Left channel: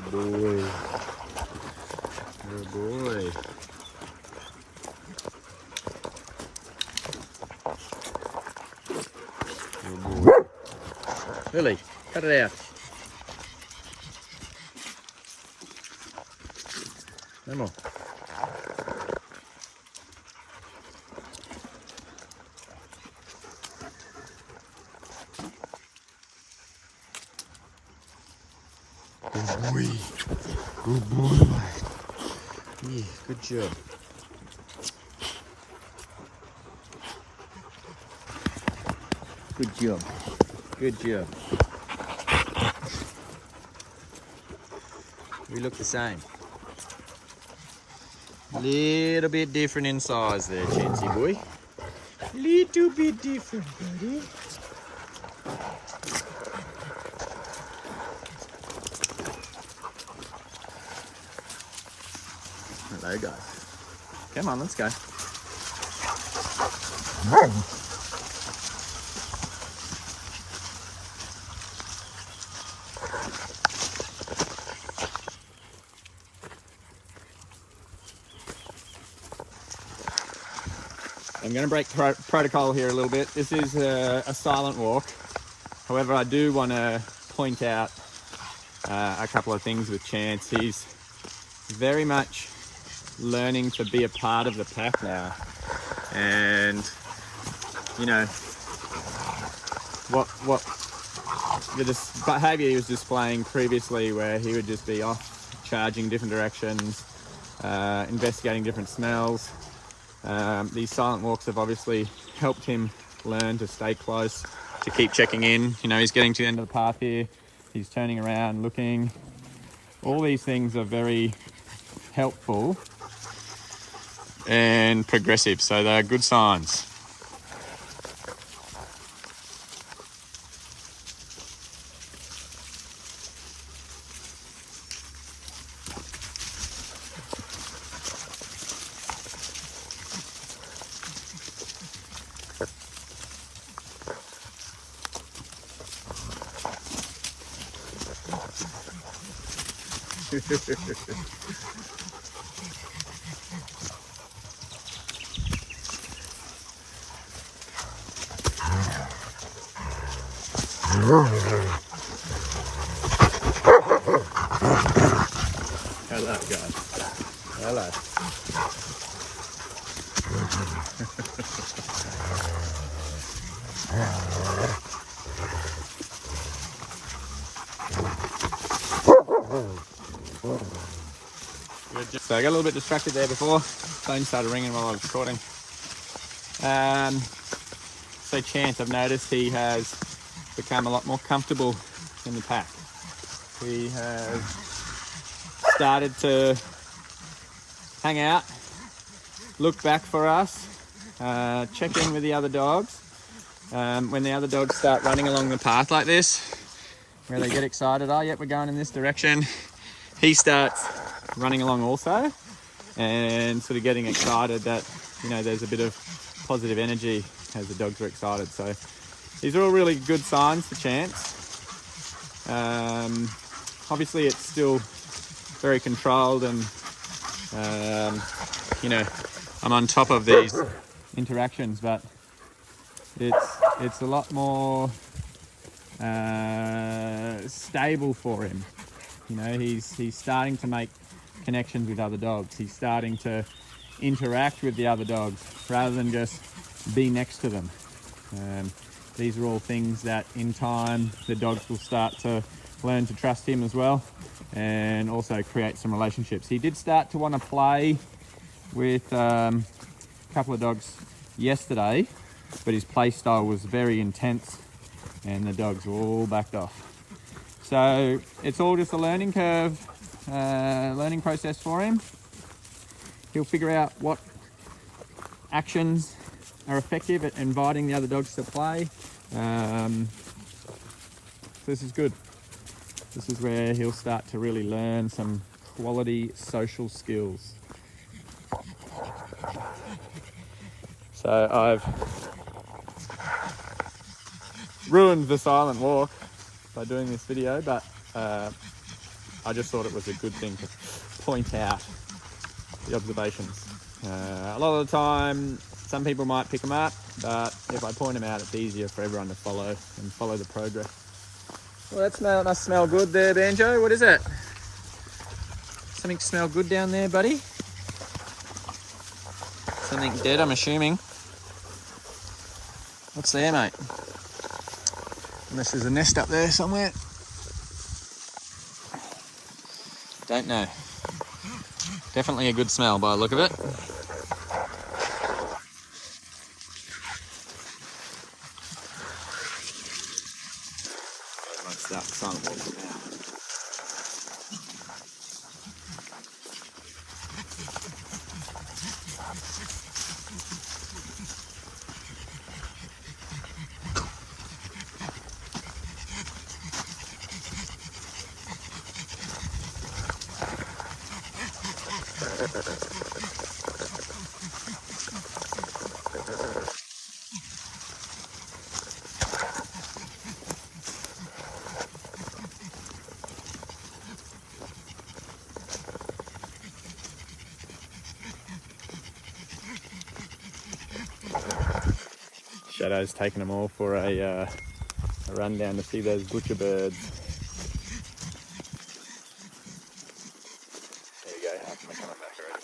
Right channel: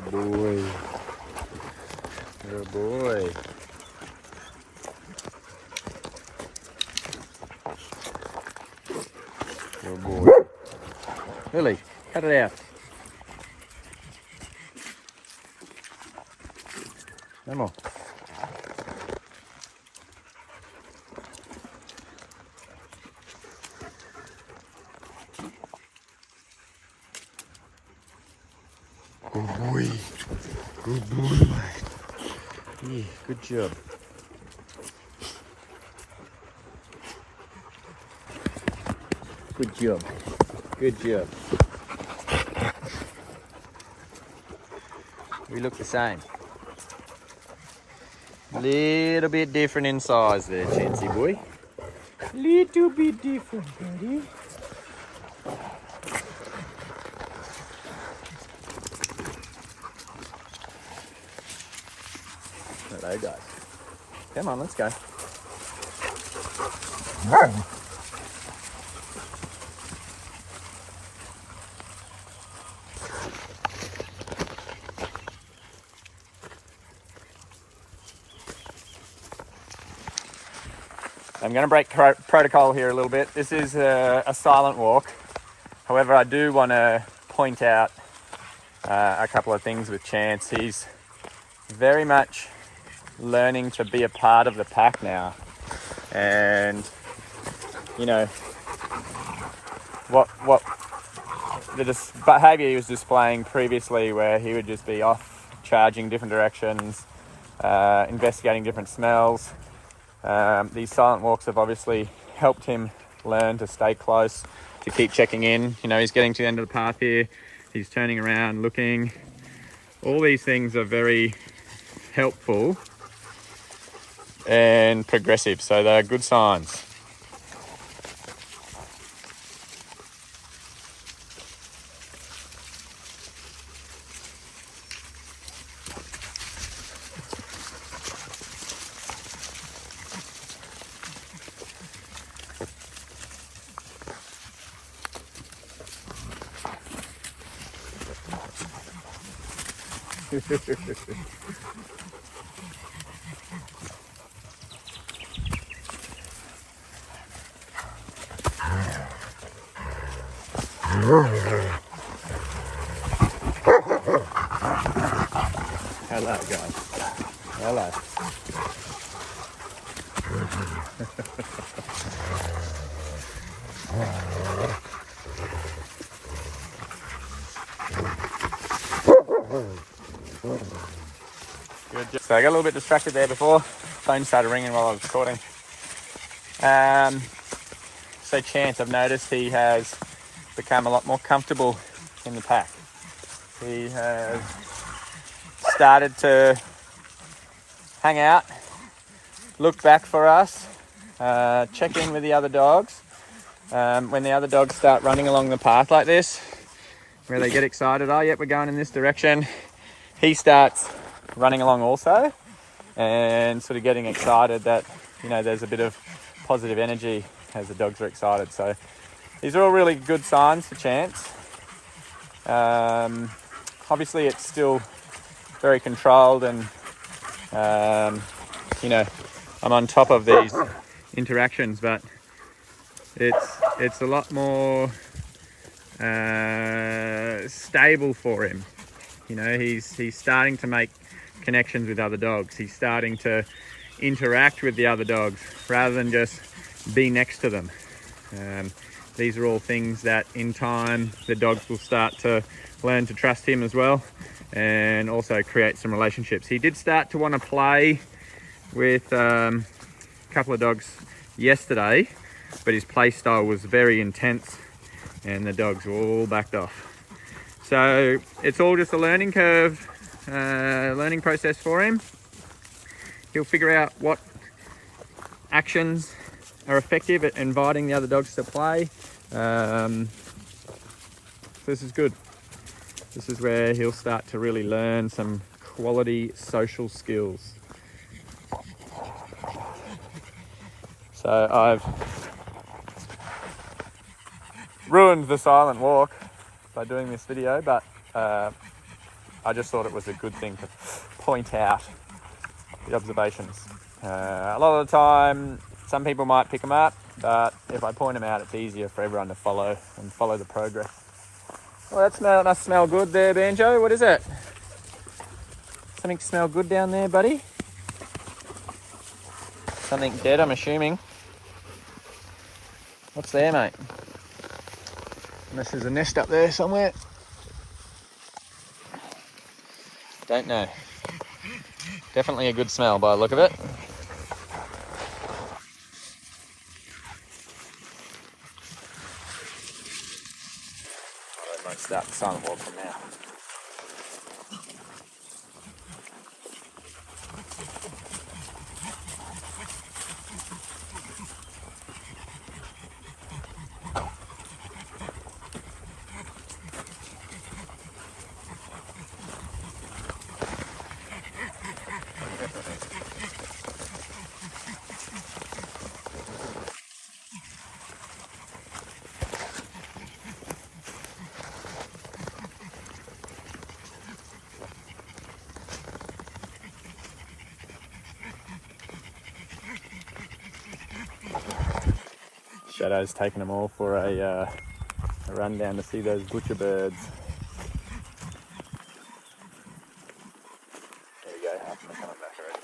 Good boy. Good boy. Good boy. Lily, cut it out. No more. Good boy. Good boy. Yeah, good job. Good job. Good job. We look the same. Little bit different in size there, Chansey boy. Little bit different, buddy. Hello, guys. Come on, let's go. I'm going to break protocol here a little bit. This is a silent walk. However, I do want to point out a couple of things with Chance. He's very much learning to be a part of the pack now. And, you know, what the behaviour he was displaying previously, where he would just be off charging different directions, investigating different smells. These silent walks have obviously helped him learn to stay close, to keep checking in. You know, he's getting to the end of the path here. He's turning around, looking. All these things are very helpful and progressive, so they're good signs. Hello, guys. Hello. So I got a little bit distracted there before. Phone started ringing while I was recording. So Chance, I've noticed he has become a lot more comfortable in the pack. He has started to hang out, look back for us, check in with the other dogs. When the other dogs start running along the path like this, where they get excited, oh yep, we're going in this direction, he starts running along also, and sort of getting excited that, you know, there's a bit of positive energy as the dogs are excited. So these are all really good signs for Chance. Obviously it's still very controlled, and you know, I'm on top of these interactions, but it's a lot more stable for him. You know, he's starting to make connections with other dogs. He's starting to interact with the other dogs rather than just be next to them. These are all things that in time the dogs will start to learn to trust him as well, and also create some relationships. He did start to want to play with a couple of dogs yesterday, but his play style was very intense and the dogs were all backed off. So it's all just a learning curve, learning process for him. He'll figure out what actions are effective at inviting the other dogs to play. This is good. This is where he'll start to really learn some quality social skills. So I've ruined the silent walk by doing this video, but I just thought it was a good thing to point out the observations. A lot of the time, some people might pick them up, but if I point them out, it's easier for everyone to follow and follow the progress. Well, that must smell good there, Banjo. What is it? Something smell good down there, buddy? Something dead, I'm assuming. What's there, mate? Unless there's a nest up there somewhere. Don't know. Definitely a good smell by the look of it. I might start the silent walk from now. Shadow's taking them all for a run down to see those butcher birds. There we go. I'm coming back already.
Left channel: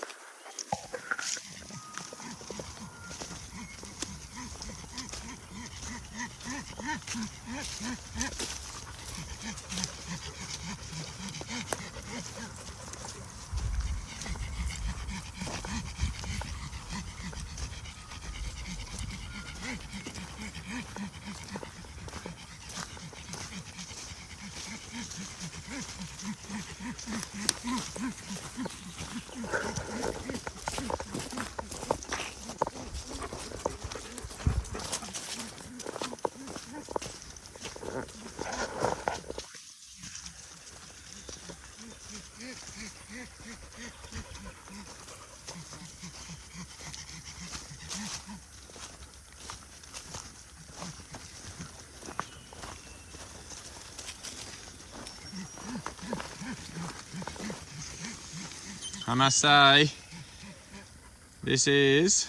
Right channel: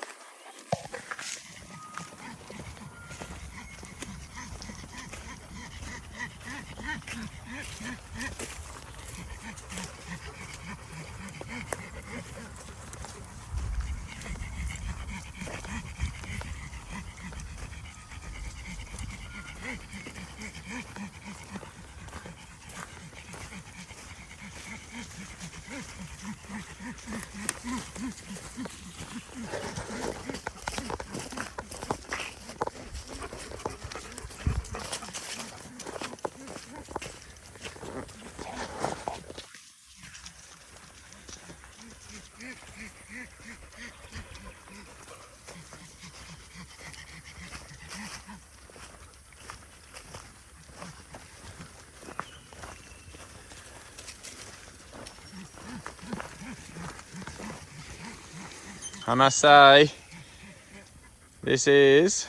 I must say, this is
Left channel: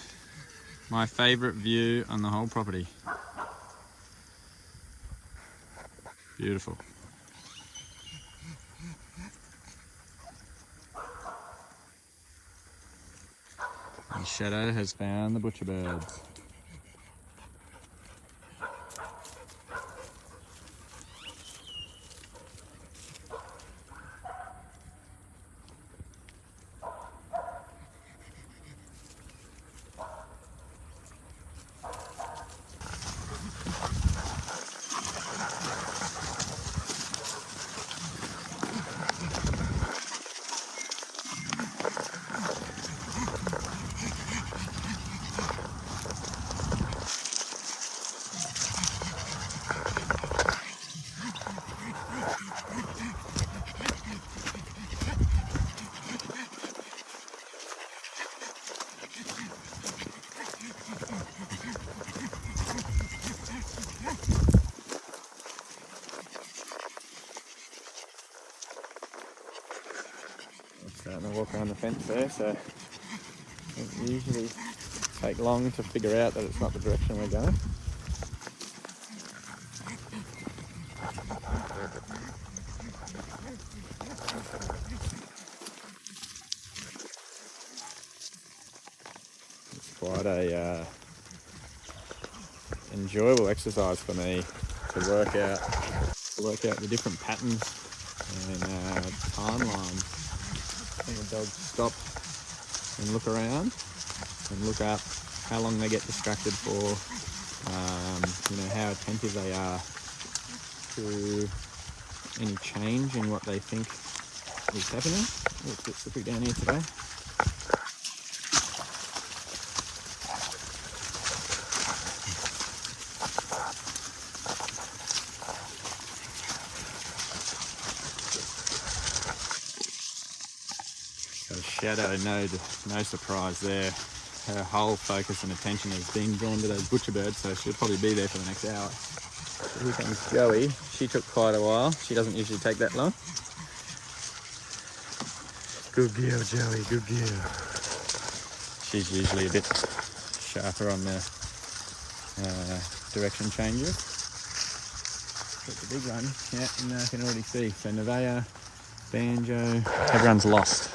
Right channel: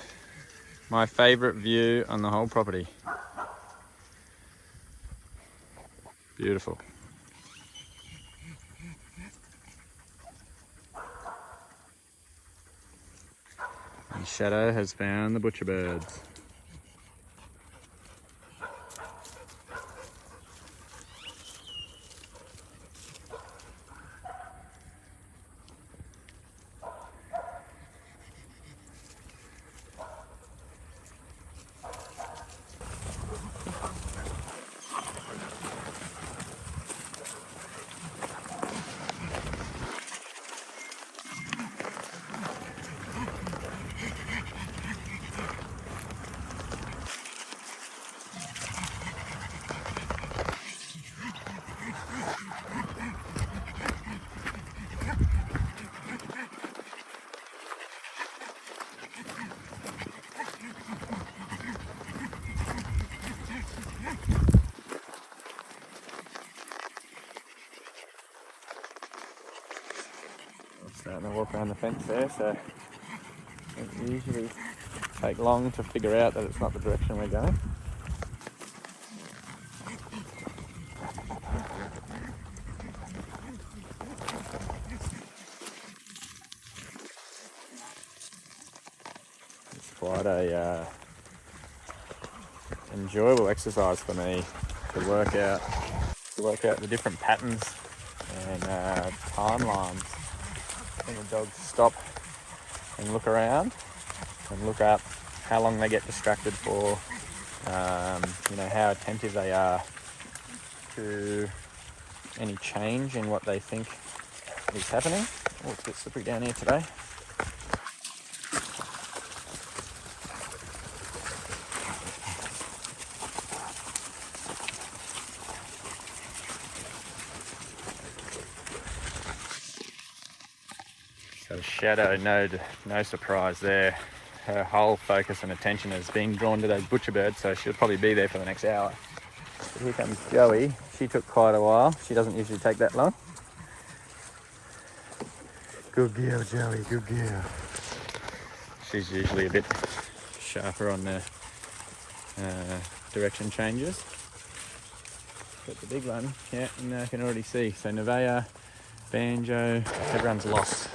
my favourite view on the whole property. Beautiful. And Shadow has found the butcher birds. Starting to walk around the fence there, so it usually take long to figure out that it's not the direction we're going. It's quite a enjoyable exercise for me to work out the different patterns and timelines when the dogs stop and look around and look up how long they get distracted for, how attentive they are to any change in what they think is happening. Oh, it's a bit slippery down here today. So Shadow, no surprise there. Her whole focus and attention is being drawn to those butcher birds, so she'll probably be there for the next hour. So here comes Joey. She took quite a while. She doesn't usually take that long. Good girl, Joey, good girl. She's usually a bit sharper on the direction changes. But the big one, yeah, and I can already see. So Nevaeh, Banjo, everyone's lost.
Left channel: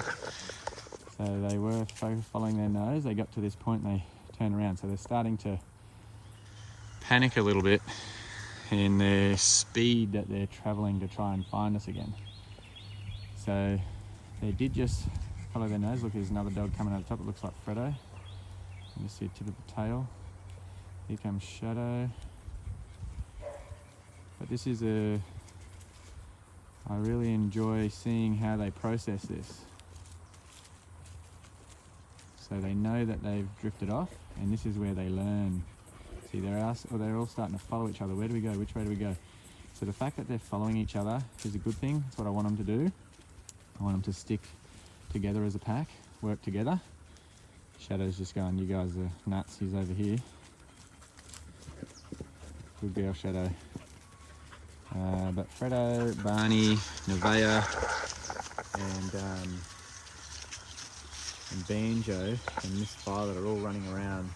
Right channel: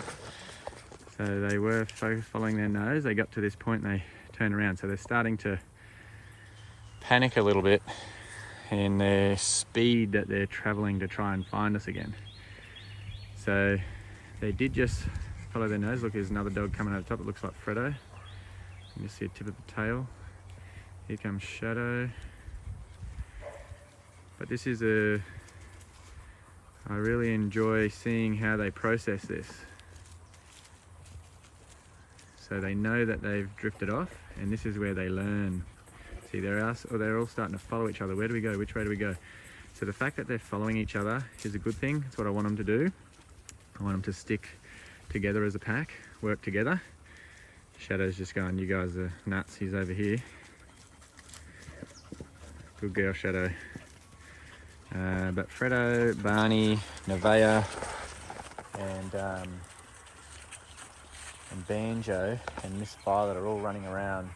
So they were following their nose. They got to this point, they turn around. So they're starting to panic a little bit in their speed that they're traveling to try and find us again. So they did just follow their nose. Look, there's another dog coming over the top. It looks like Fredo. You can just see a tip of the tail. Here comes Shadow. But this is I really enjoy seeing how they process this. So they know that they've drifted off, and this is where they learn. See, they're all starting to follow each other. Where do we go? Which way do we go? So the fact that they're following each other is a good thing. It's what I want them to do. I want them to stick together as a pack, work together. Shadow's just going, you guys are nuts, he's over here. Good girl, Shadow. But Fredo, Barney, Nevaeh, and Banjo and Miss Violet are all running around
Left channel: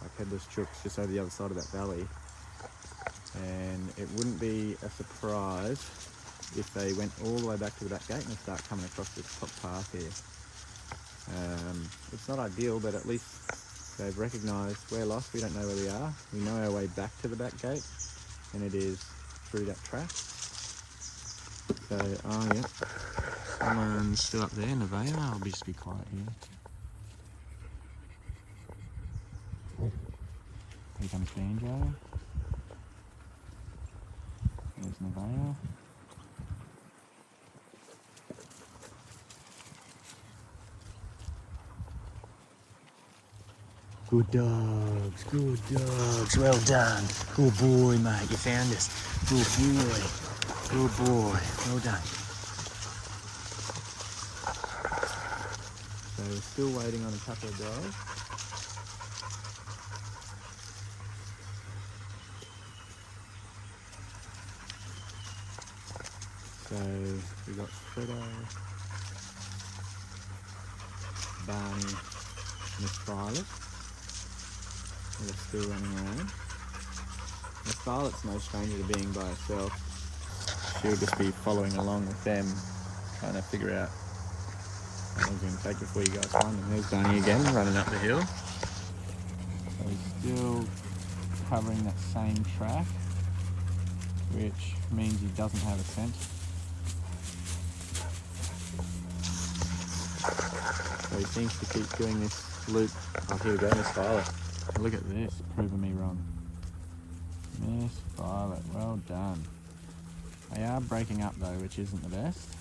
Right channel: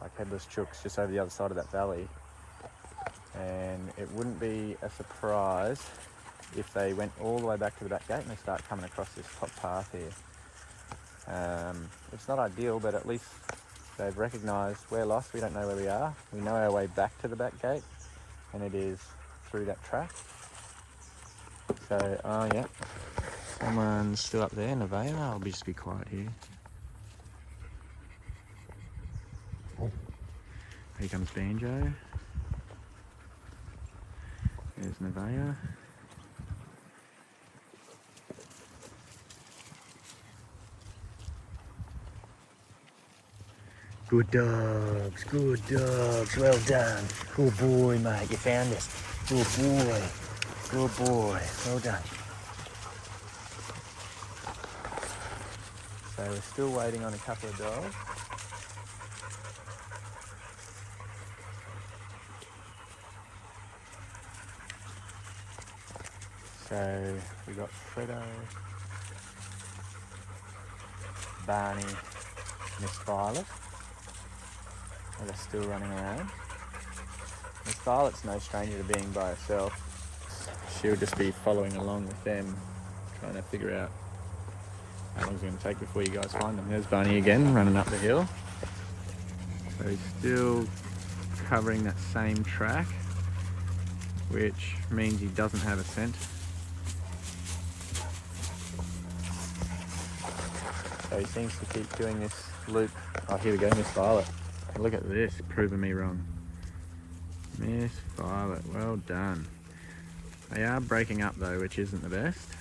like headless chooks just over the other side of that valley. And it wouldn't be a surprise if they went all the way back to the back gate and they start coming across this top path here. It's not ideal, but at least they've recognised we're lost, we don't know where we are. We know our way back to the back gate, and it is through that track. So, oh yeah, someone's still up there, Nevaeh. I'll just be quiet here. Here comes Banjo. There's Nevaeh. Good dogs, well done. Good boy, mate, you found us. Good boy, well done. So we're still waiting on a couple of dogs. So we got Fredo, Barney, Miss Violet. They're still running around. Miss Violet's no stranger to being by herself. She'll just be following along with them, trying to figure out how long it's going to take before you guys find them. There's Barney again, running up the hill. So he's still covering that same track, which means he doesn't have a scent. So he seems to keep doing this loop. Oh, here we go, Miss Violet. Look at this, proving me wrong. Miss Violet, well done. They are breaking up though, which isn't the best.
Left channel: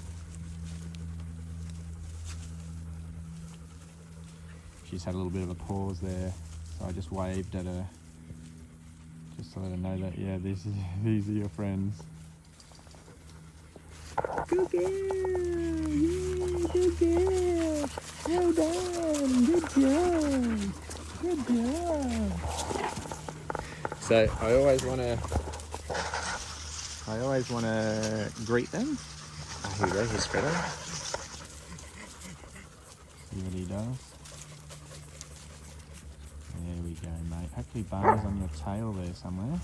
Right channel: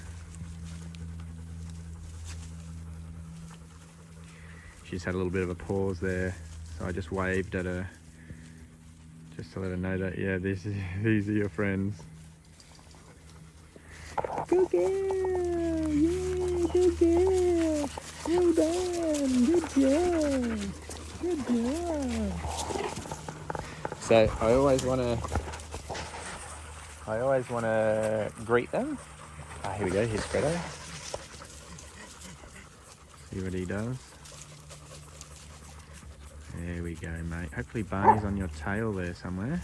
She's had a little bit of a pause there, so I just waved at her, just to let her know that, yeah, these are your friends. Good girl, yeah, good girl. Well done, good job. Good job. So I always want to greet them. Ah, here we go. Here's Fredo. See what he does. There we go, mate. Hopefully Barney's on your tail there somewhere.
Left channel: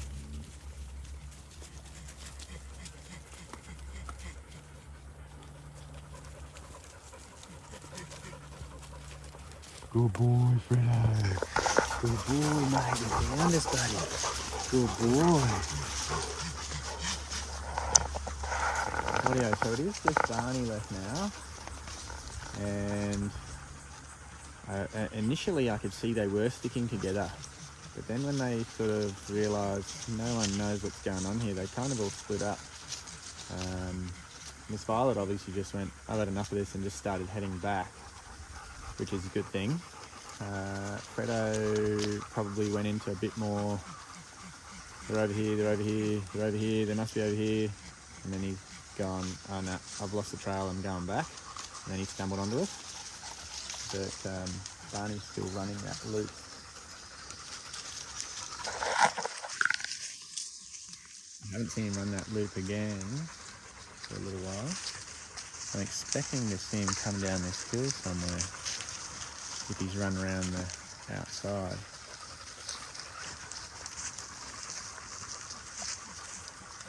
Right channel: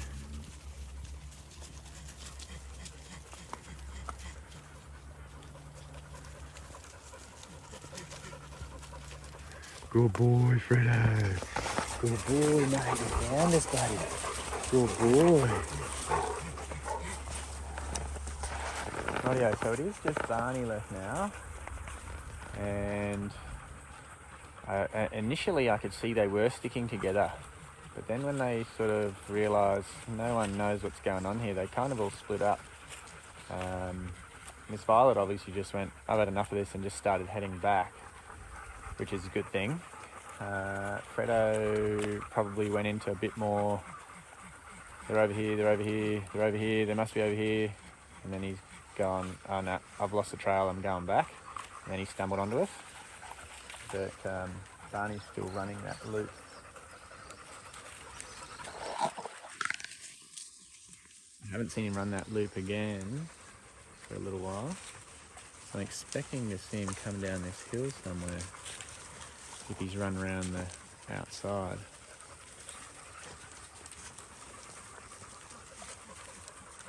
Good boy, Fredo. Good boy, mate. You found us, buddy. Good boy. Rightio, so it is just Barney left now. And initially I could see they were sticking together. But then when they sort of realised no one knows what's going on here, they kind of all split up. Miss Violet obviously just went, I've had enough of this, and just started heading back, which is a good thing. Fredo probably went into a bit more, they're over here, they're over here, they're over here, they must be over here. And then he's gone, oh no, I've lost the trail, I'm going back. And then he stumbled onto us. But Barney's still running that loop. I haven't seen him run that loop again for a little while. I'm expecting to see him come down this hill somewhere if he's run around the outside.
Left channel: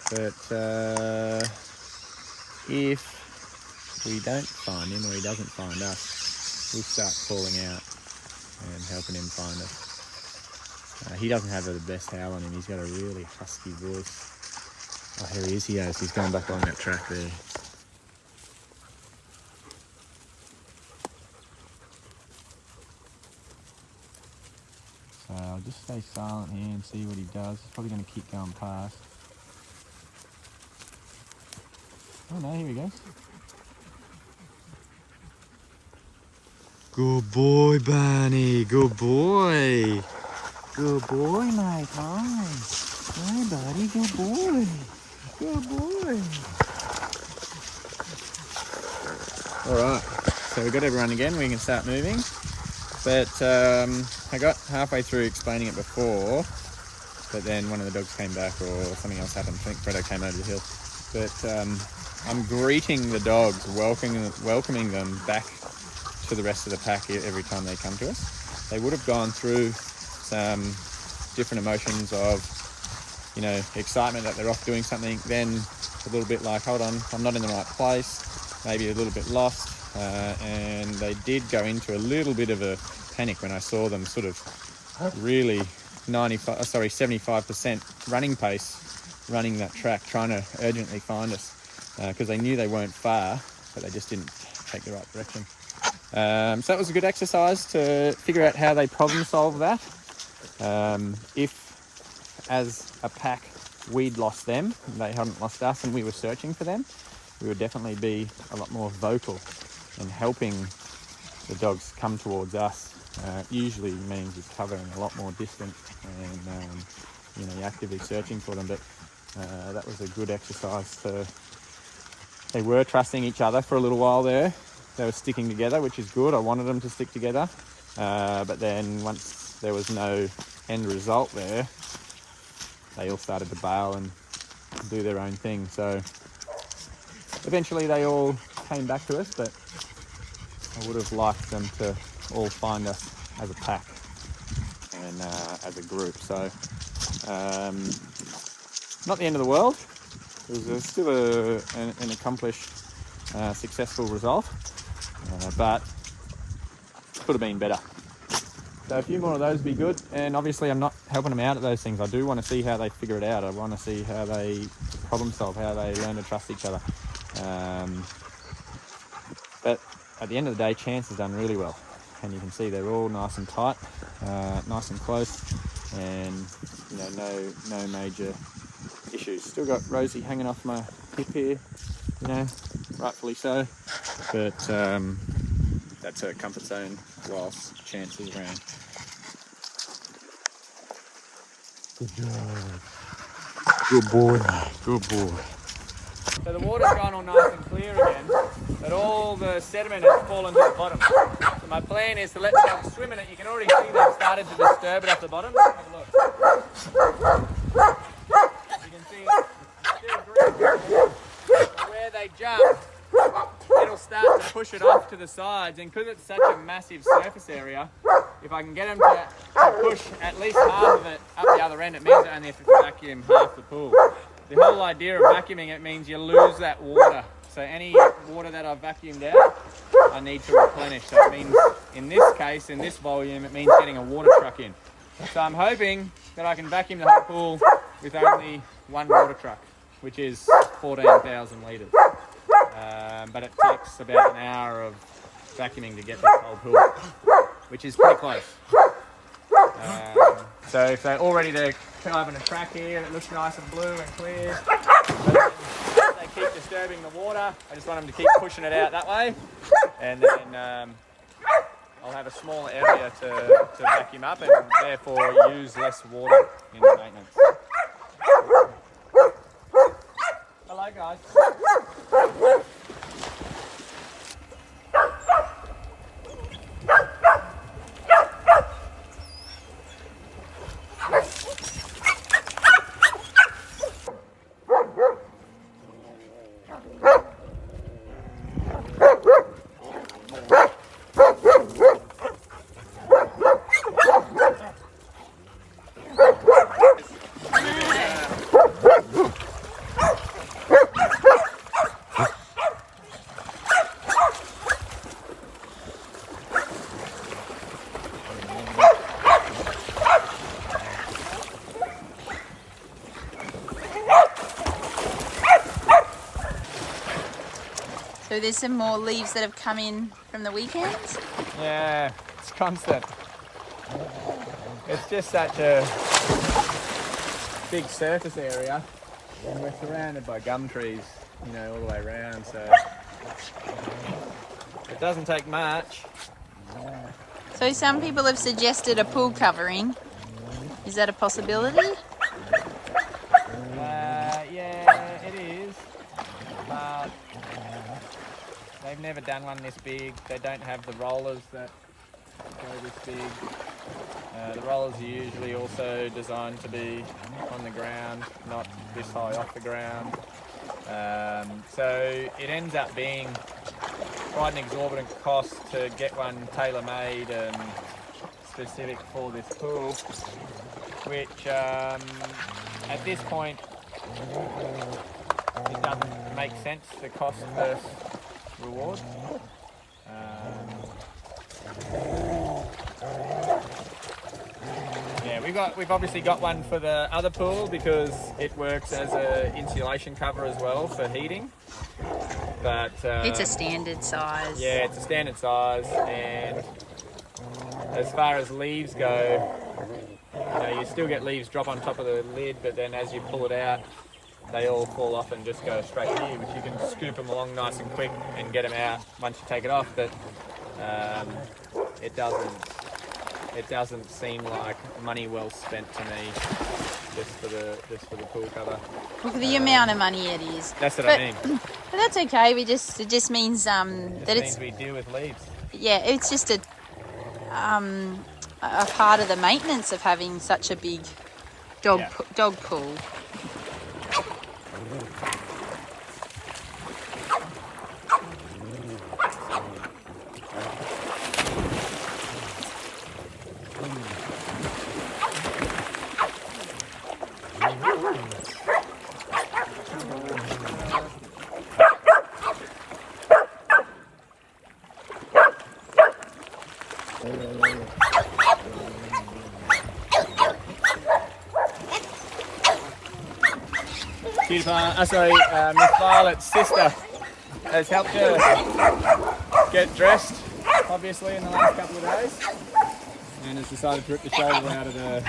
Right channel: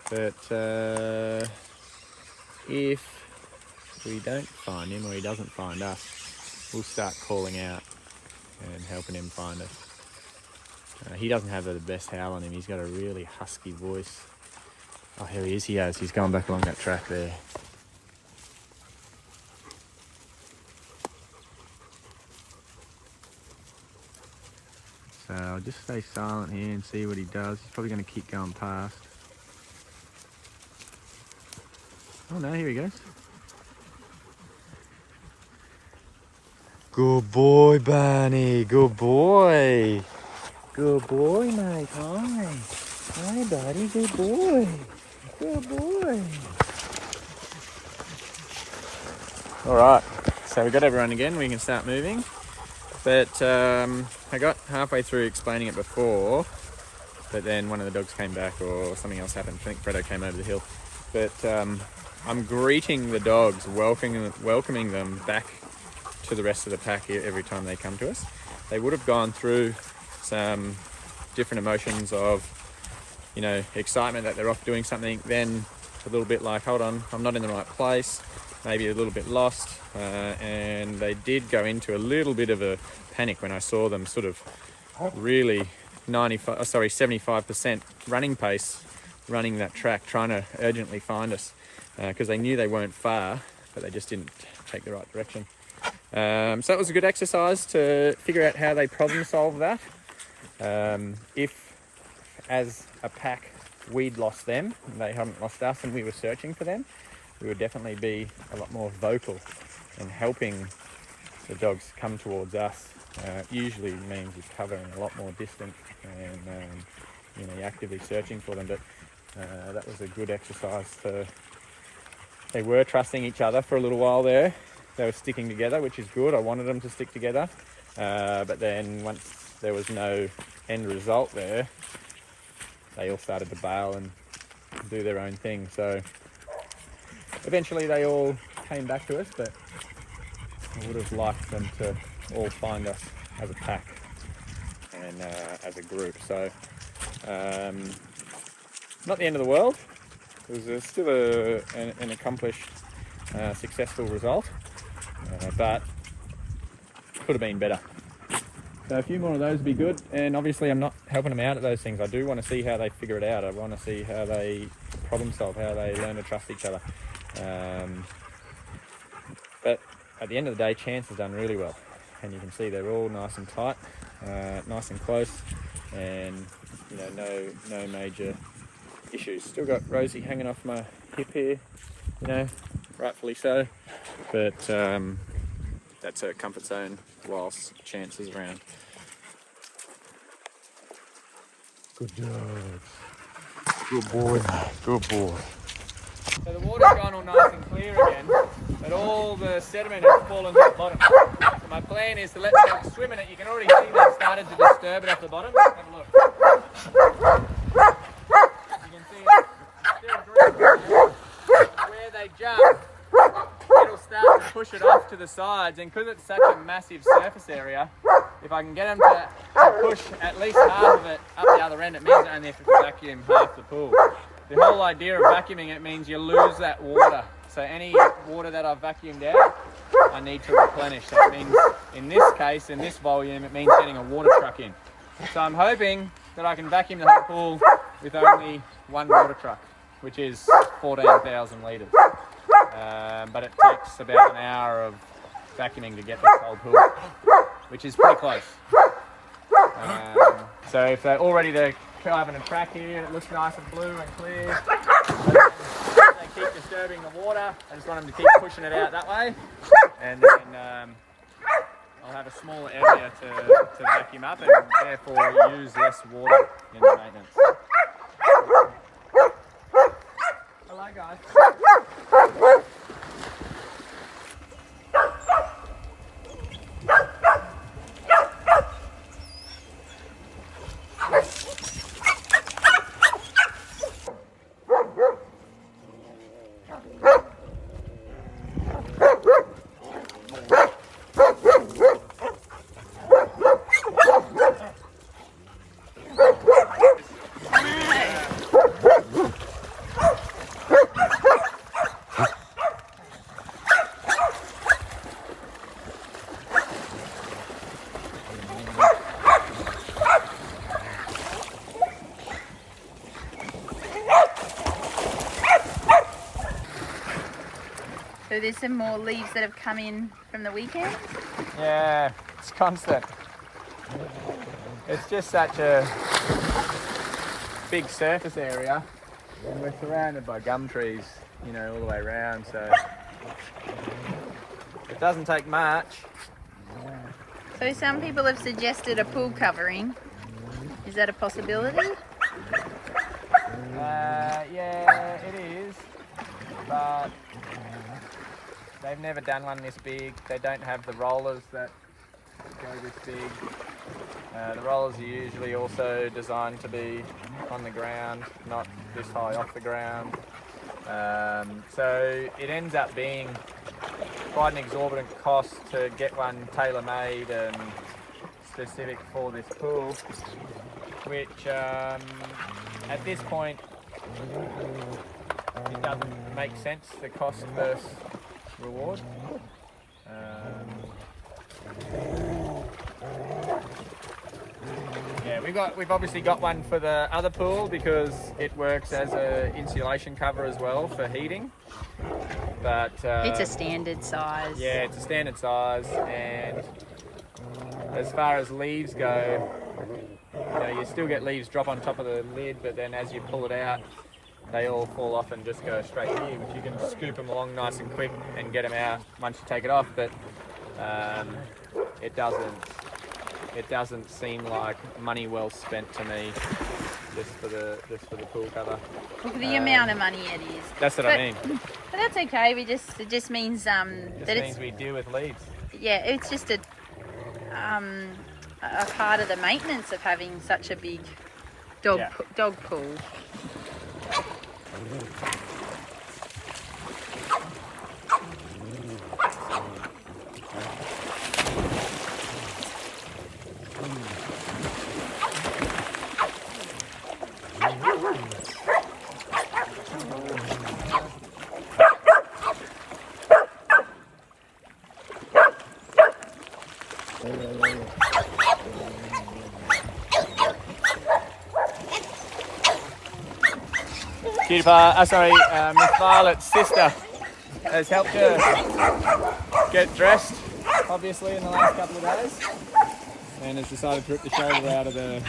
But if we don't find him or he doesn't find us, we'll start calling out and helping him find us. He doesn't have the best howl on him. He's got a really husky voice. Oh, here he is. He has. He's going back along that track there. So I'll just stay silent here and see what he does. He's probably going to keep going past. Oh no, here he goes. Good boy, Barney. Good boy. Good boy, mate. Hi. Hi, buddy. Good boy. Good boy. All right. So we got everyone again. We can start moving. But I got halfway through explaining it before, but then one of the dogs came back or something else happened. I think Fredo came over the hill. But I'm greeting the dogs, welcoming them back to the rest of the pack every time they come to us. They would have gone through some different emotions of, you know, excitement that they're off doing something, then a little bit like, hold on, I'm not in the right place, maybe a little bit lost, and they did go into a little bit of a panic when I saw them sort of really 75% running pace, running that track, trying to urgently find us, because they knew they weren't far, but they just didn't take the right direction. So that was a good exercise to figure out how they problem solve that. If, as a pack, we'd lost them, and they hadn't lost us, and we were searching for them, we would definitely be a lot more vocal and helping the dogs come towards us. Usually means you're covering a lot more distance and you know, you're actively searching for them. But that was a good exercise. They were trusting each other for a little while there. They were sticking together, which is good. I wanted them to stick together. But then once there was no end result there, they all started to bail and do their own thing. So eventually they all came back to us, but I would have liked them to all find us as a pack and as a group. So not the end of the world. It was still an accomplished, successful result, but could have been better. So a few more of those would be good, and obviously I'm not helping them out at those things. I do want to see how they figure it out. I want to see how they problem solve, how they learn to trust each other. But at the end of the day, Chance has done really well, and you can see they're all nice and tight, nice and close, and you know, no major issues. Still got Rosie hanging off my hip here, you know, rightfully so, but that's her comfort zone whilst Chance is around. Good job. Good boy, good boy. So the water's gone all nice and clear again, but all the sediment has fallen to the bottom. So my plan is to let the dogs swim in it. You can already see they've started to disturb it off the bottom. Have a look. You can see it's still green. Where they jump, it'll start to push it off to the sides, and because it's such a massive surface area, if I can get them to push at least half of it up the other end, it means I only have to vacuum half the pool. The whole idea of vacuuming it means you lose that water. So any water that I've vacuumed out, I need to replenish. So it means, in this case, in this volume, it means getting a water truck in. So I'm hoping that I can vacuum the whole pool with only one water truck, which is 14,000 litres. But it takes about an hour of vacuuming to get this whole pool, which is pretty close. So if they're all ready to come in a track here, it looks nice and blue and clear. They keep disturbing the water. I just want them to keep pushing it out that way, and then I'll have a smaller area to vacuum up and therefore use less water in the maintenance. Hello guys. So there's some more leaves that have come in from the weekends? Yeah, it's constant. It's just such a big surface area, and we're surrounded by gum trees, you know, all the way around, so it doesn't take much. So some people have suggested a pool covering. Is that a possibility? Yeah, it is, but they've never done one this big. They don't have the rollers that go this big. The rollers are usually also designed to be on the ground, not this high off the ground. So it ends up being quite an exorbitant cost to get one tailor-made and specific for this pool, which at this point it doesn't make sense, the cost versus reward. Yeah, we've obviously got one for the other pool because it works as a insulation cover as well for heating. But it's a standard size. Yeah, it's a standard size, and as far as leaves go, you know, you still get leaves drop on top of the lid, but then as you pull it out, they all fall off and just go straight here, which you can scoop them along nice and quick and get them out once you take it off. But it doesn't seem like money well spent to me just for the pool cover. Well, for the amount of money it is. That's what I mean. But that's okay. It just means that means we deal with leaves. Yeah, it's just a part of the maintenance of having such a big dog pool. Miss Violet's sister has helped her get dressed, obviously, in the last couple of days, and has decided to rip the shoulder out of the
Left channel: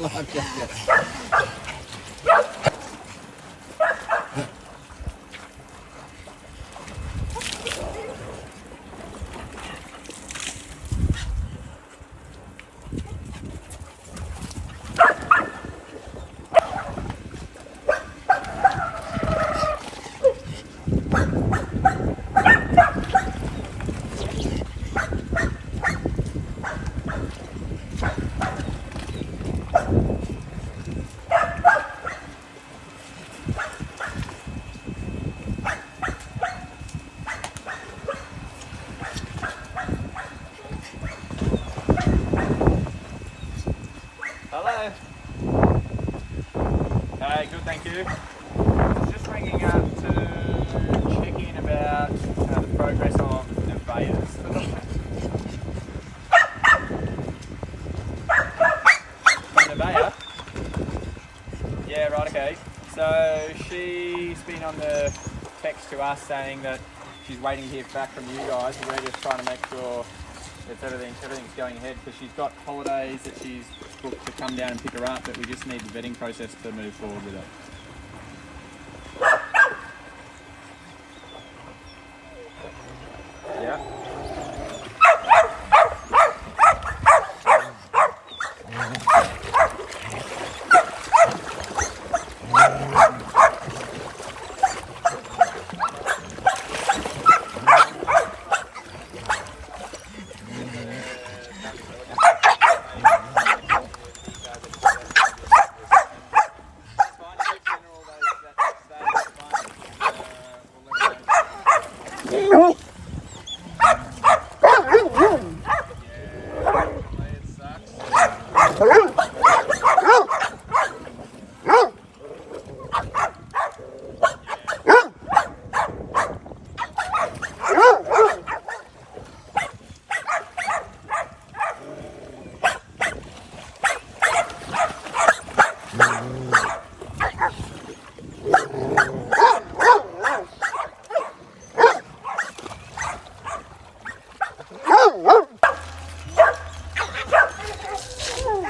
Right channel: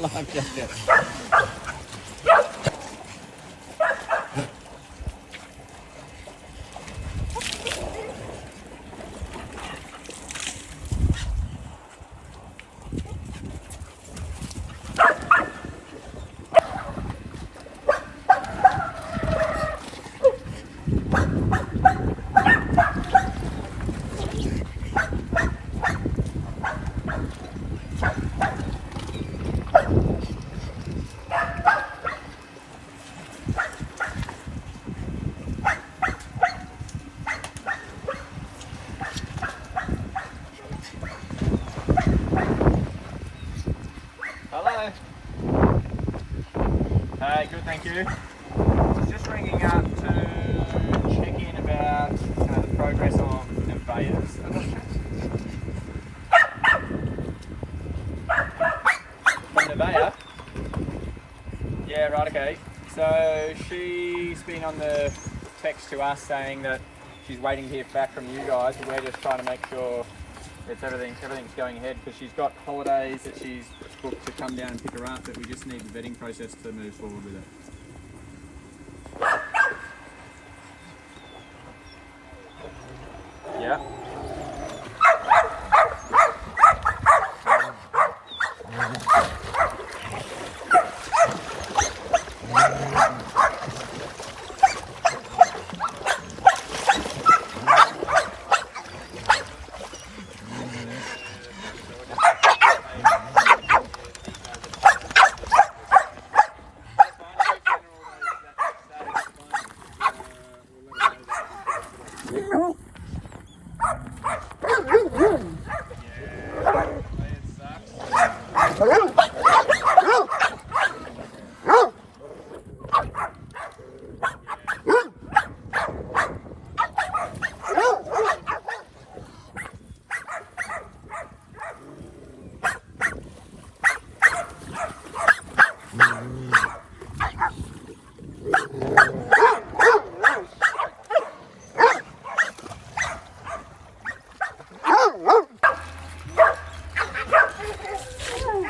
life jacket. Hello. Hey, good, thank you. I was just ringing up to check in about the progress of Nevaeh's adoption. From Nevaeh? Yeah, right, okay. So she's been on the text to us saying that she's waiting to hear back from you guys, and we're just trying to make sure everything's going ahead, because she's got holidays that she's booked to come down and pick her up, but we just need the vetting process to move forward with it. Yeah.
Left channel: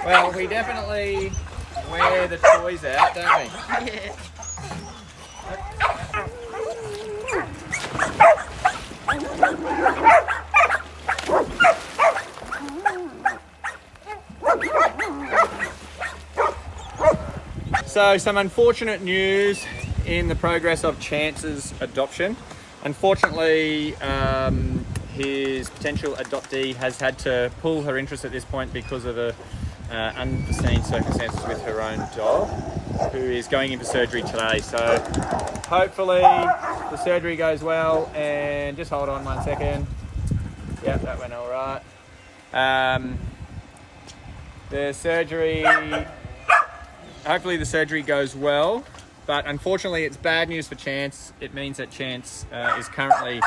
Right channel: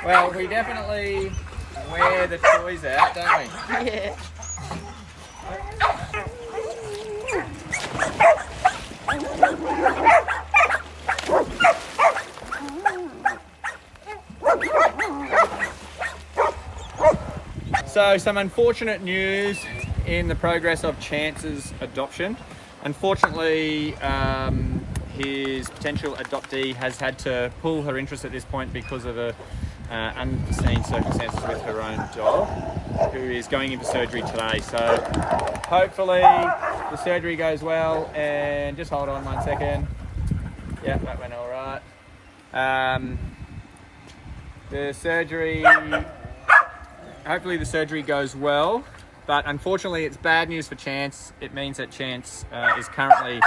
Well, we definitely wear the toys out, don't we? Yeah. So some unfortunate news in the progress of Chance's adoption. Unfortunately, his potential adoptee has had to pull her interest at this point because of unforeseen circumstances with her own dog, who is going in for surgery today. So hopefully the surgery goes well, and just hold on 1 second. Yep, that went all right. Hopefully the surgery goes well, but unfortunately it's bad news for Chance. It means that Chance is currently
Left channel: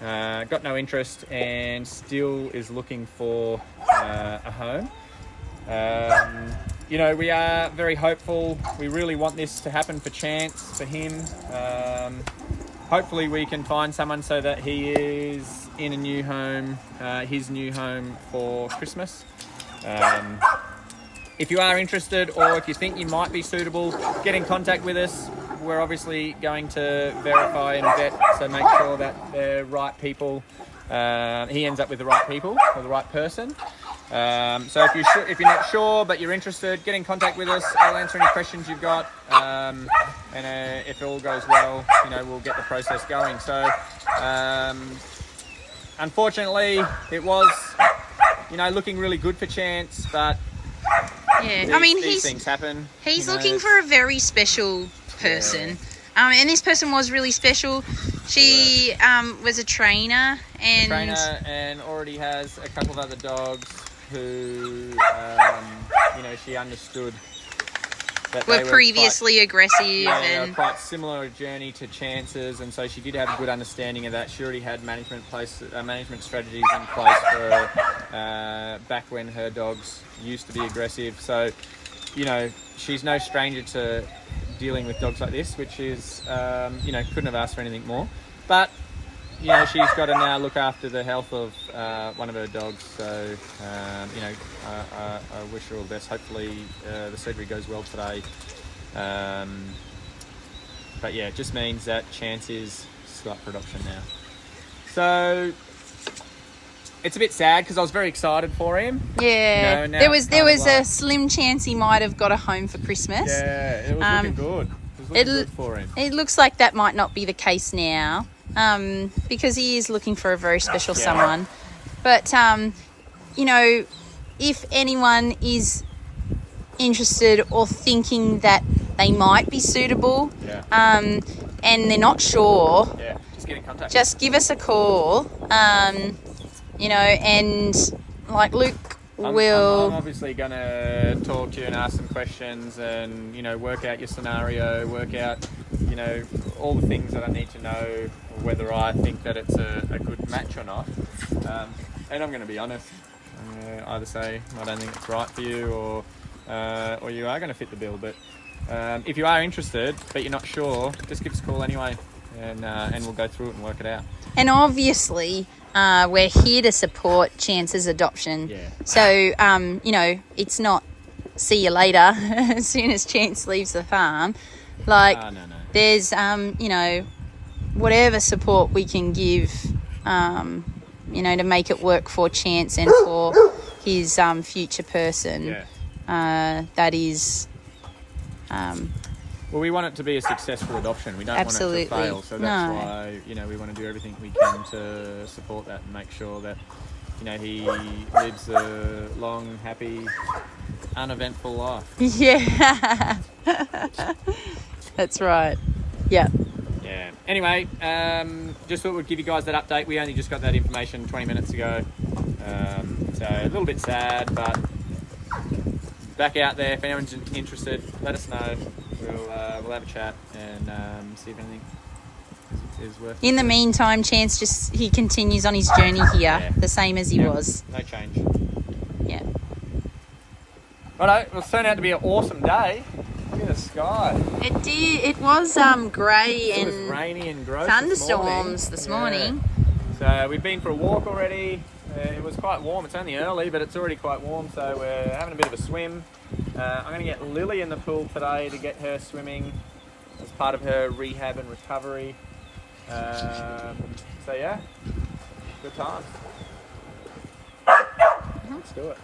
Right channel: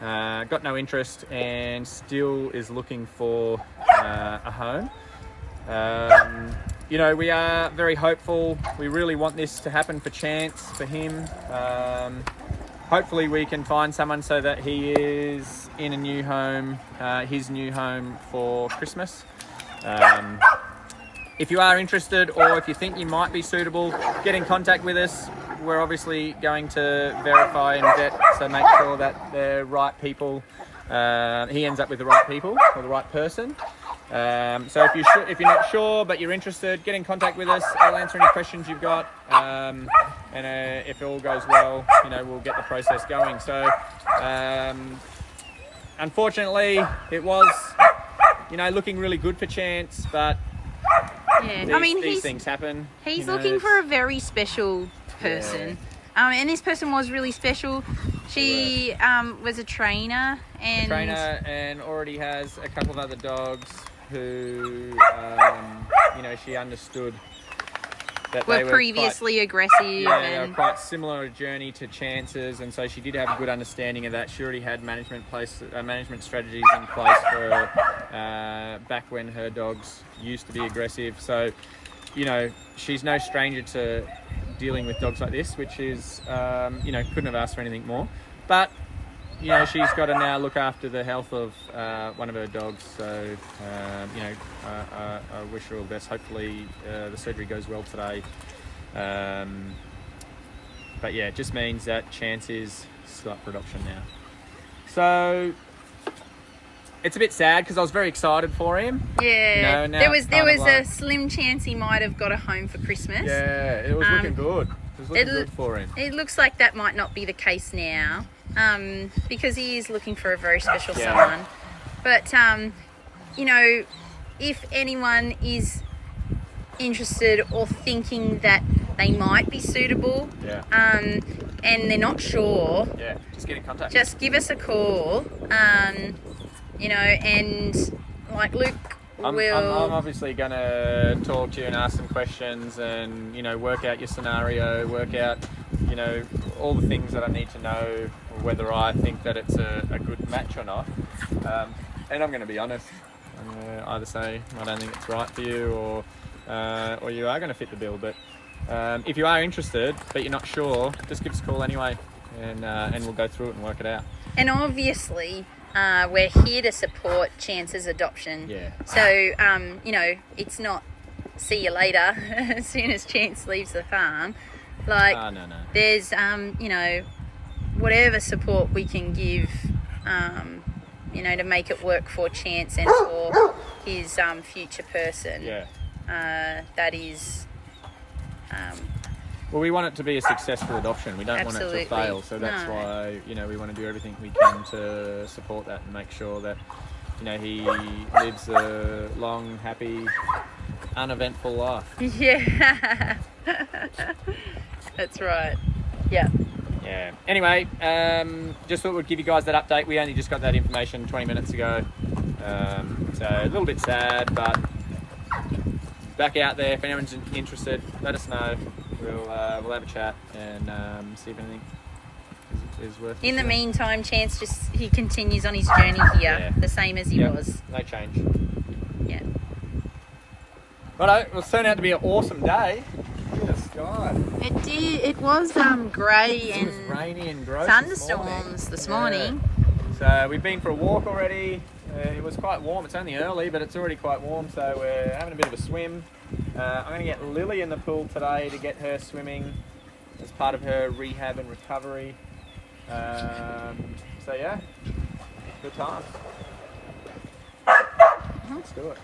got no interest and still is looking for a home. You know, we are very hopeful. We really want this to happen for Chance, for him. Hopefully we can find someone so that he is in a new home, his new home for Christmas. If you are interested, or if you think you might be suitable, get in contact with us. We're obviously going to verify and vet, so make sure that the right people, he ends up with the right people or the right person. So if you're not sure but you're interested, get in contact with us. I'll answer any questions you've got, and if it all goes well, you know, we'll get the process going. So unfortunately, it was, you know, looking really good for Chance, but yeah, these things happen. He's looking for a very special person, and this person was really special. She was a trainer and already has a couple of other dogs who, you know, she understood that were they were previously aggressive. They were and quite similar journey to Chance's, and so she did have a good understanding of that. She already had management strategies in place for back when her dogs used to be aggressive. So, you know, she's no stranger to dealing with dogs like this, which is, you know, couldn't have asked for anything more. But, you know, she's got to now look after the health of one of her dogs. So, you know, I wish her all the best. Hopefully the surgery goes well today. But yeah, it just means that Chance is still up for adoption now. So it's a bit sad because I was very excited for him. Yeah, you know, there was a slim chance he might have got a home for Christmas. Yeah, it was looking good. It was looking good for him. It looks like that might not be the case now, because he is looking for a very special someone. But you know, if anyone is interested or thinking that they might be suitable, and they're not sure, just get in contact. Just give us a call. You know, and like Luke I'm obviously going to talk to you and ask some questions and, you know, work out your scenario, work out, you know, all the things that I need to know, whether I think that it's a good match or not. And I'm going to be honest. I'm going to either say I don't think it's right for you, or you are going to fit the bill. But if you are interested but you're not sure, just give us a call anyway, and we'll go through it and work it out. And obviously, we're here to support Chance's adoption. Yeah. So, you know, it's not see you later as soon as Chance leaves the farm. Like, no. There's, you know, whatever support we can give, you know, to make it work for Chance and for his future person. Yeah. That is... well, we want it to be a successful adoption. We don't Absolutely. want it to fail. So that's why, you know, we want to do everything we can to support that and make sure that, you know, he lives a long, happy, uneventful life. Yeah. That's right. Yeah. Yeah. Anyway, just thought we'd give you guys that update. We only just got that information 20 minutes ago. So a little bit sad, but back out there. If anyone's interested, let us know. We'll have a chat and see if anything is worth it. In the meantime, Chance he continues on his journey here, the same as he was. No change. Yeah. Righto, it turned out to be an awesome day. Look at the sky. It did. It was grey and it was rainy and gross. thunderstorms this morning. So we've been for a walk already. It was quite warm. It's only early, but it's already quite warm, so we're having a bit of a swim. I'm going to get Lily in the pool today to get her swimming as part of her rehab and recovery. So yeah, good times. Let's do it.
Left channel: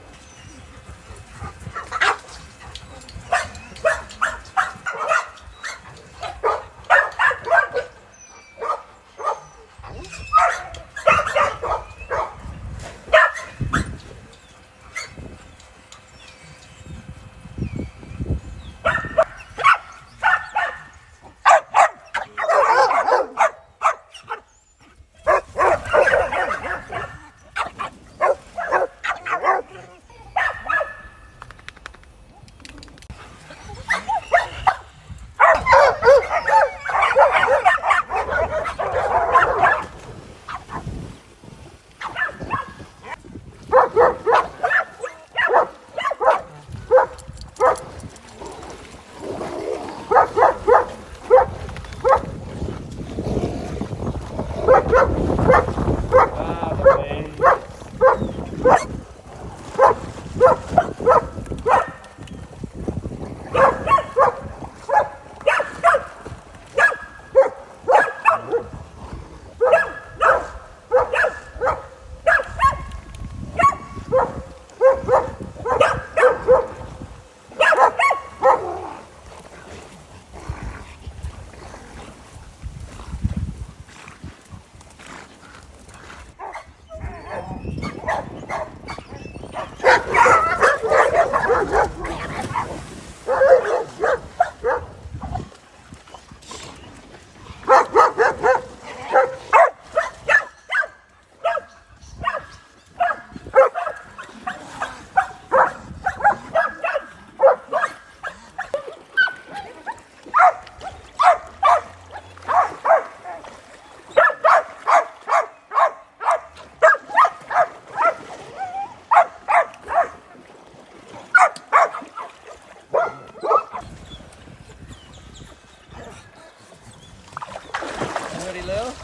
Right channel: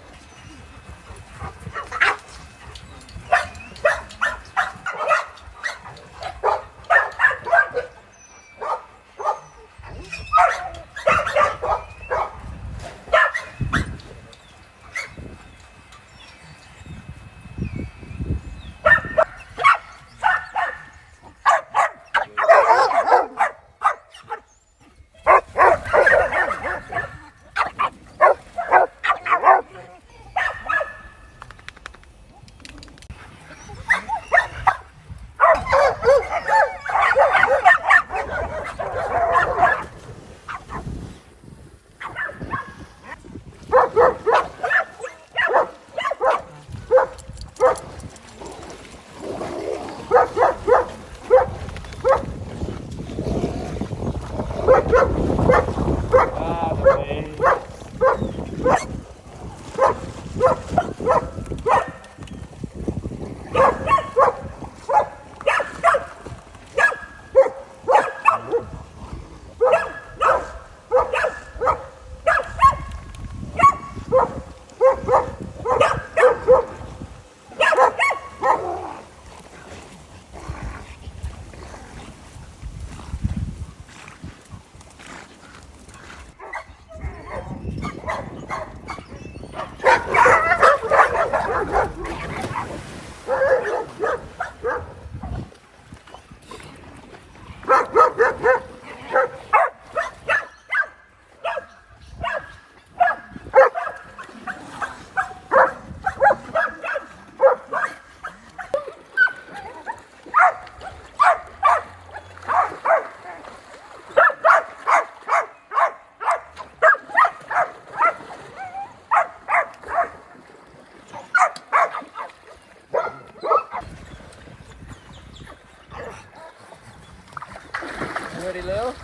Ready, Lil?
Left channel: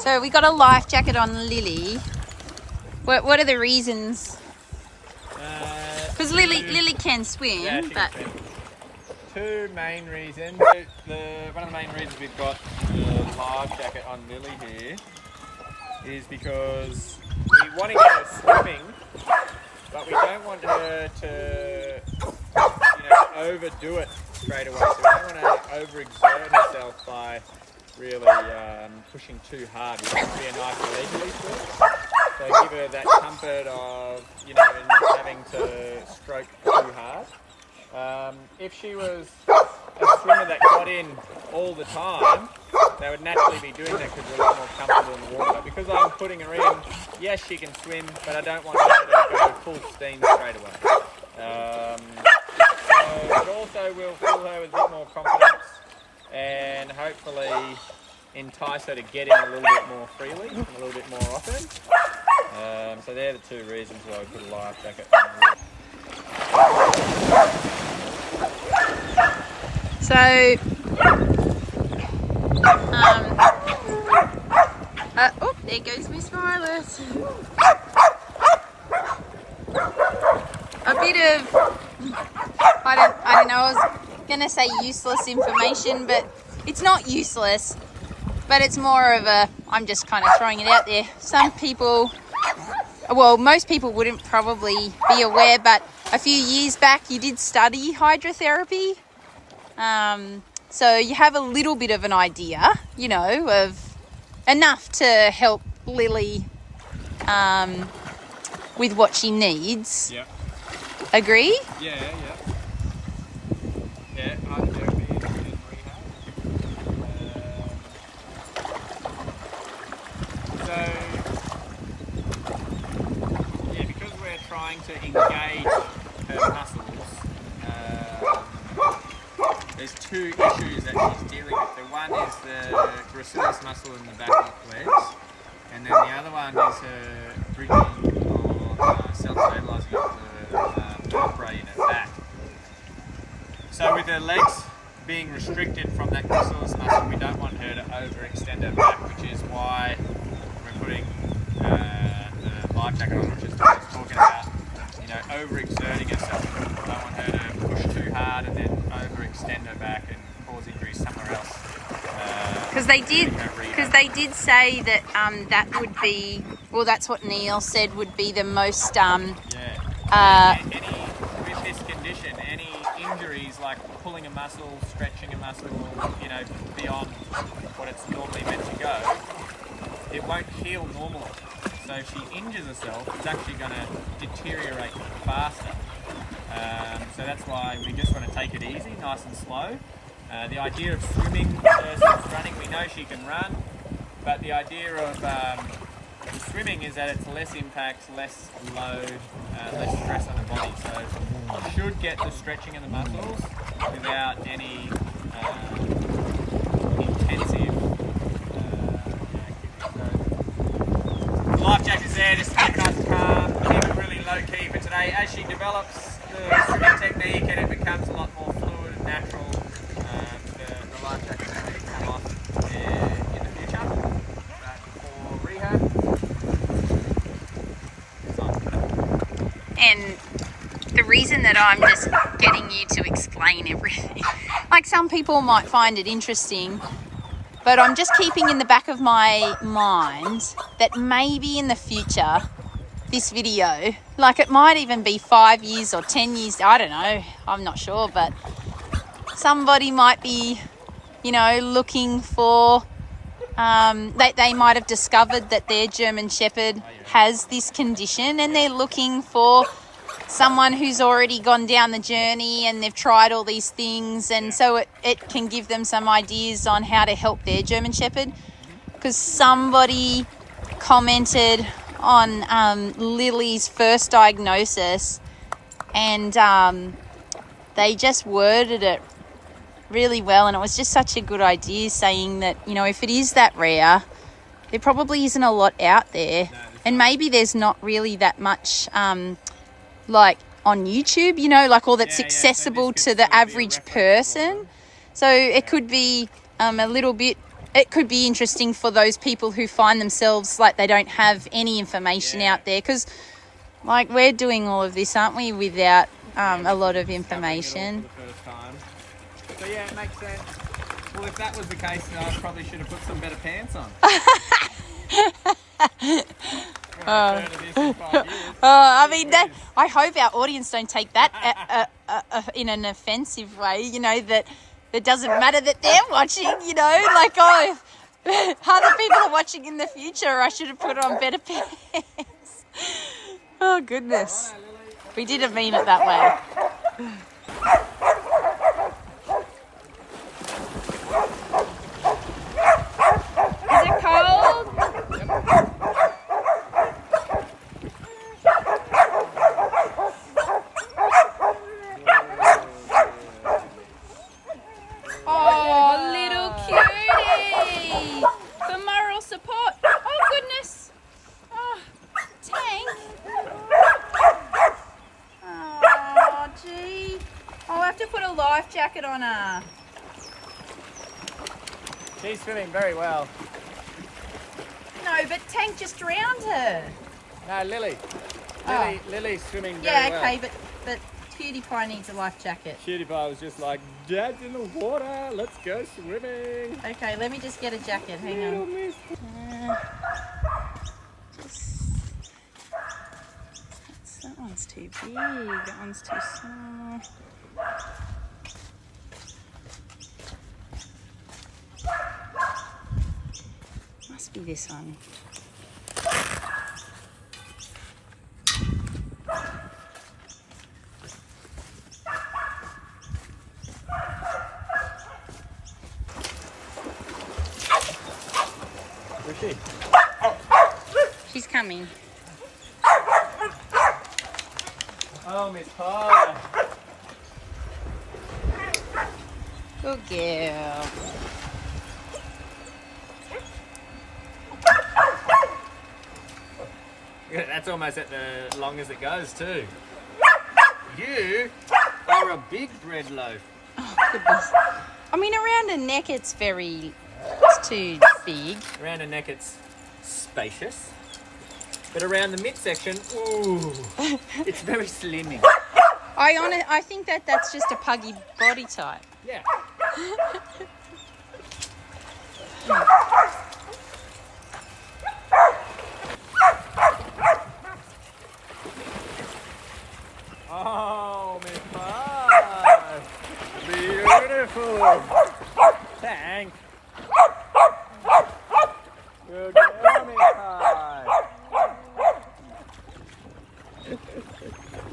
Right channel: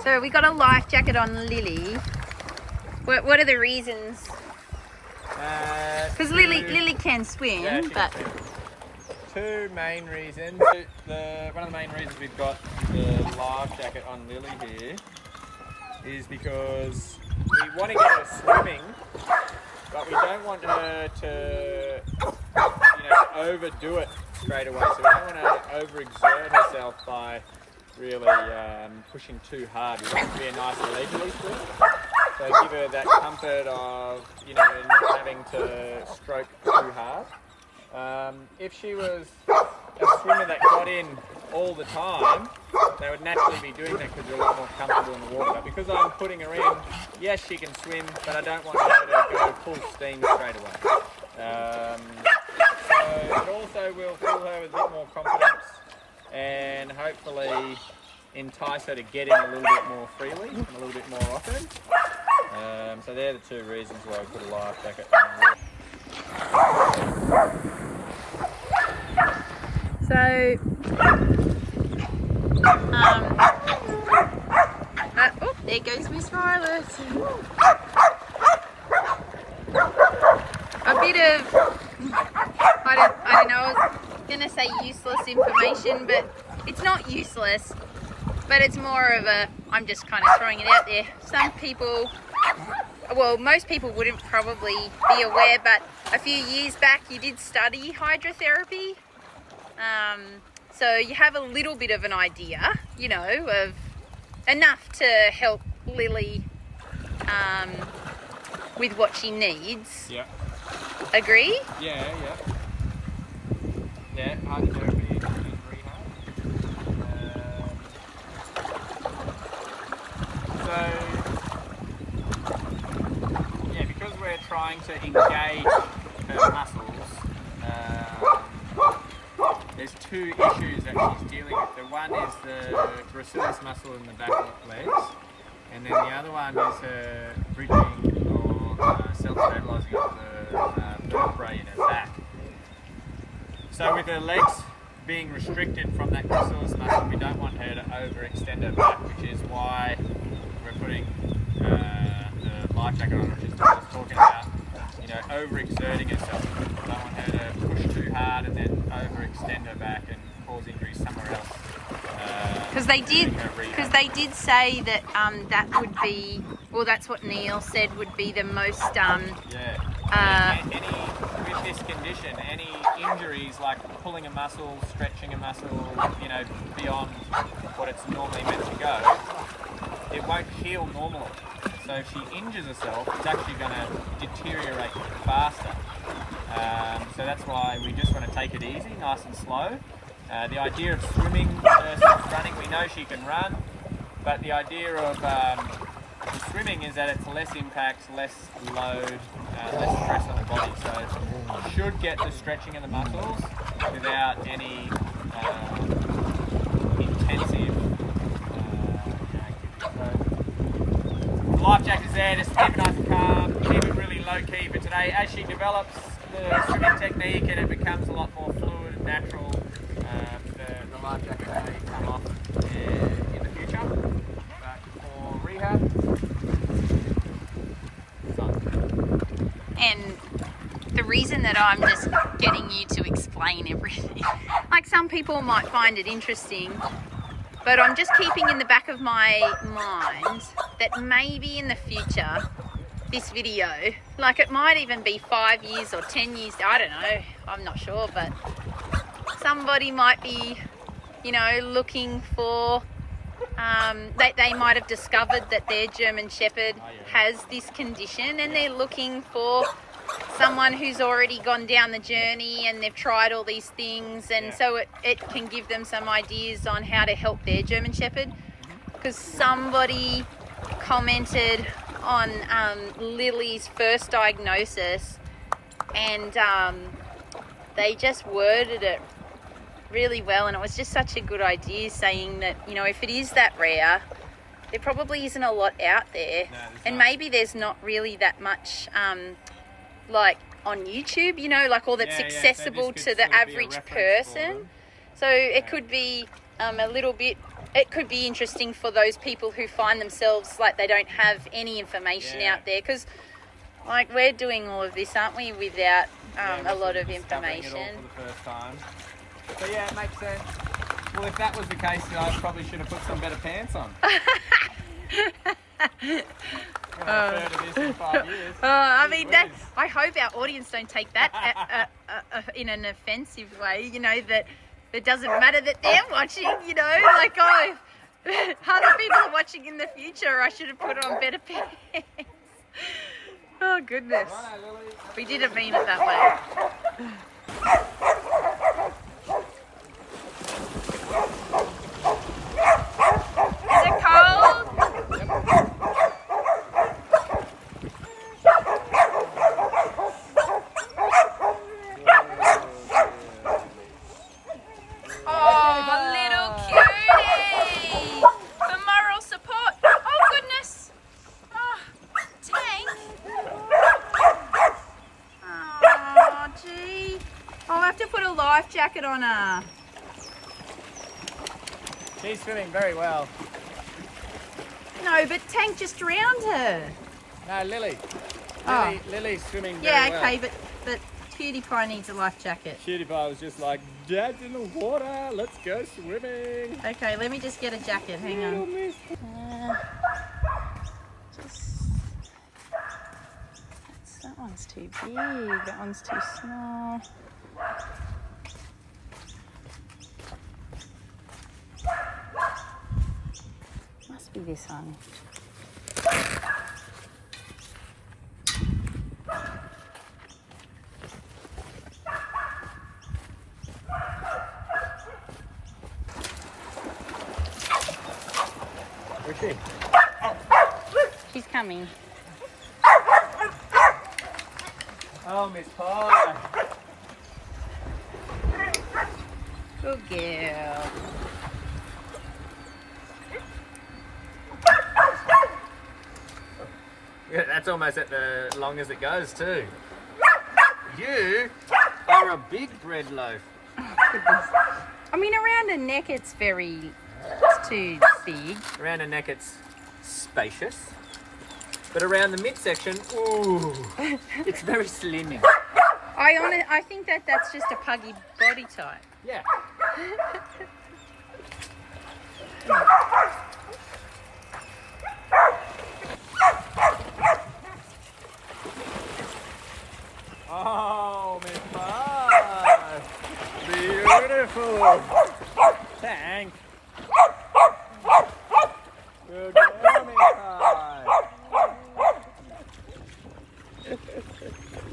So we got a life jacket on Lily. What are the reasons? Because Lily can swim, Yeah, but can swim. Two main reasons. One of the main reasons we've got the life jacket on Lily here is because we want to get her swimming, but we don't want her to, overdo it straight away. So we don't want to overexert herself by really pushing too hard. We want it to be a nice leisurely swim. So give her that comfort of, not having to stroke too hard. If she was a swimmer that got in all the time, they would naturally be doing that because they're a lot more comfortable in the water. But because I'm putting her in, yes, she can swim, but I don't want her to go full steam straight away. So it also will fill her with a bit more confidence and hopefully entice her to get in a little bit more freely and a little bit more often. So they're the two reasons why I put a life jacket on. so there goes Miss Violet. A bit of I don't know, I was gonna say useless information, but it's not useless, but it's more of a, I'm just kind of throwing it out there. Some people, well, most people wouldn't probably be aware, but a few years back you did study hydrotherapy, so you have a little bit of an idea, of enough to help Lily with what she needs. Yeah. Agree? Yeah. Yeah, hydrotherapy in rehab. Because we're trying to engage her muscles, there's two issues that she's dealing with. The one is the gracilis muscle in the back of the legs, and then the other one is her bridging or self-stabilizing of the vertebrae in her back. So with her legs being restricted from that gracilis muscle, we don't want her to overextend her back, which is why we're putting overexerting herself. I don't want her to push too hard and then overextend her back and cause injuries somewhere else. Because they did say that that would be, well, that's what Neil said would be the most with this condition, any injuries like pulling a muscle, stretching a muscle, you know, beyond what it's normally meant to go, it won't heal normally. So if she injures herself, it's actually going to deteriorate faster. So that's why we just want to take it easy, nice and slow. The idea of swimming versus running, we know she can run, but the idea of the swimming is that it's less impact, less load, less stress on the body. So you should get the stretching of the muscles without any intensive the life jacket's there just to keep us calm, keep it really low key for today. As she develops the swimming technique and it becomes a lot more fluid and natural, the life jacket will really come off in the future. But for rehab, it's on. And the reason that I'm just getting you to explain everything, like some people might find it interesting, but I'm just keeping in the back of my mind that maybe in the future, this video, like it might even be 5 years or 10 years, I don't know, I'm not sure, but somebody might be, you know, looking for, they might have discovered that their German Shepherd has this condition and they're looking for someone who's already gone down the journey and they've tried all these things, and so it can give them some ideas on how to help their German Shepherd. Because somebody commented on Lily's first diagnosis, and they just worded it really well, and it was just such a good idea, saying that, you know, if it is that rare, there probably isn't a lot out there, and maybe there's not really that much like on YouTube, you know, like all that's accessible to the average person. So it could be a little bit, it could be interesting for those people who find themselves like they don't have any information out there, because like we're doing all of this, aren't we, without a lot of information. For the first time. So yeah, it makes sense. Well, if that was the case, I probably should have put some better pants on. I mean, that, I hope our audience don't take that in an offensive way, you know, that it doesn't matter that they're watching, you know, like, oh, other people are watching in the future, I should have put on better pants. Oh, goodness. We didn't mean it that way. Is it cold? Oh, little cutie! For moral support. Oh, goodness. Oh, Tank. Oh, gee. I'll have to put a life jacket on her. She's swimming very well. No, but Tank just drowned her. No, Lily. Oh. Lily's swimming very well. Yeah, okay, but Cutie Pie needs a life jacket. Cutie Pie was just like, Dad's in the water, let's go swimming. Okay, let me just get a jacket, hang on. That one's too big, that one's too small. Must be this one. Where's she? She's coming. Oh, Miss Pie. Good girl. Yeah, that's almost at the long as it goes too. You are a big bread loaf. Oh, goodness. I mean, around her neck it's too big. Around her neck it's spacious. But around the midsection, ooh, it's very slimming. I think that's just a puggy body type. Yeah. Oh, Miss Pie. Beautiful. Thanks. Good girl, Miss Pie.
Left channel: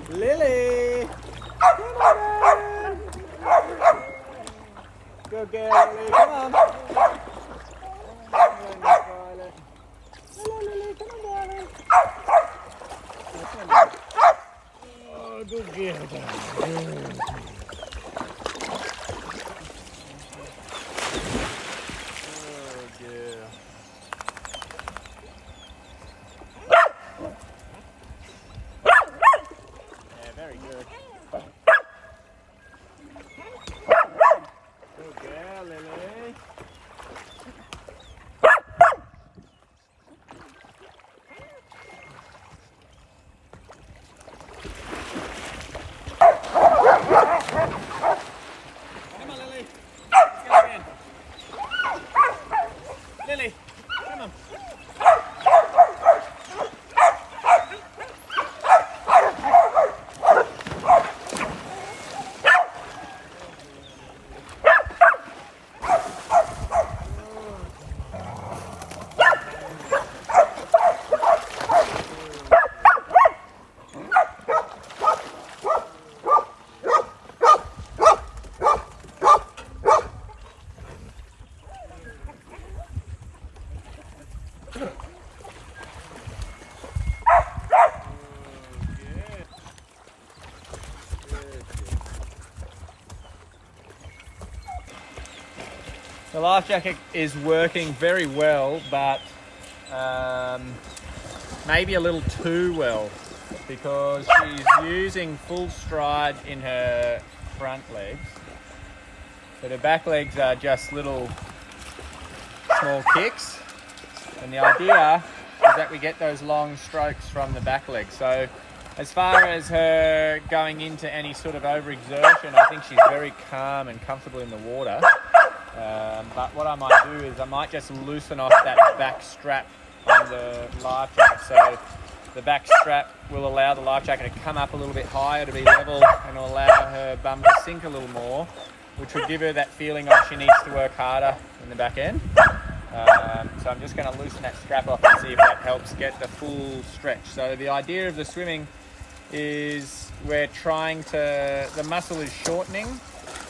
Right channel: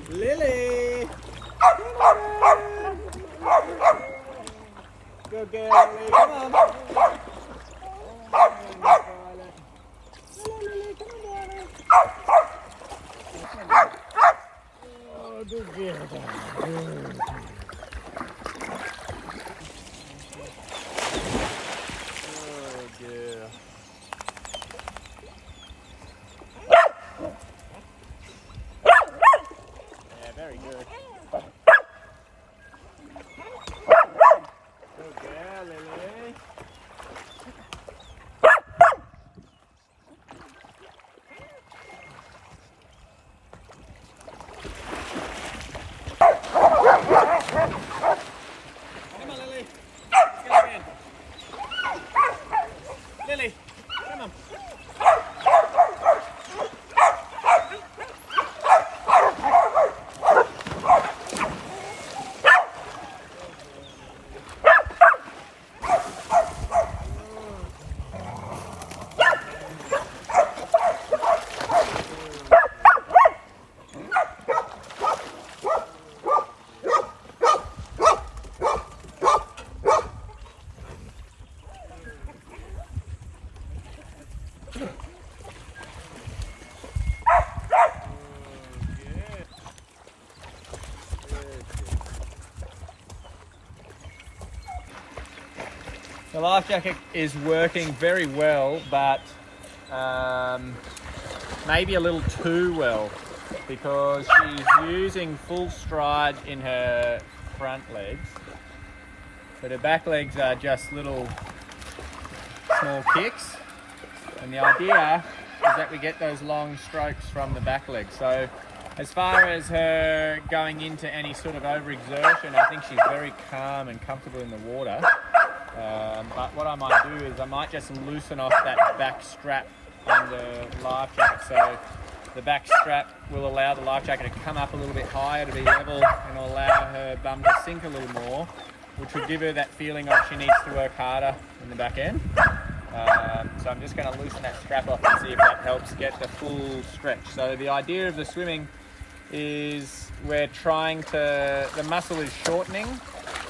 Lily. Good girl, Lily. Come on. Hello, Lily. Come on, darling. Oh, good girl, darling. Good. Oh, girl. Yeah, very good. Good girl, Lily. Come on, Lily. Let's go again. Lily, come on. The life jacket is working very well, but maybe a little too well, because she's using full stride in her front legs, but her back legs are just little small kicks, and the idea is that we get those long strokes from the back leg. So as far as her going into any sort of overexertion, I think she's very calm and comfortable in the water. But what I might do is I might just loosen off that back strap on the life jacket. So the back strap will allow the life jacket to come up a little bit higher to be level, and will allow her bum to sink a little more, which will give her that feeling of she needs to work harder in the back end. So I'm just going to loosen that strap off and see if that helps get the full stretch. So the idea of the swimming is the muscle is shortening,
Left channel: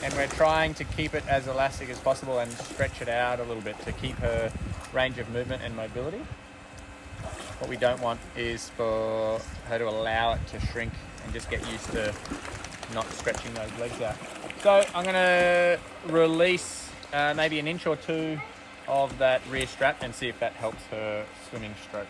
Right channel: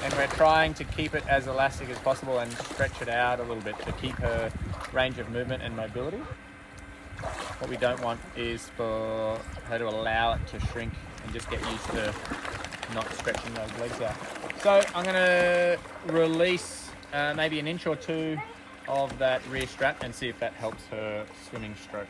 and we're trying to keep it as elastic as possible and stretch it out a little bit to keep her range of movement and mobility. What we don't want is for her to allow it to shrink and just get used to not stretching those legs out. So I'm going to release maybe an inch or two of that rear strap and see if that helps her swimming stroke.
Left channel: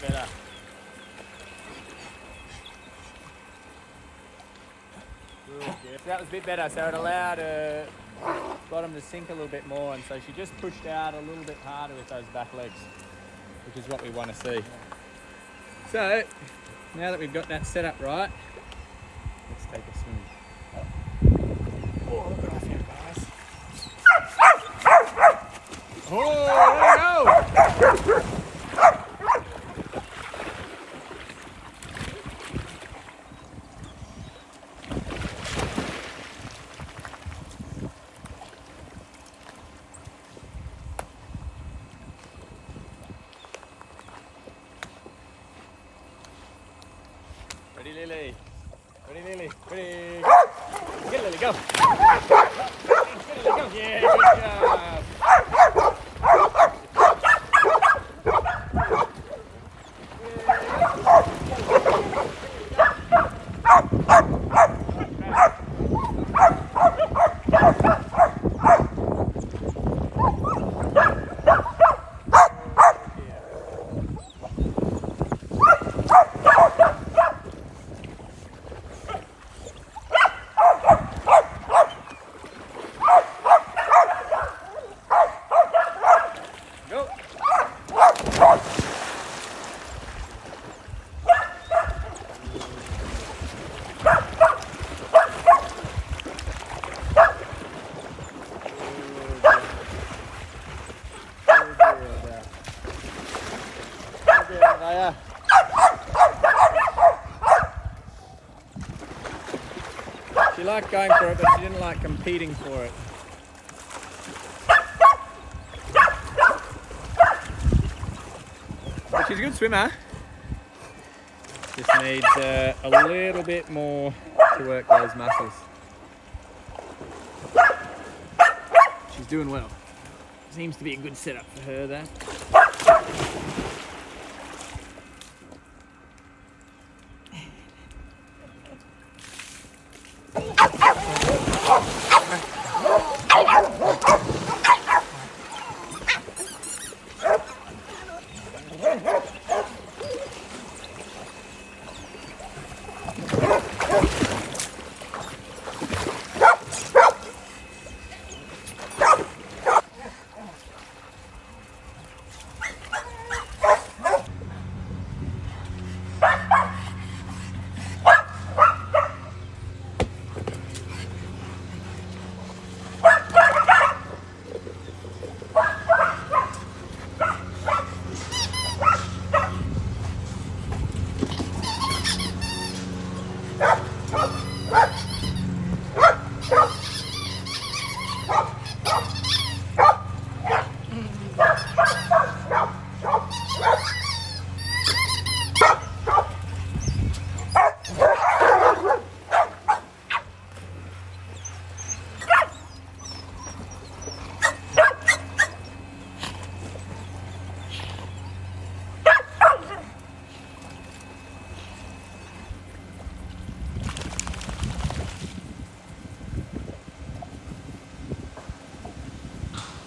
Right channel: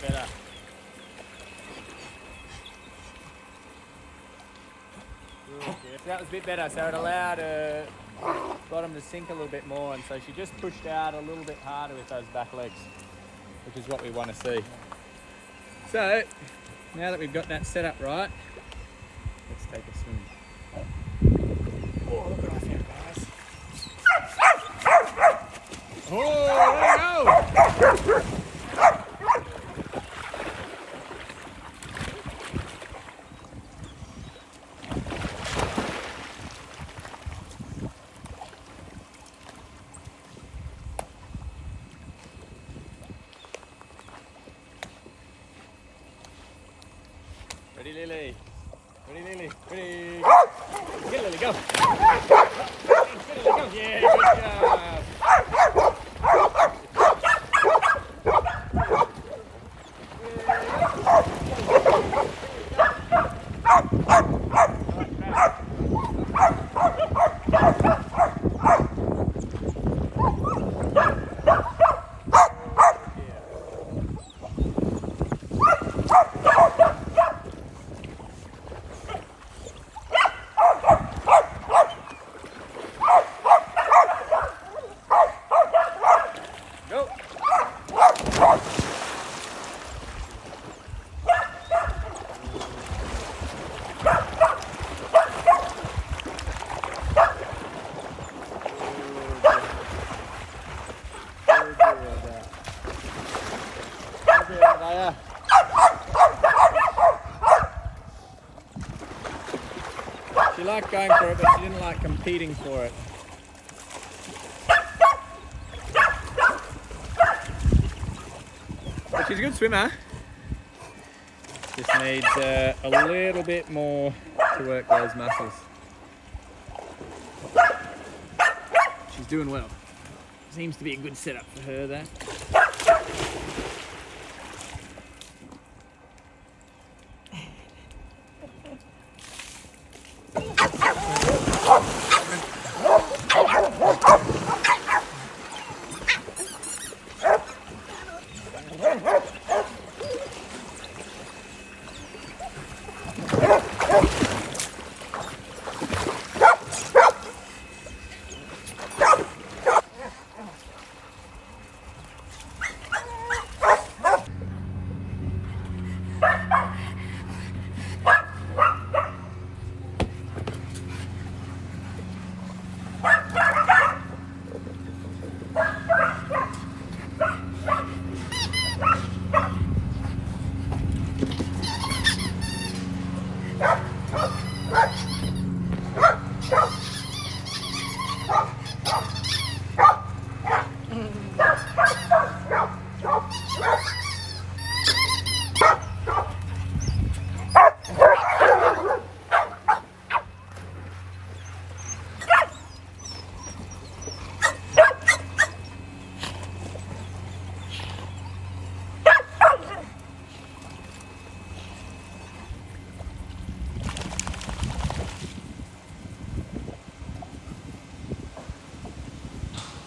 Better. Good. That was a bit better, so it allowed her bottom to sink a little bit more, and so she just pushed out a little bit harder with those back legs, which is what we want to see. So now that we've got that set up right, let's take a swim. Oh, look at our feet, guys. Oh, there we go. Ready, Lily? Ready, Lily? Ready, go! Get Lily, go! Get Lily, go! Yeah, good job! Go! She liked going for it, but she didn't like competing for it. But she's a good swimmer. Just needs a little bit more to work those muscles. She's doing well. Seems to be a good setup for her there.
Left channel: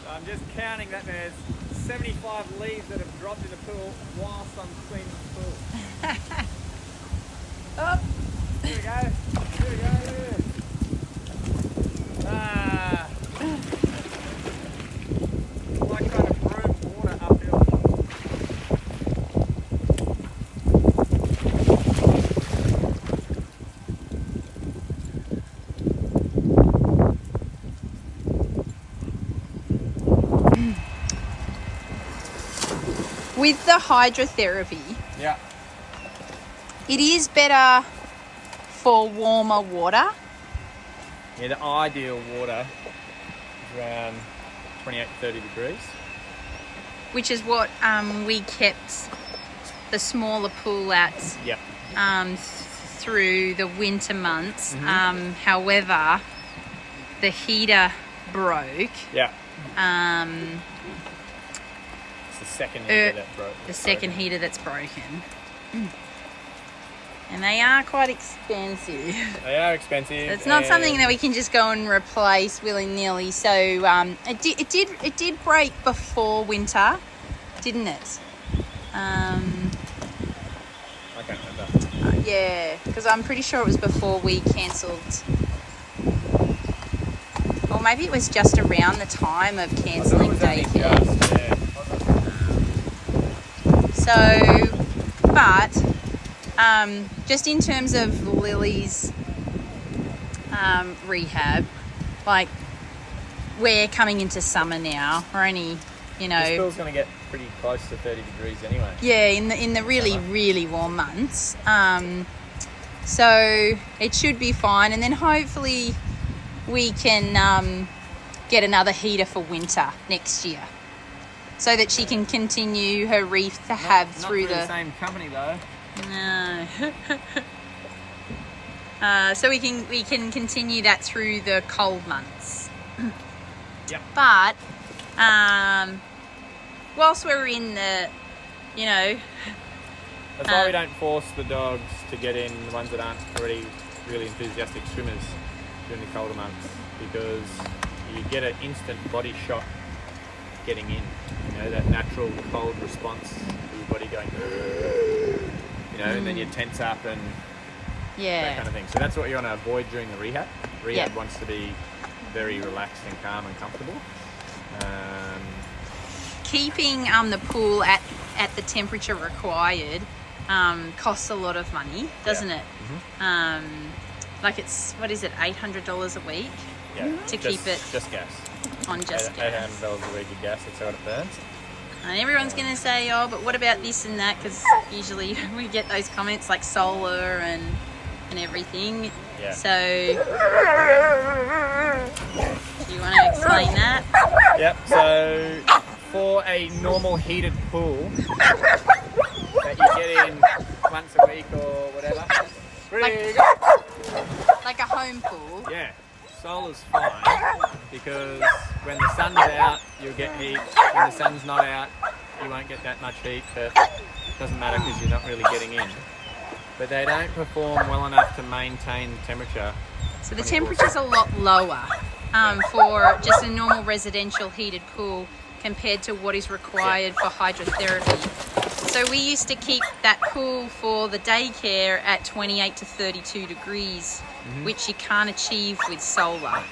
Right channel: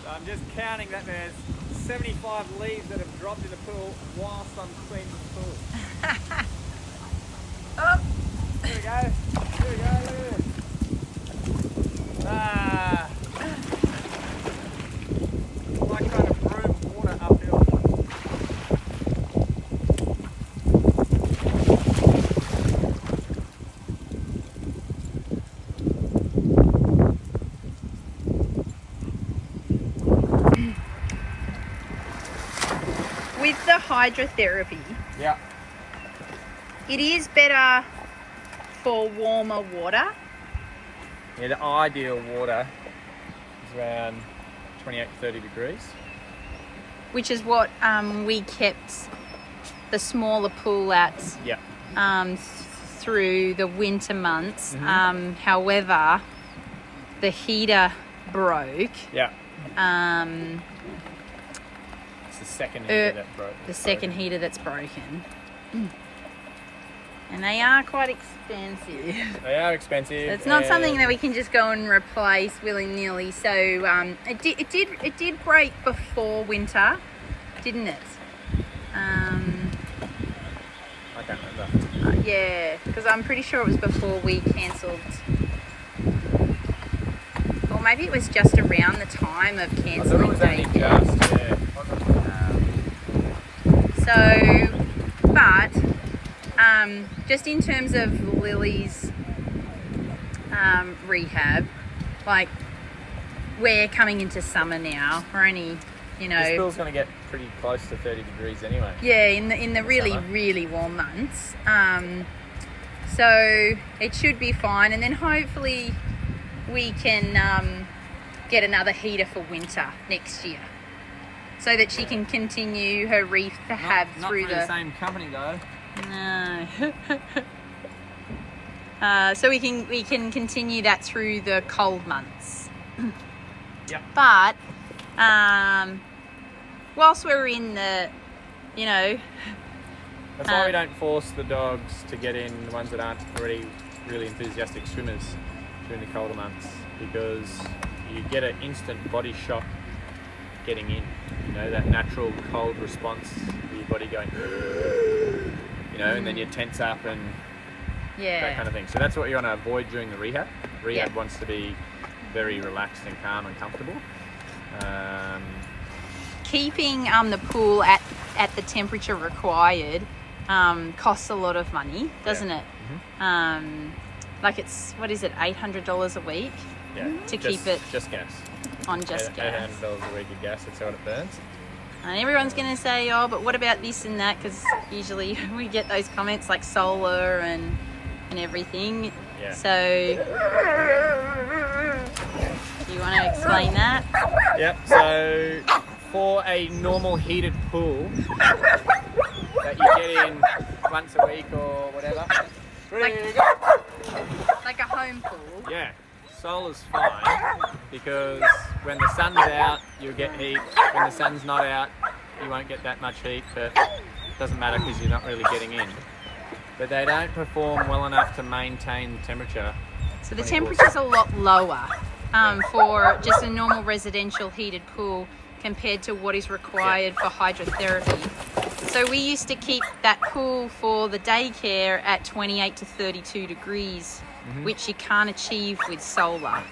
I'm just counting that there's 75 leaves that have dropped in the pool whilst I'm cleaning the pool. Oh. Here we go. Here we go. Look at this. Ah. Like trying to broom water uphill. With the hydrotherapy, Yeah. it is better for warmer water. Yeah, the ideal water is around 28 to 30 degrees. Which is what we kept the smaller pool at Yeah. through the winter months. Mm-hmm. However, the heater broke. Yeah. It's the second heater that broke. The second heater that's broken. And they are quite expensive. They are expensive. So it's not something that we can just go and replace willy-nilly. So it did break before winter, didn't it? I can't remember. Yeah, because I'm pretty sure it was before we cancelled. Or maybe it was just around the time of cancelling. I thought it was only just, yeah. Just in terms of Lily's rehab, like we're coming into summer now. We're only, This pool's going to get pretty close to 30 degrees anyway. Yeah, in the really, really warm months. So it should be fine. And then hopefully we can get another heater for winter next year, so that she can continue her rehab Not through the same company though. No. So we can continue that through the cold months. Yep. But whilst we're in the, you know, That's why we don't force the dogs to get in, the ones that aren't already really enthusiastic swimmers during the colder months, because you get an instant body shock getting in. You know, that natural cold response of your body going, you know, and then you tense up and that kind of thing. So that's what you want to avoid during the rehab. Rehab wants to be very relaxed and calm and comfortable. Keeping the pool at the temperature required costs a lot of money, doesn't it? Mm-hmm. Like it's, what is it, $800 a week to keep it just gas. On just gas. $800 a week of gas, that's how it burns. And everyone's going to say, oh, but what about this and that? Because usually we get those comments like solar and everything. Yeah. So, do you want to explain that? Yep, so for a normal heated pool that you get in once a week or whatever, like a home pool? Yeah, solar's fine, because when the sun's out, you'll get heat. When the sun's not out, you won't get that much heat, but it doesn't matter because you're not really getting in. But they don't perform well enough to maintain the temperature. So the temperature's a lot lower for just a normal residential heated pool compared to what is required for hydrotherapy. So we used to keep that pool for the daycare at 28 to 32 degrees, which you can't achieve with solar.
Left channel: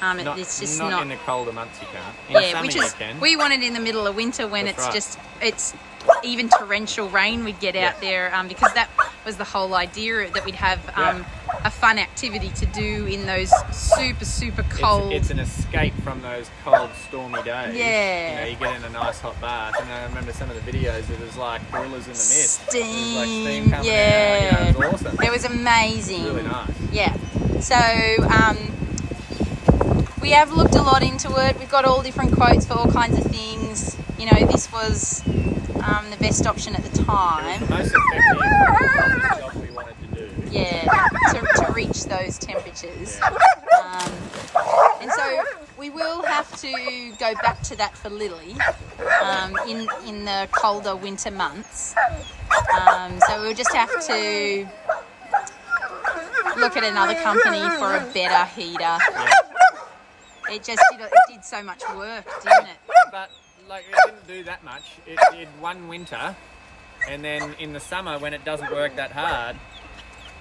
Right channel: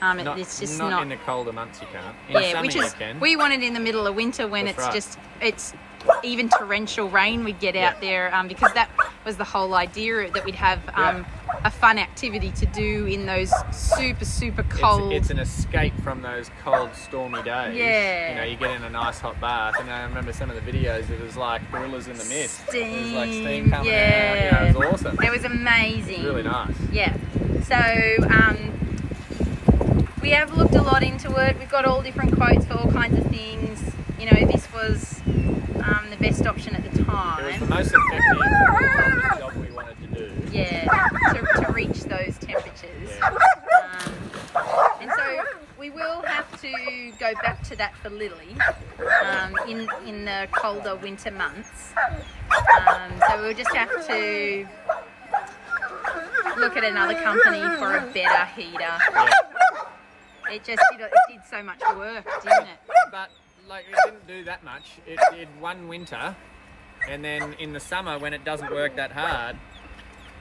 It's just not in the colder months you can't. In the summer you can. We want it in the middle of winter when it's even torrential rain we'd get out there, because that was the whole idea, that we'd have a fun activity to do in those super cold. It's an escape from those cold, stormy days. Yeah. You know, you get in a nice hot bath, and I remember some of the videos. It was like gorillas in the mist. Steam. It was like steam coming out. You know, it was awesome. It was amazing. It was really nice. Yeah. So we have looked a lot into it. We've got all different quotes for all kinds of things. You know, this was the best option at the time. It was the most effective job we wanted to do. Yeah, to reach those temperatures. Yeah. And so we will have to go back to that for Lily in the colder winter months. So we'll just have to look at another company for a better heater. Yeah. It did so much work, didn't it? But like, it didn't do that much. It did one winter, and then in the summer when it doesn't work that hard,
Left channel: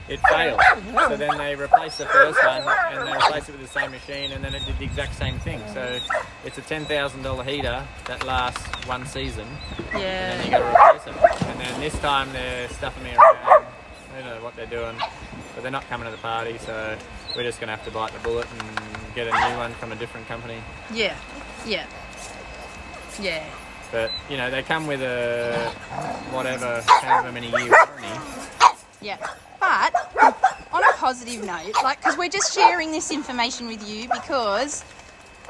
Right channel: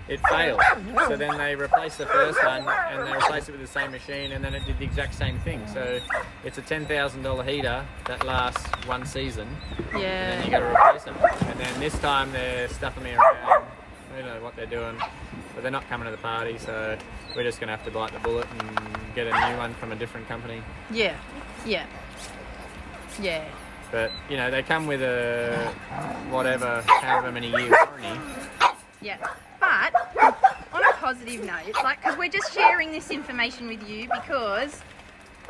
it failed. So then they replaced the first one, and they replaced it with the same machine, and then it did the exact same thing. So it's a $10,000 heater that lasts one season. Yeah. And then you got to replace them. And then this time they're stuffing me around. I don't know what they're doing, but they're not coming to the party. So we're just going to have to bite the bullet and get a new one from a different company. Yeah. But you know, they come with a however many year warranty. Yeah. But on a positive note, like, because we're just sharing this information with you because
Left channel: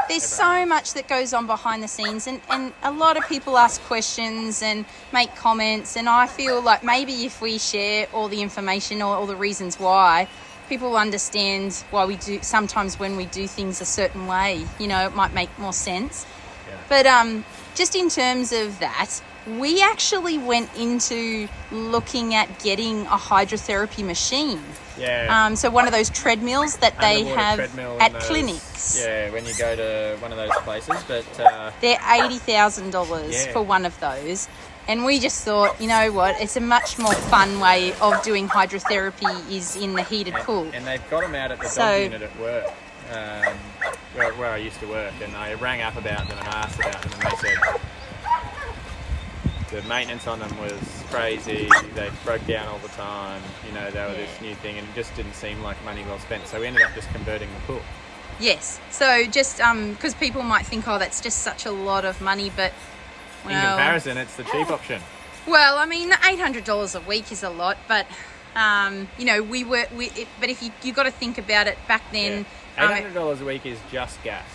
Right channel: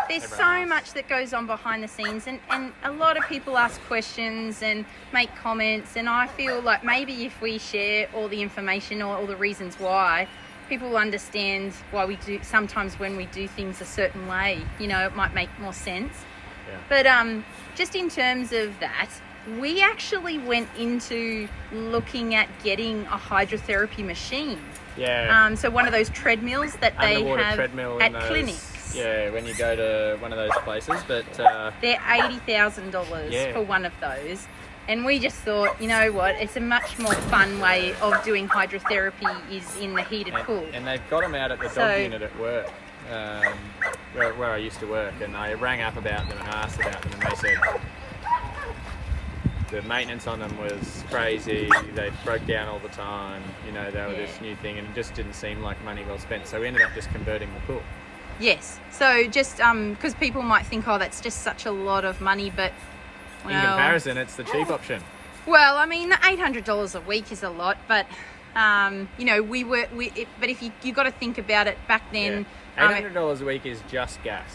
there's so much that goes on behind the scenes, and a lot of people ask questions and make comments, and I feel like maybe if we share all the information or all the reasons why, people understand why we do sometimes when we do things a certain way. You know, it might make more sense. Yeah. But just in terms of that, we actually went into looking at getting a hydrotherapy machine. Yeah. So one of those treadmills that they have at clinics. Yeah, when you go to one of those places. But they're $80,000 for one of those. And we just thought, you know what, it's a much more fun way of doing hydrotherapy is in the heated pool. And they've got them out at the dog unit at work, where I used to work. And I rang up about them and asked about them, and they said the maintenance on them was crazy. They broke down all the time. You know, they were this new thing, and it just didn't seem like money well spent. So we ended up just converting the pool. Yes. So just because people might think, oh, that's just such a lot of money, but in comparison, it's the cheap option. Well, I mean, $800 a week is a lot, but you know, but if you got to think about it back then. Yeah. $800 a week is just gas.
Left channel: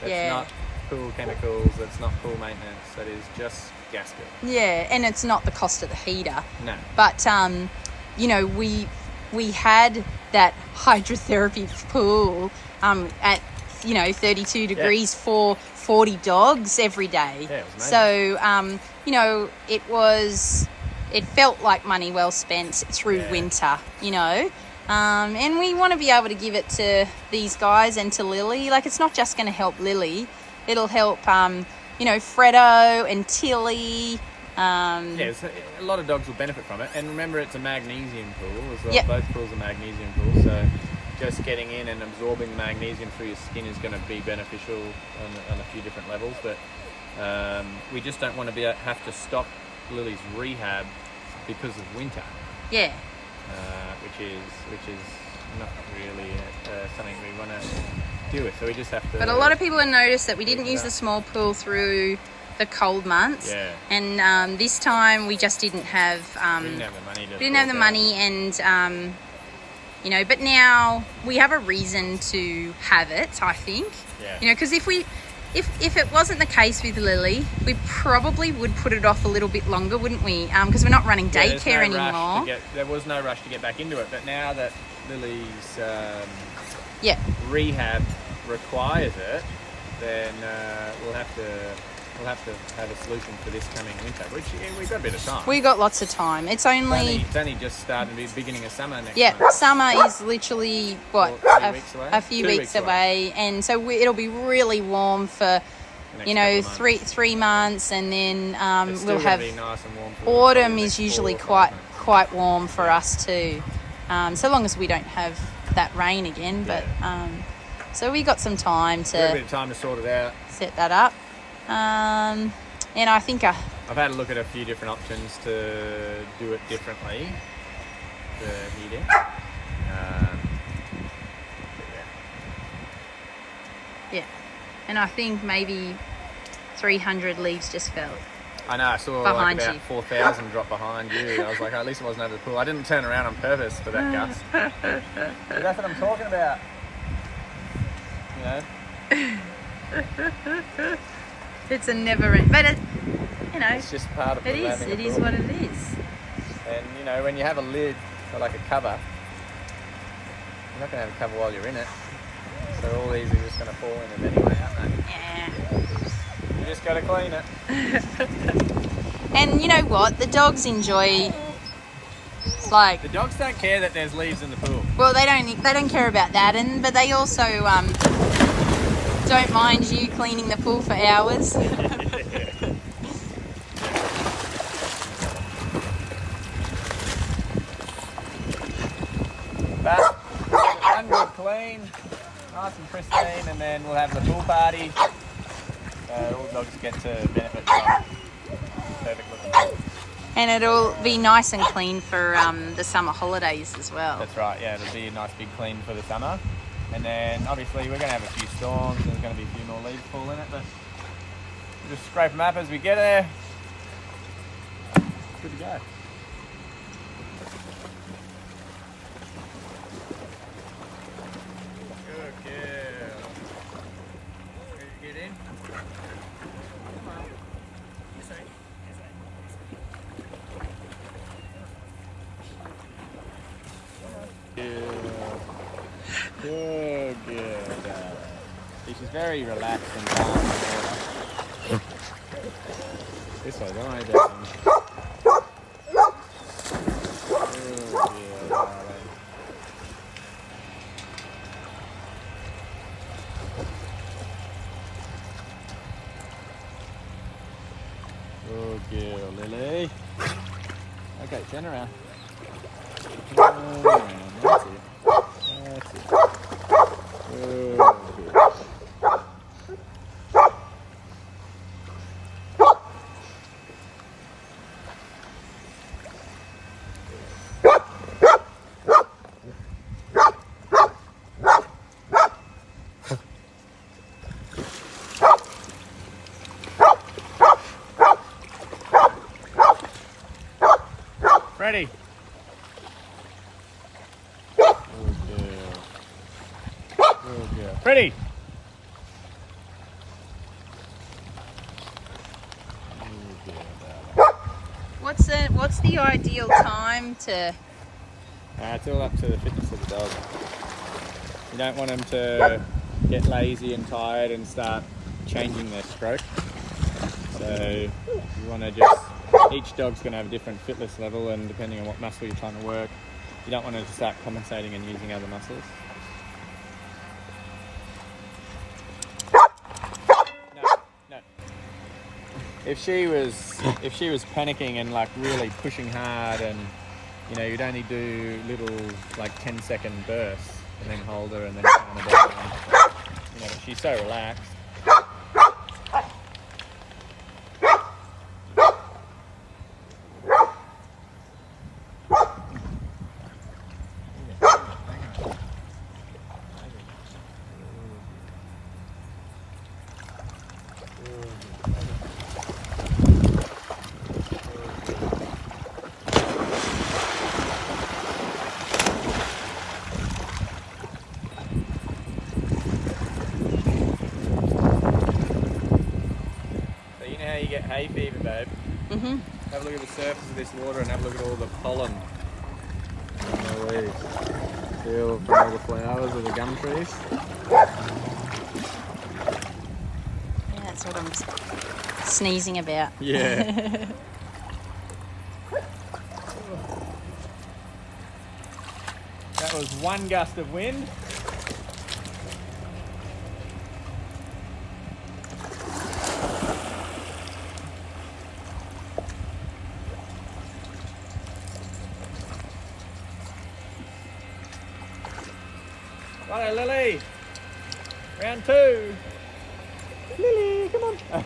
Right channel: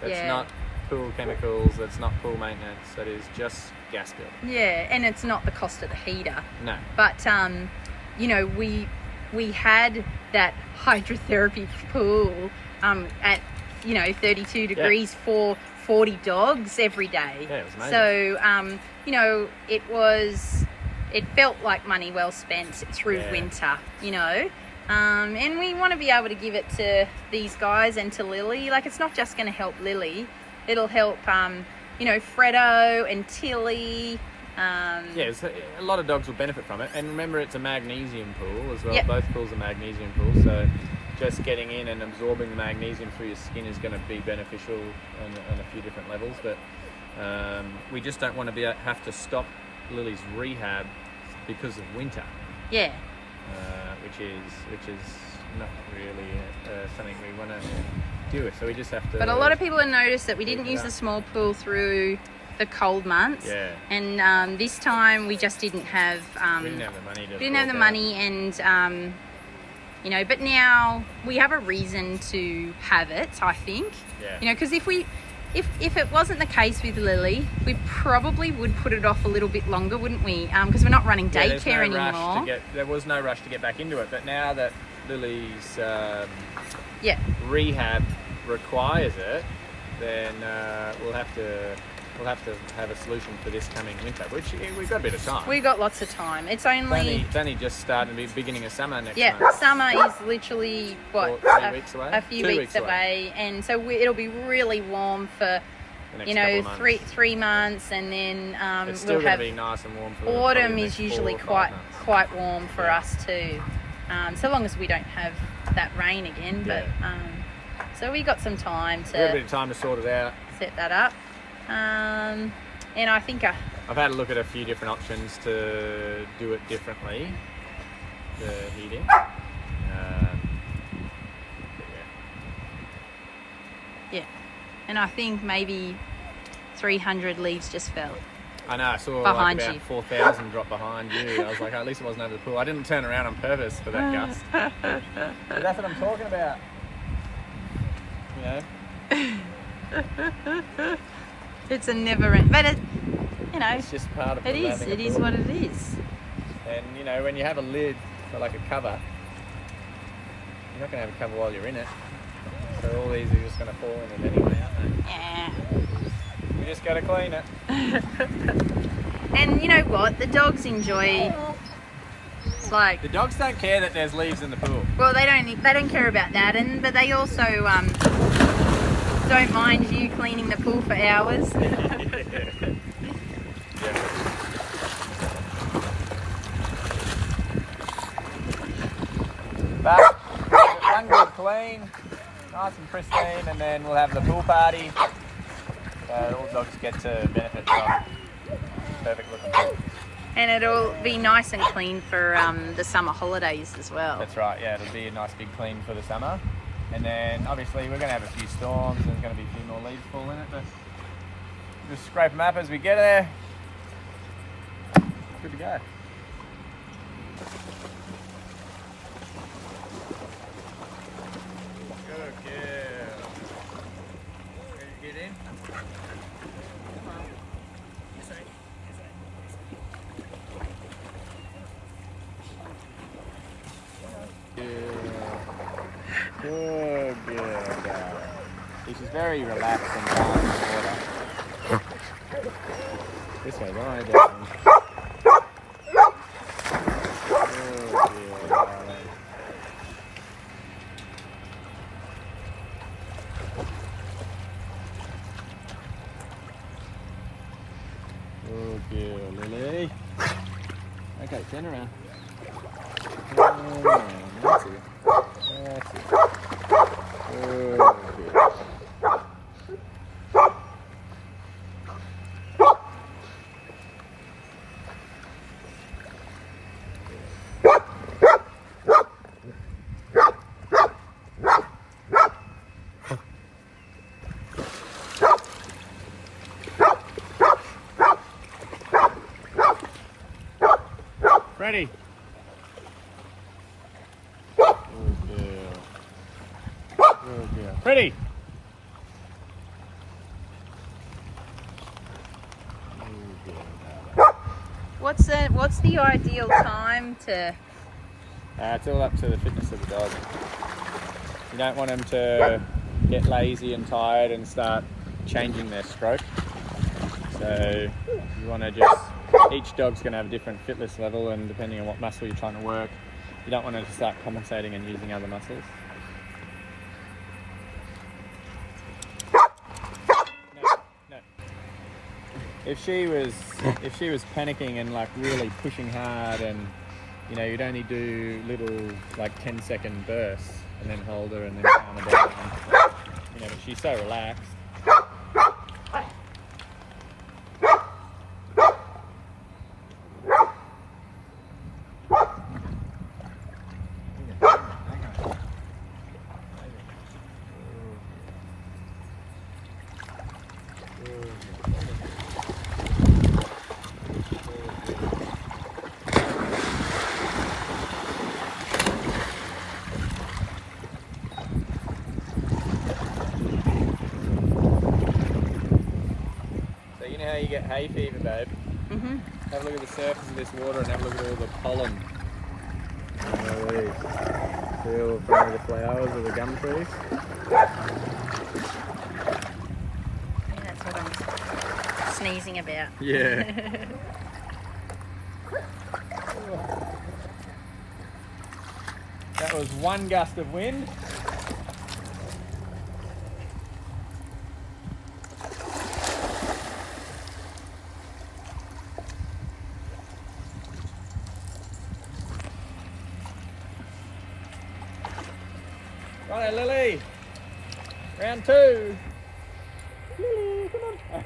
That's not pool chemicals. That's not pool maintenance. That is just gas bill. Yeah, and it's not the cost of the heater. No. But you know, we had that hydrotherapy pool at 32 degrees for 40 dogs every day. Yeah, it was amazing. So it felt like money well spent through winter, and we want to be able to give it to these guys and to Lily. Like, it's not just going to help Lily, it'll help Fredo and Tilly. A lot of dogs will benefit from it, and remember, it's a magnesium pool as well. Yep. Both pools are magnesium pools, so just getting in and absorbing the magnesium through your skin is going to be beneficial on a few different levels. But we just don't want to have to stop Lily's rehab because of winter. Yeah. Which is not really something we want to deal with. So we just have to. But a lot of people have noticed that we didn't use the small pool through the cold months. Yeah. And this time we just didn't have. We didn't have the money. And but now we have a reason to have it, I think. Yeah. Because if it wasn't the case with Lily, we probably would put it off a little bit longer, wouldn't we? Because we're not running daycare anymore. There was no rush to get back into it, but now that Lily's rehab requires it, then we'll have to have a solution for this coming winter, which we've got a bit of time. We've got lots of time. It's only just starting to be beginning of summer next month. Yeah, summer is literally, 3 weeks away? A few weeks away. And so it'll be really warm for, the next 3 months, and then it's still going to be nice and warm for autumn the is next usually 4 or 5 months. quite warm for us too. So long as we don't have that rain again. But so we got some time to. We got a bit of time to sort it out. Set that up. And I think I've had a look at a few different options to do it differently. The heating. Yeah. And I think maybe 300 leaves just fell. I know, I saw behind about you. 4,000 drop behind you. I was like, at least it wasn't over the pool. I didn't turn around on purpose for that gust. But that's what I'm talking about. It's a never end, but it's just part of it is. It is what it is. And when you have a lid for like a cover, you're not going to have a cover while you're in it. So all these are just going to fall in it anyway, aren't they? Yeah. You just got to clean it. And you know what? The dogs enjoy. The dogs don't care that there's leaves in the pool. Well, they don't care about that, but they also don't mind you cleaning the pool for hours. But we'll give it one good clean, nice and pristine, and then we'll have the pool party. All the dogs get to benefit from perfect looking pool. And it'll be nice and clean for the summer holidays as well. That's right, yeah, it'll be a nice big clean for the summer. And then obviously we're going to have a few storms and there's going to be a few more leaves fall in it, but we'll just scrape them up as we get there. Good to go. Good girl. Ready to get in? Come on. This way. Good girl, darling. See, she's very relaxed and calm in the water. This way, don't worry about him. Good girl, darling. Good girl, Lily. Okay, turn around. Turn around, that's it. That's it. Good girl. Ready? Good girl. Good girl. Pretty. What's the ideal time to It's all up to the fitness of the dog. You don't want them to get lazy and tired and start changing their stroke. So you want to just, each dog's going to have a different fitness level, and depending on what muscle you're trying to work, you don't want to start compensating and using other muscles. No. If she was panicking and like really pushing hard, and you know, you'd only do little like 10-second bursts and then hold her and then calm her down. You know, but she's so relaxed. How you get hay fever, babe? Mm-hmm. Have a look at the surface of this water and have a look at all the pollen. Feel from all the flowers of the gum trees. Yeah, that's what I'm sneezing about. Yeah. That was one gust of wind. Righto, Lily. Round 2. Lily, come on. Lily.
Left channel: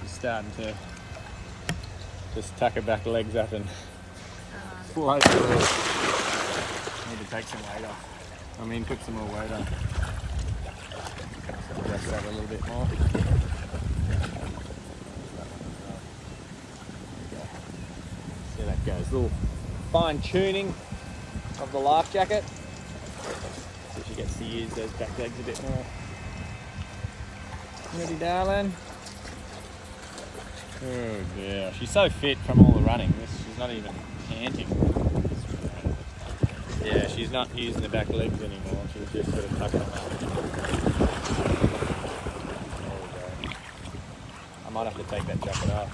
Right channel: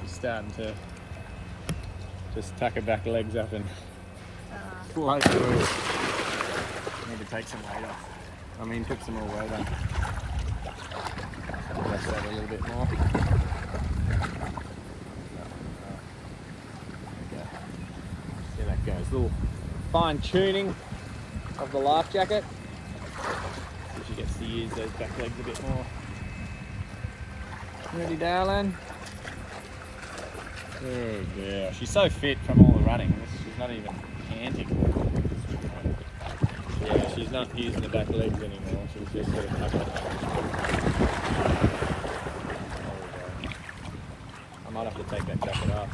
She's starting to just tuck her back legs up and float through. Need to take some weight off. I mean, put some more weight on. Adjust that a little bit more. There that goes. Little fine tuning of the life jacket. So she gets to use those back legs a bit more. You ready, darling? Oh yeah, she's so fit from all the running. She's not even panting. Yeah, she's not using the back legs anymore. She's just sort of tucking them up. There we go. I might have to take that jacket off.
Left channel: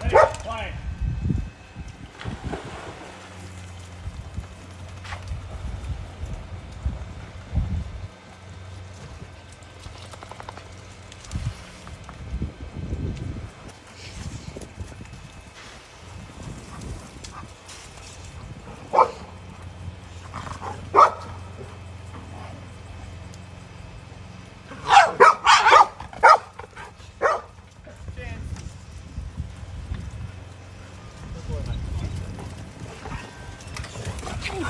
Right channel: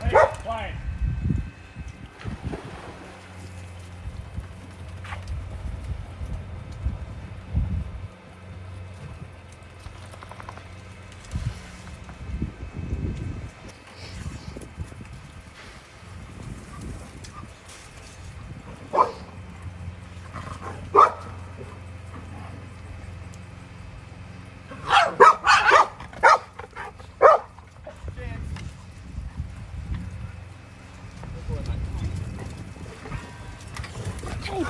Hey,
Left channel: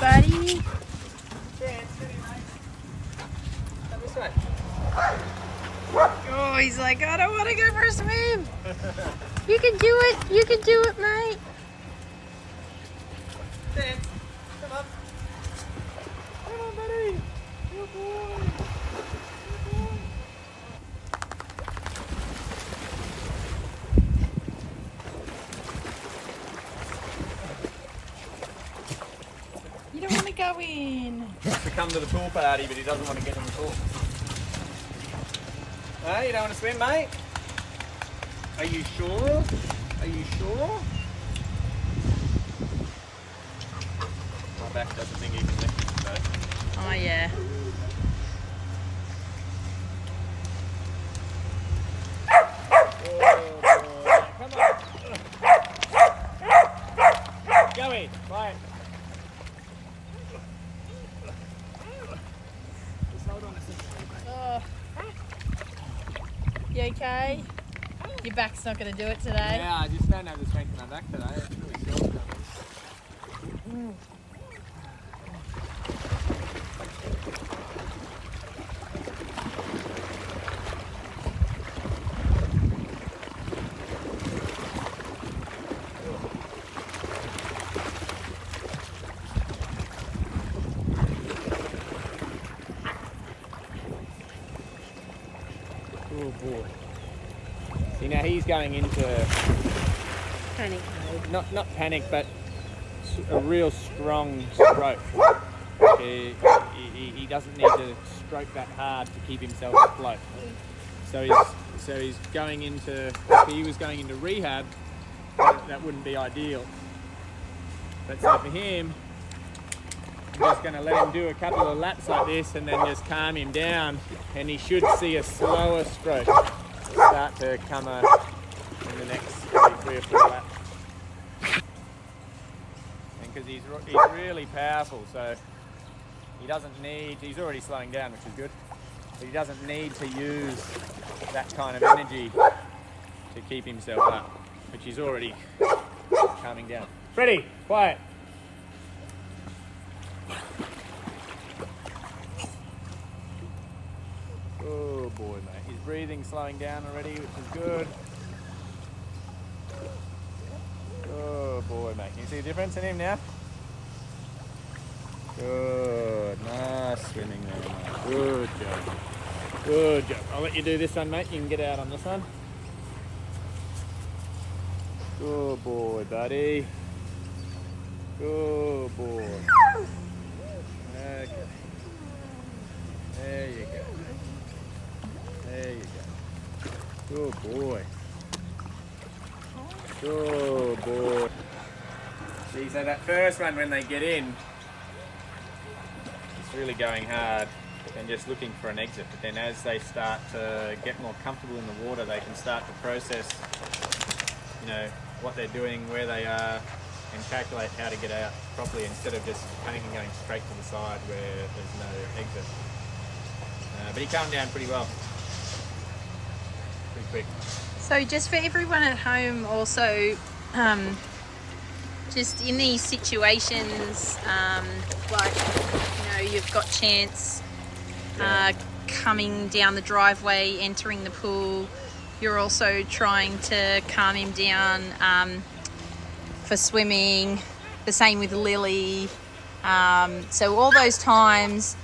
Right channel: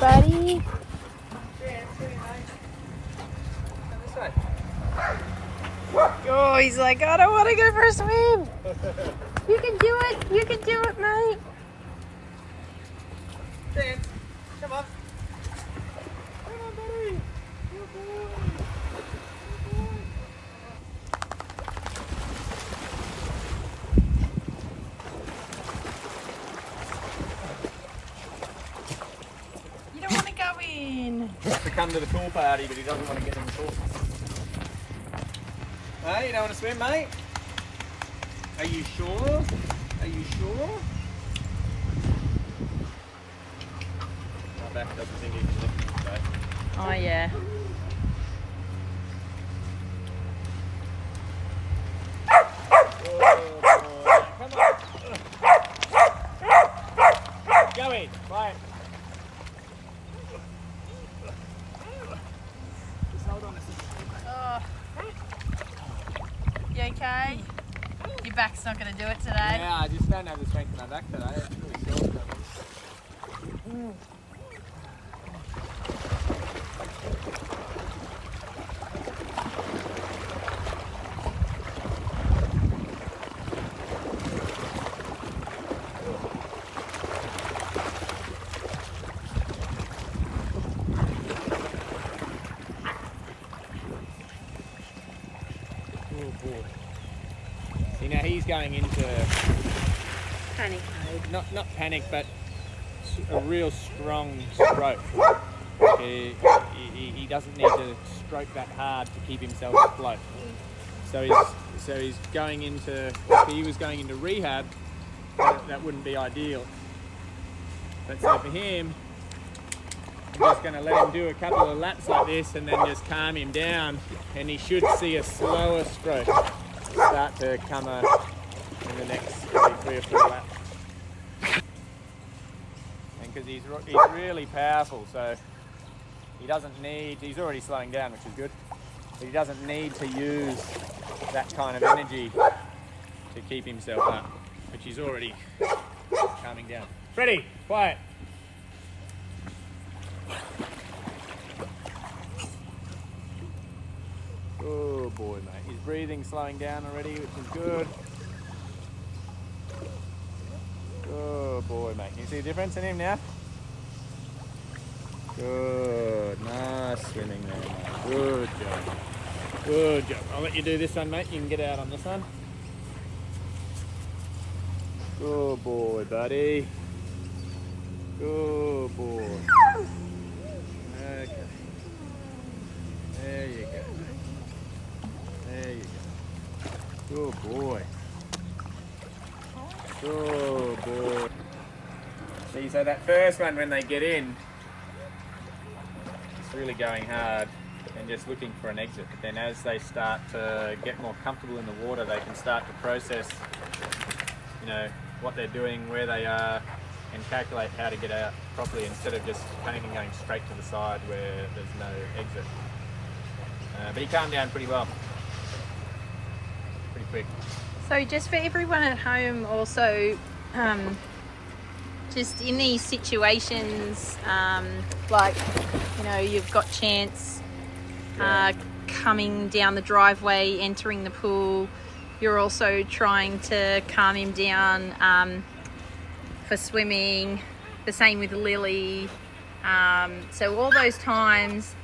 buddy. Oh, he's like, I don't want to go for a swim. You can do it. You can do it, mate. Chance, come up. Come on, buddy. Good boy. Good boy. doing? Wants to come to the pool party, but he doesn't want to get in the pool. Hey, you don't want to swim, mate? Are you sure? Are you sure? My back doesn't think he can lift him today. Oh yeah. Oh boy, come on. Go in, quiet. Just hold on a second. Oh. You okay? Your back's not going to do it today. Yeah, I just don't have the strength in my back today. It's really sore. Oh boy. See, now he's going into Panic mode. not panic, but a real strong stroke. He doesn't need to stroke that hard to keep himself afloat. So he's going into, if he was going into rehab, that wouldn't be ideal. But so for him, I'm just going to let him do a couple of laps like this and then just calm him down, and he should see a slower stroke start to come in the next 3 or 4 laps. And because he's really powerful, so he doesn't need, he's already slowing down, which is good, but he doesn't need to use that kind of energy to keep himself up, which he's already calming down. Freddie, quiet. Oh boy, mate. His breathing's slowing down already, which is good. Oh boy, mate. Can you see the difference in him now? Good. Nice swimming there, mate. Good job. Good job. I'll let you do this one, mate. You can get out on this one. Good boy, buddy. Good boy. Okay. There you go. There you go. Good boy. Good boy. See, so that first one when they get in, it's really going hard and just looking for an exit. But then as they start to get more comfortable in the water, they can start to process, you know, what they're doing, where they are, and calculate how to get out properly instead of just panicking going straight to the side where there's no exit. But he calmed down pretty well. Pretty quick. So just for everyone at home also, just in these situations, like, you know, you've got Chance coming down the driveway, entering the pool, you're also trying to calm him down for swimming, the same with Lily. So all those times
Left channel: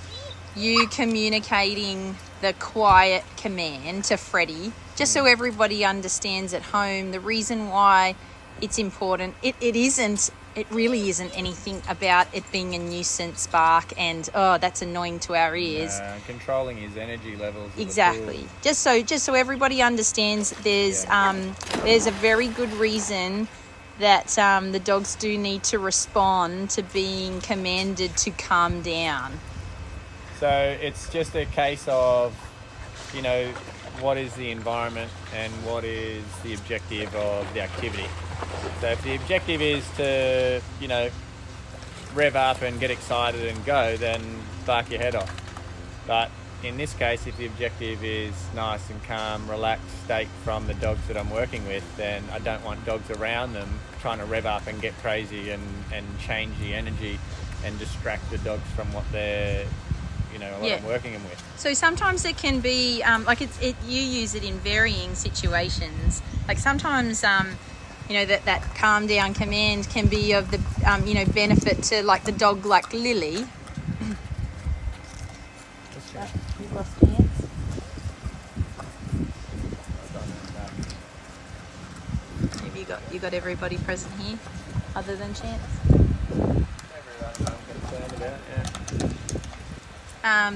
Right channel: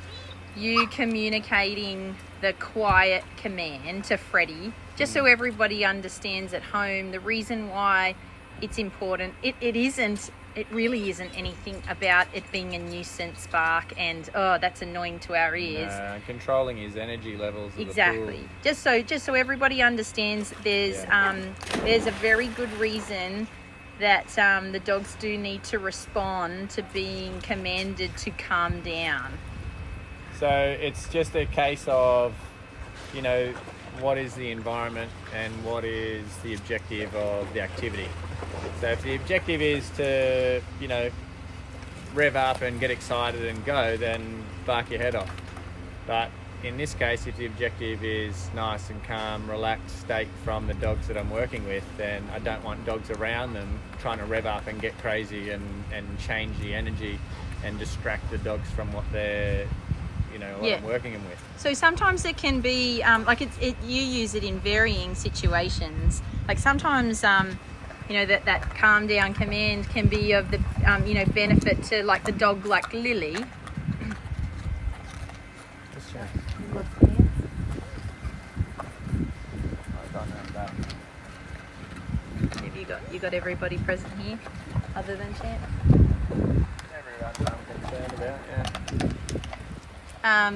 you communicating the quiet command to Freddie, just so everybody understands at home the reason why it's important. It really isn't anything about it being a nuisance bark and, oh, that's annoying to our ears. Controlling his energy levels. Exactly. Just so everybody understands, there's a very good reason that the dogs do need to respond to being commanded to calm down. So it's just a case of, you know, what is the environment and what is the objective of the activity. So if the objective is to, you know, rev up and get excited and go, then bark your head off. But in this case, if the objective is nice and calm, relaxed state from the dogs that I'm working with, then I don't want dogs around them trying to rev up and get crazy and change the energy and distract the dogs from what they're, you know, what I'm working them with. So sometimes it can be like you use it in varying situations. Like sometimes you know, that calm down command can be of the you know, benefit to like the dog like Lily. You've lost Chance. Have you got everybody present here other than Chance? Everyone, I'm sound about, yeah.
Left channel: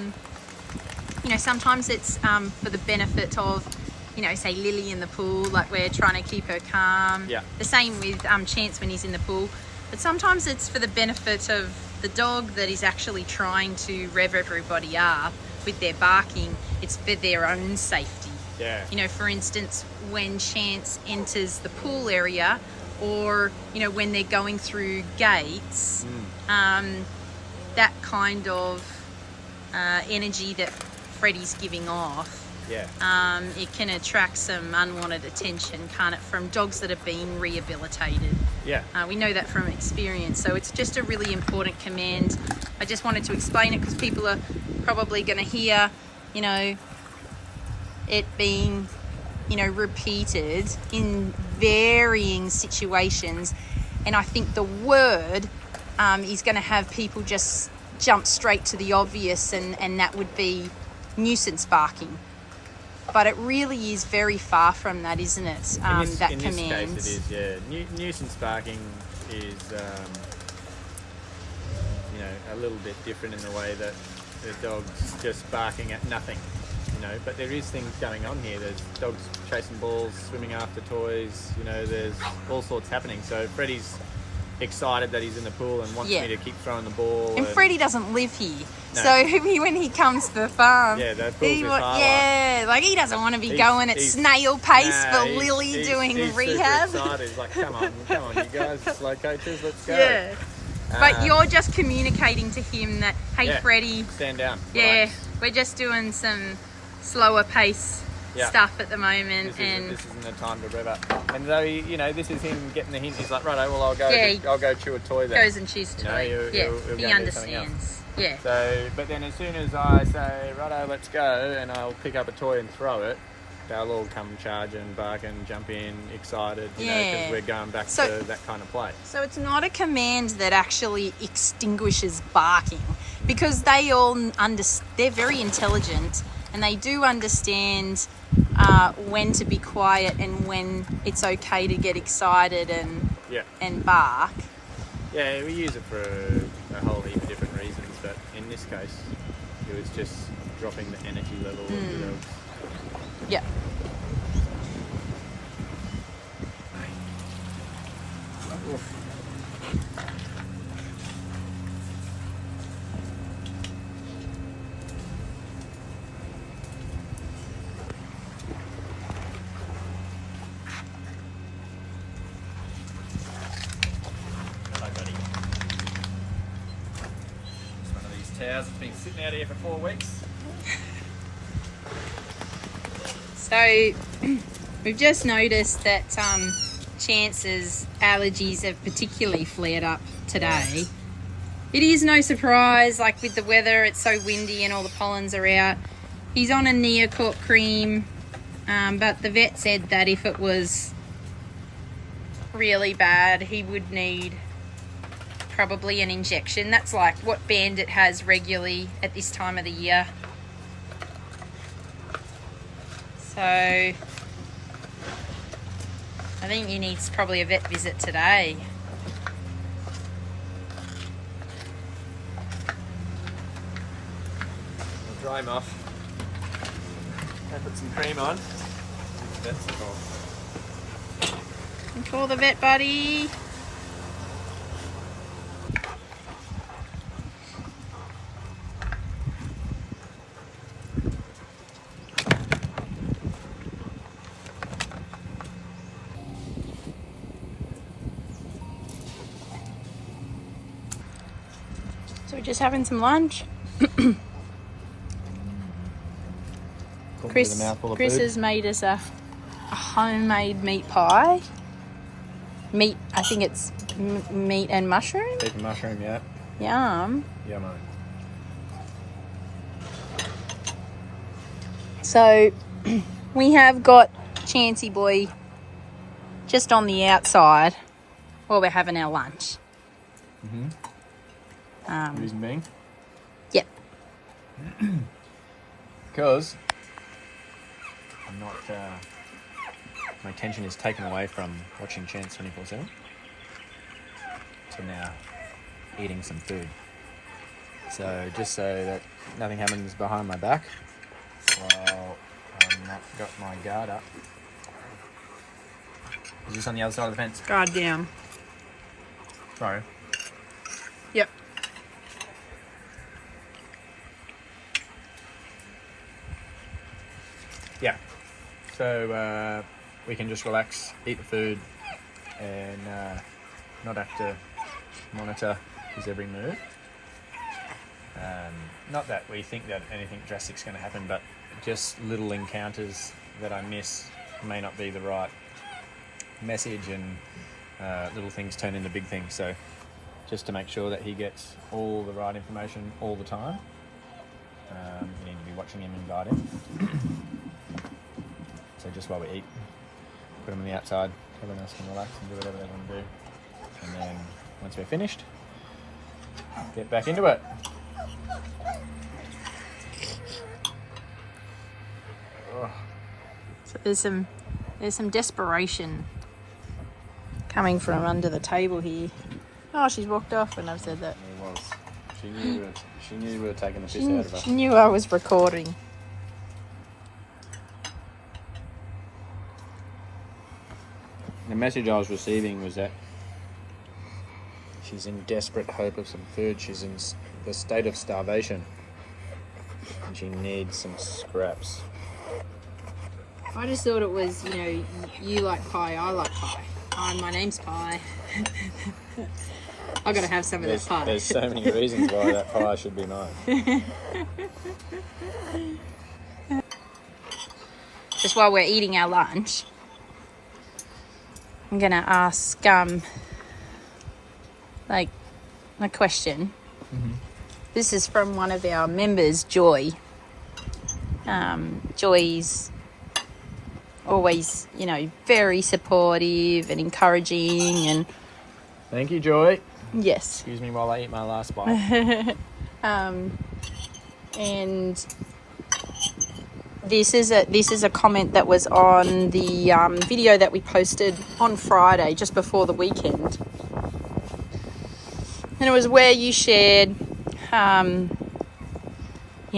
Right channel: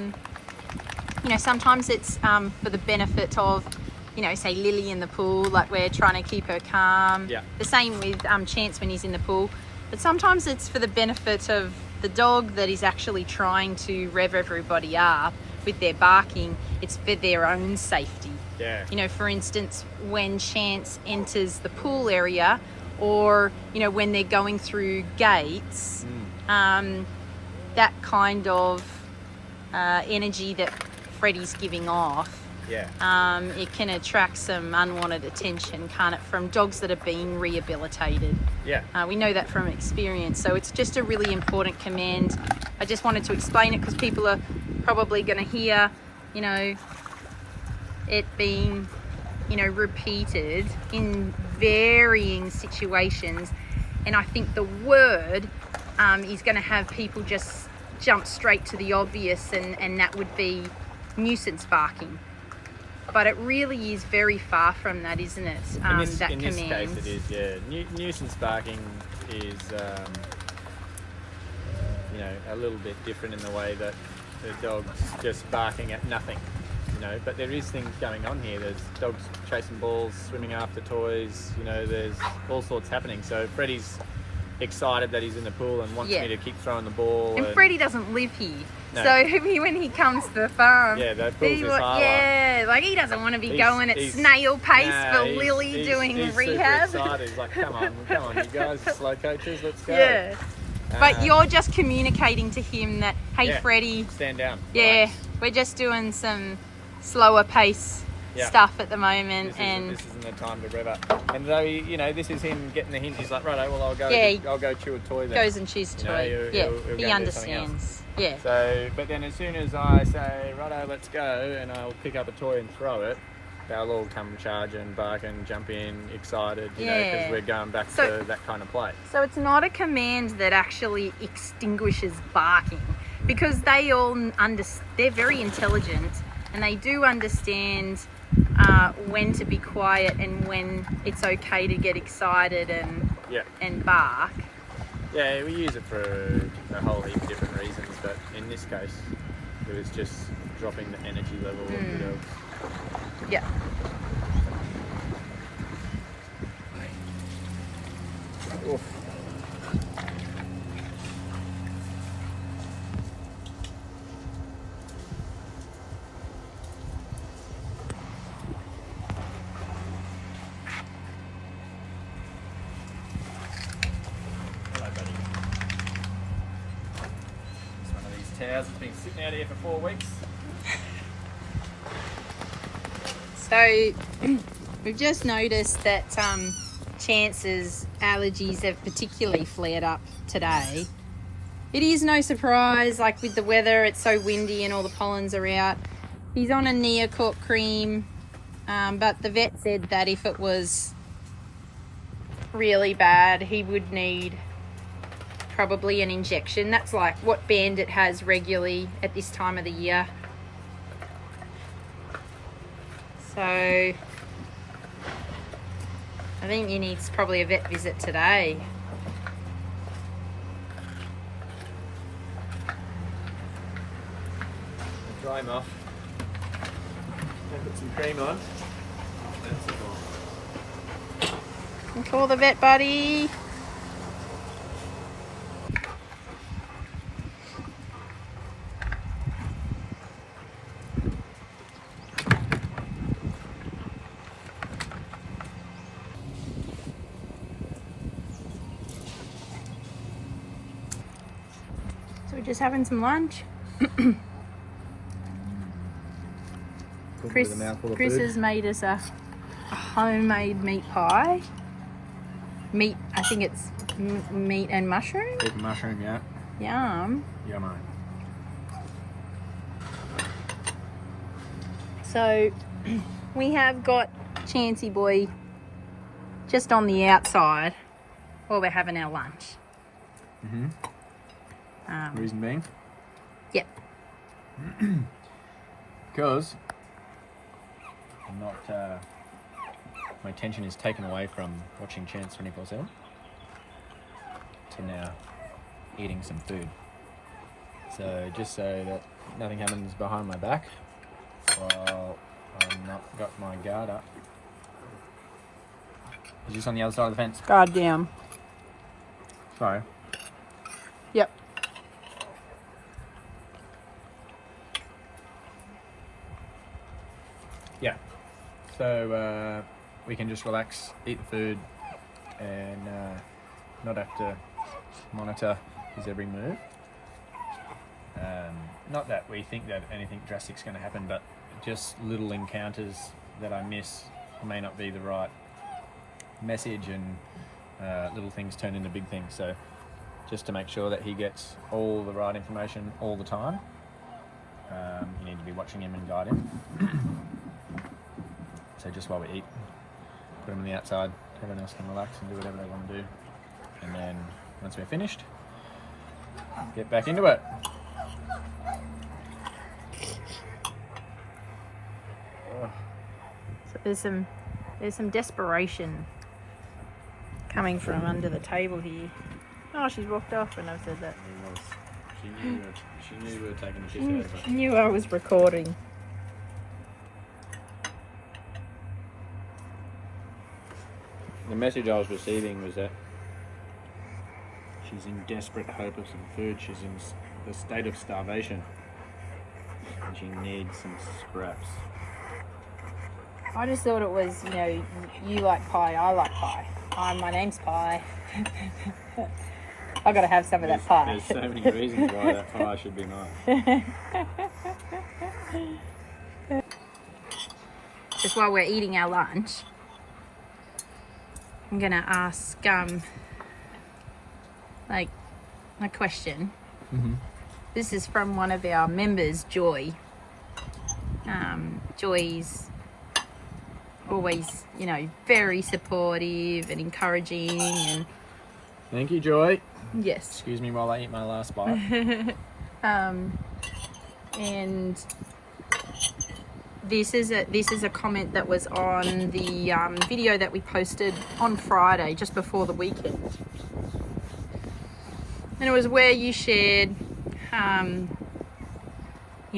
You know, sometimes it's for the benefit of, you know, say Lily in the pool, like we're trying to keep her calm. Yeah. The same with Chance when he's in the pool. But sometimes it's for the benefit of the dog that is actually trying to rev everybody up with their barking. It's for their own safety. Yeah. You know, for instance, when Chance enters the pool area, or, you know, when they're going through gates, that kind of energy that Freddie's giving off, yeah. it can attract some unwanted attention, can't it, from dogs that are being rehabilitated. Yeah. We know that from experience. So it's just a really important command. I just wanted to explain it because people are probably going to hear, you know, it being, you know, repeated in varying situations. And I think the word is going to have people just jump straight to the obvious, and that would be nuisance barking. But it really is very far from that, isn't it? In this command. case it is, yeah. Nuisance barking is, you know, a little bit different in the way that the dog's just barking at nothing, you know, but there is things going on here. There's dogs chasing balls, swimming after toys, you know, there's all sorts happening. So Freddie's excited that he's in the pool and wants me to keep throwing the ball. And Freddie doesn't live here. No. So when he comes to the farm, Yeah, the pool's his highlight. Yeah, like he doesn't want to be going at snail pace for Lily doing rehab. Super excited. He's like, come on, you guys, slow coaches, let's go. Yeah. But you're just communicating to him that, hey, Freddie, stand down. Yeah, Relax. we're just doing some slower pace stuff at the moment, this isn't the time to rev up. And though you know, this is him getting the hint. He's like, righto, well, I'll go chew a toy then. Goes and chews a toy. He'll he go and do something else. understands. Yeah. So, but then as soon as I say, righto, let's go, and I'll pick up a toy and throw it, they'll all come charging, barking, jump in, excited, you know, because we're going back to that kind of play. So it's not a command that actually extinguishes barking, because they all they're very intelligent, and they do understand when to be quiet and when it's okay to get excited and bark. Yeah, we use it for a whole heap of different reasons, but in this case, it was just dropping the energy level of the dogs. Yeah. Oof. Hello, buddy. It's one of these towers that's been sitting out here for 4 weeks. So we've just noticed that Chance's allergies have particularly flared up today. It is no surprise, like with the weather, it's so windy and all the pollens are out. He's on a Neocort cream, but the vet said that if it was really bad, he would need probably an injection. That's like what Bandit has regularly at this time of the year. So I think he needs probably a vet visit today. We'll dry him off. I'll put some cream on. That's cool. And call the vet buddy. So we're just having some lunch. Chris has made us a homemade meat pie. Meat, I think it's meat and mushroom. Big mushroom, yeah. Yum. Yummo. So we have got Chancey boy just on the outside while we're having our lunch. Reason being? Yep. Because I'm not, my attention is taken away from watching Chance 24/7 to now eating some food. So just so that nothing happens behind my back while I'm not got my guard up. Is this on the other side of the fence? Guard down. Sorry. Yep. Yeah. So we can just relax, eat the food, and not have to monitor his every move. Not that we think that anything drastic's going to happen, but just little encounters that I miss may not be the right message, and little things turn into big things. So just to make sure that he gets all the right information all the time, you need to be watching him and guide him. So just while we eat, put him on the outside, everyone else can relax and do whatever they want to do. And then once we're finished, get back into it. So there's some desperation coming from under the table here. Oh, she's walked off when I've said that. It was. She knew we were taking a piss out of her. She knew I was recording. The message I was receiving was that she's in desperate hope of some food. She's in the state of starvation, and she needs some scraps. I just thought it was, you know, you like pie, I like pie. My name's Pie. I got to have some of that pie. There's so many reasons why that pie should be mine. Just while we're eating our lunch, I'm gonna ask like a question. Mm-hmm. This is from one of our members, Joy. Joy's always, you know, very supportive and encouraging, and Thank you, Joy. yes. Excuse me while I eat my last bite. And this is a comment that was on the video that we posted on Friday, just before the weekend, and it was where you shared, you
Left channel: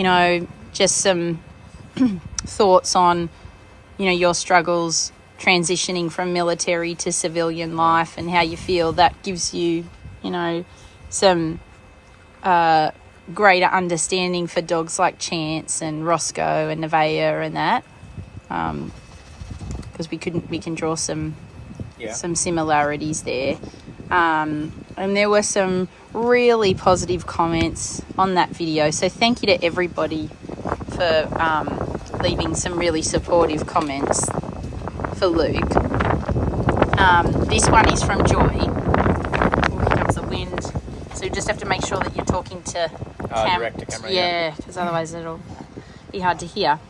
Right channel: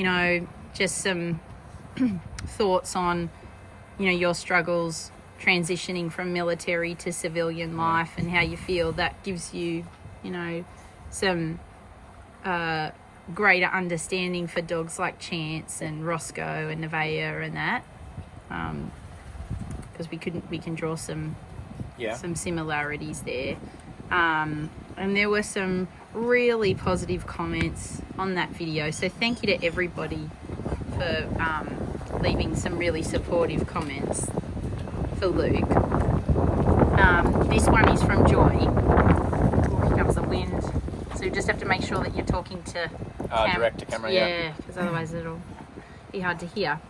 know, just some thoughts on, you know, your struggles transitioning from military to civilian life, and how you feel that gives you, you know, some greater understanding for dogs like Chance and Roscoe and Nevaeh and that, because we can draw some similarities there, and there were some really positive comments on that video, so thank you to everybody for leaving some really supportive comments for Luke. This one is from Joy. Oh, here comes the wind. So you just have to make sure that you're talking to direct to camera. Yeah, because otherwise it'll be hard to hear.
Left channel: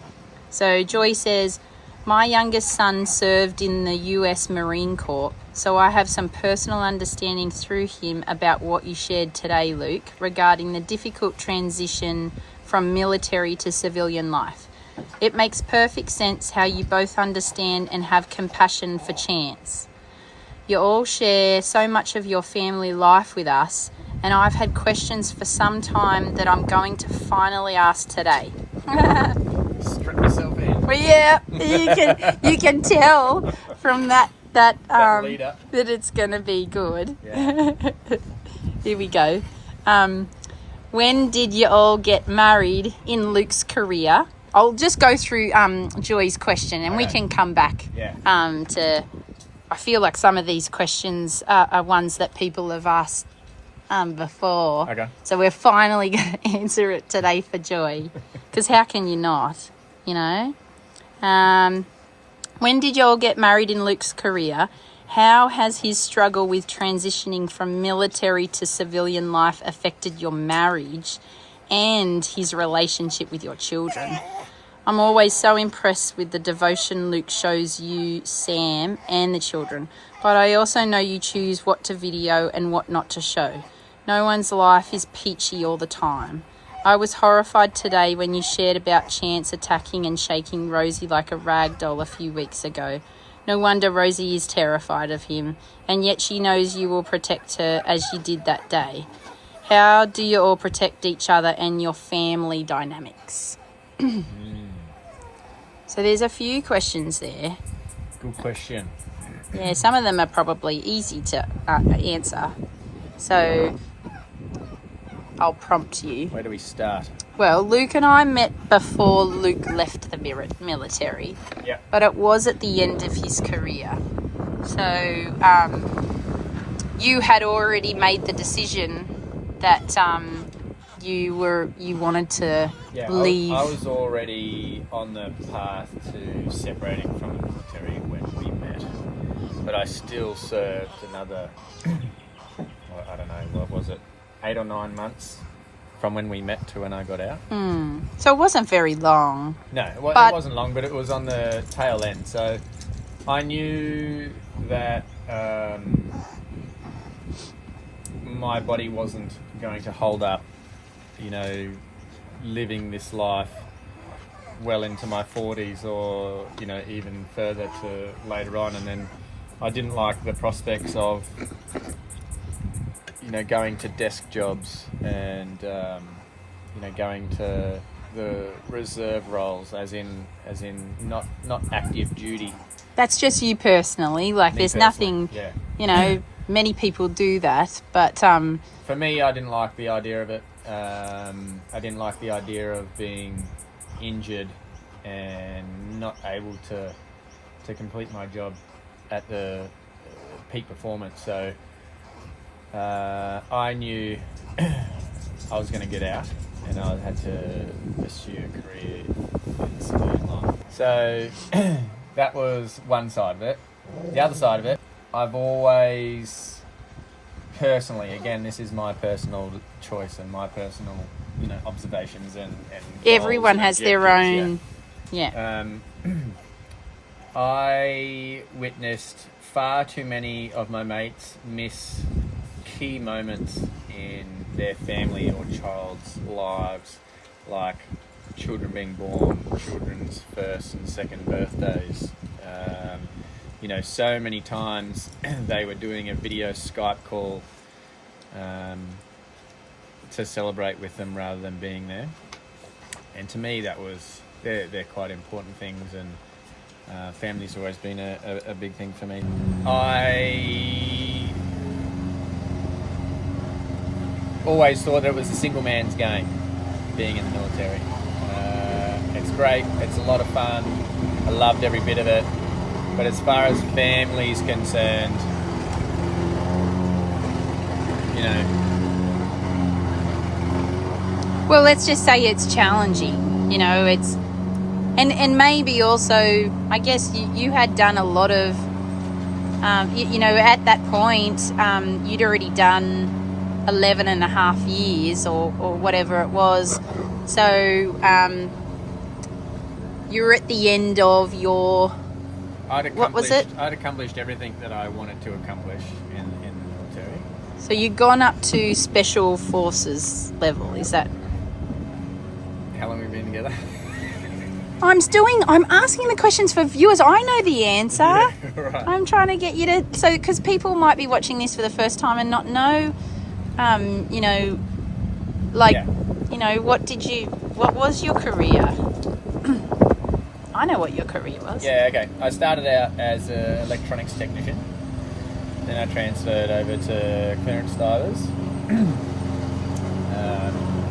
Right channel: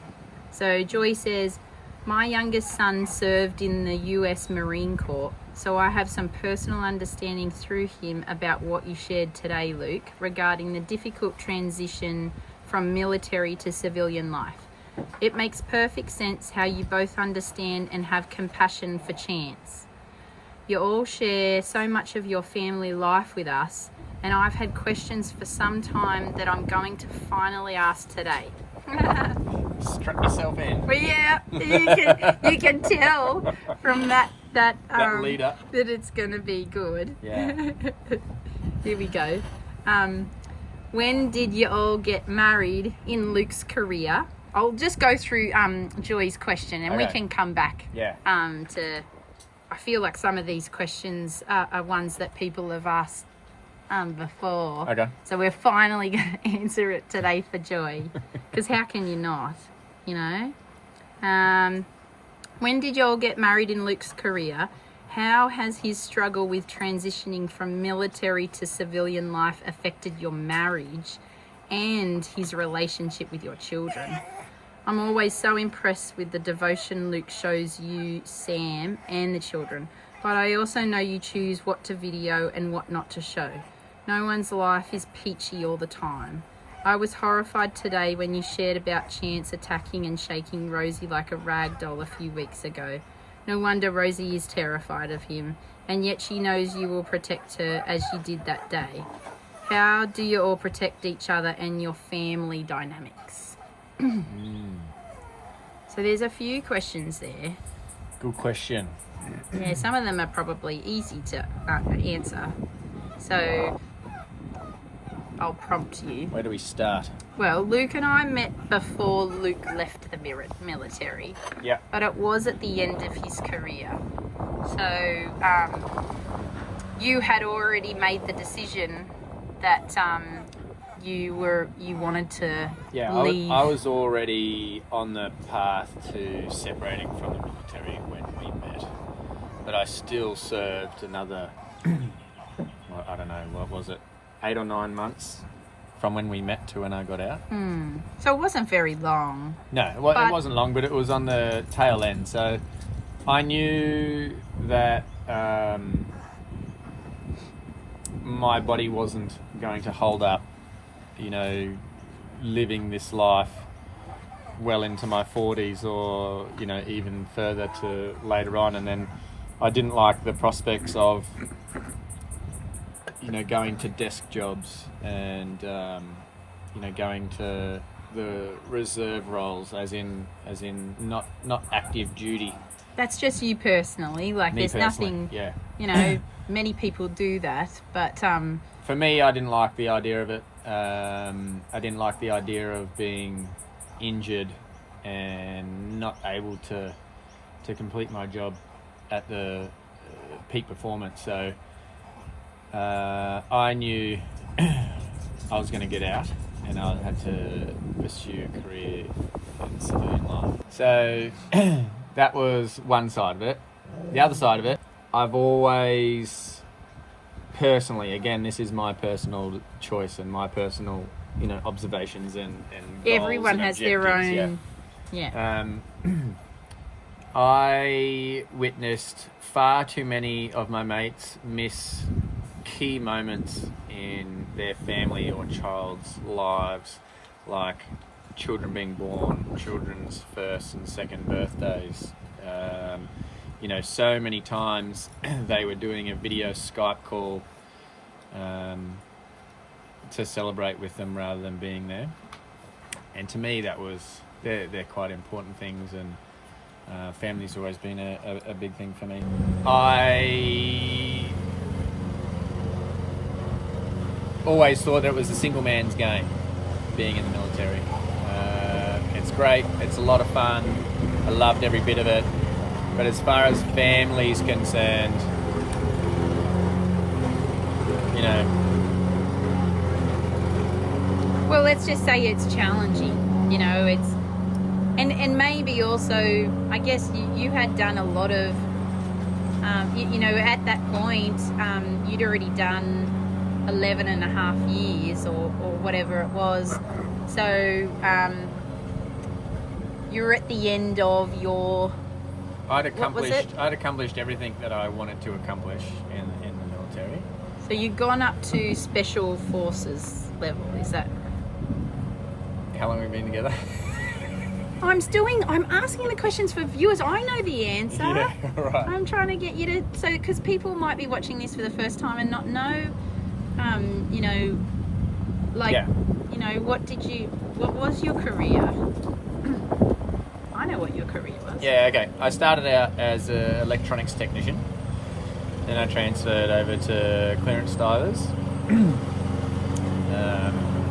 So Joy says, my youngest son served in the US Marine Corps, so I have some personal understanding through him about what you shared today, Luke, regarding the difficult transition from military to civilian life. It makes perfect sense how you both understand and have compassion for Chance. You all share so much of your family life with us, and I've had questions for some time that I'm going to finally ask today. Strap yourself in. Well, yeah, you can tell from that lead up that it's going to be good. Yeah. Here we go. When did you all get married in Luke's career? I'll just go through Joy's question, and we can come back to... I feel like some of these questions are ones that people have asked before. Okay. So we're finally going to answer it today for Joy, because how can you not, you know? When did you all get married in Luke's career? How has his struggle with transitioning from military to civilian life affected your marriage and his relationship with your children? I'm always so impressed with the devotion Luke shows you, Sam, and the children, but I also know you choose what to video and what not to show. No one's life is peachy all the time. I was horrified today when you shared about Chance attacking and shaking Rosie like a rag doll a few weeks ago. No wonder Rosie is terrified of him, and yet she knows you will protect her as you did that day. How do you all protect each other and your family dynamics? So there's a few questions there. Good question. Yeah, some of them are probably easy to answer. So I'll prompt you. Where do we start? Well, Luke and I met before Luke left the military. Yeah. But it was at the end of his career. So you had already made the decision that you wanted to leave. I was already on the path to separating from the military when we met. But I still served another, well, I don't know, what was it, 8 or 9 months from when we met to when I got out. So it wasn't very long. No, it wasn't long, but it was on the tail end. So I knew that my body wasn't going to hold up, living this life well into my 40s or, even further to later on. And then I didn't like the prospects of, going to desk jobs and, going to the reserve roles as in not active duty. That's just you personally. Like, Me there's personally, nothing, yeah. Many people do that, but... For me, I didn't like the idea of it. I didn't like the idea of being injured and not able to complete my job at the peak performance. So I knew I was going to get out and I had to pursue a career in civilian life. So that was one side of it. The other side of it, I've always personally, again, this is my personal choice and my personal, observations and everyone and has their own... I witnessed far too many of my mates miss key moments in their family or child's lives, like children being born, children's first and second birthdays. So many times they were doing a video Skype call to celebrate with them rather than being there. And to me, they're quite important things, and family's always been a big thing for me. I always thought that it was a single man's game, being in the military. It's great, it's a lot of fun, I loved every bit of it, but as far as family's concerned, Well, let's just say it's challenging, it's... And maybe also, I guess you had done a lot of, at that point, you'd already done 11 and a half years or whatever it was. So you were at the end of your... What was it? I'd accomplished everything that I wanted to accomplish in the military. So you'd gone up to Special Forces level, is that... How long have we been together? I'm asking the questions for viewers. I know the answer. Yeah, right. I'm trying to get you to... So, because people might be watching this for the first time and not know, what was your career? I know what your career was. Yeah, okay. I started out as an electronics technician. Then I transferred over to clearance divers.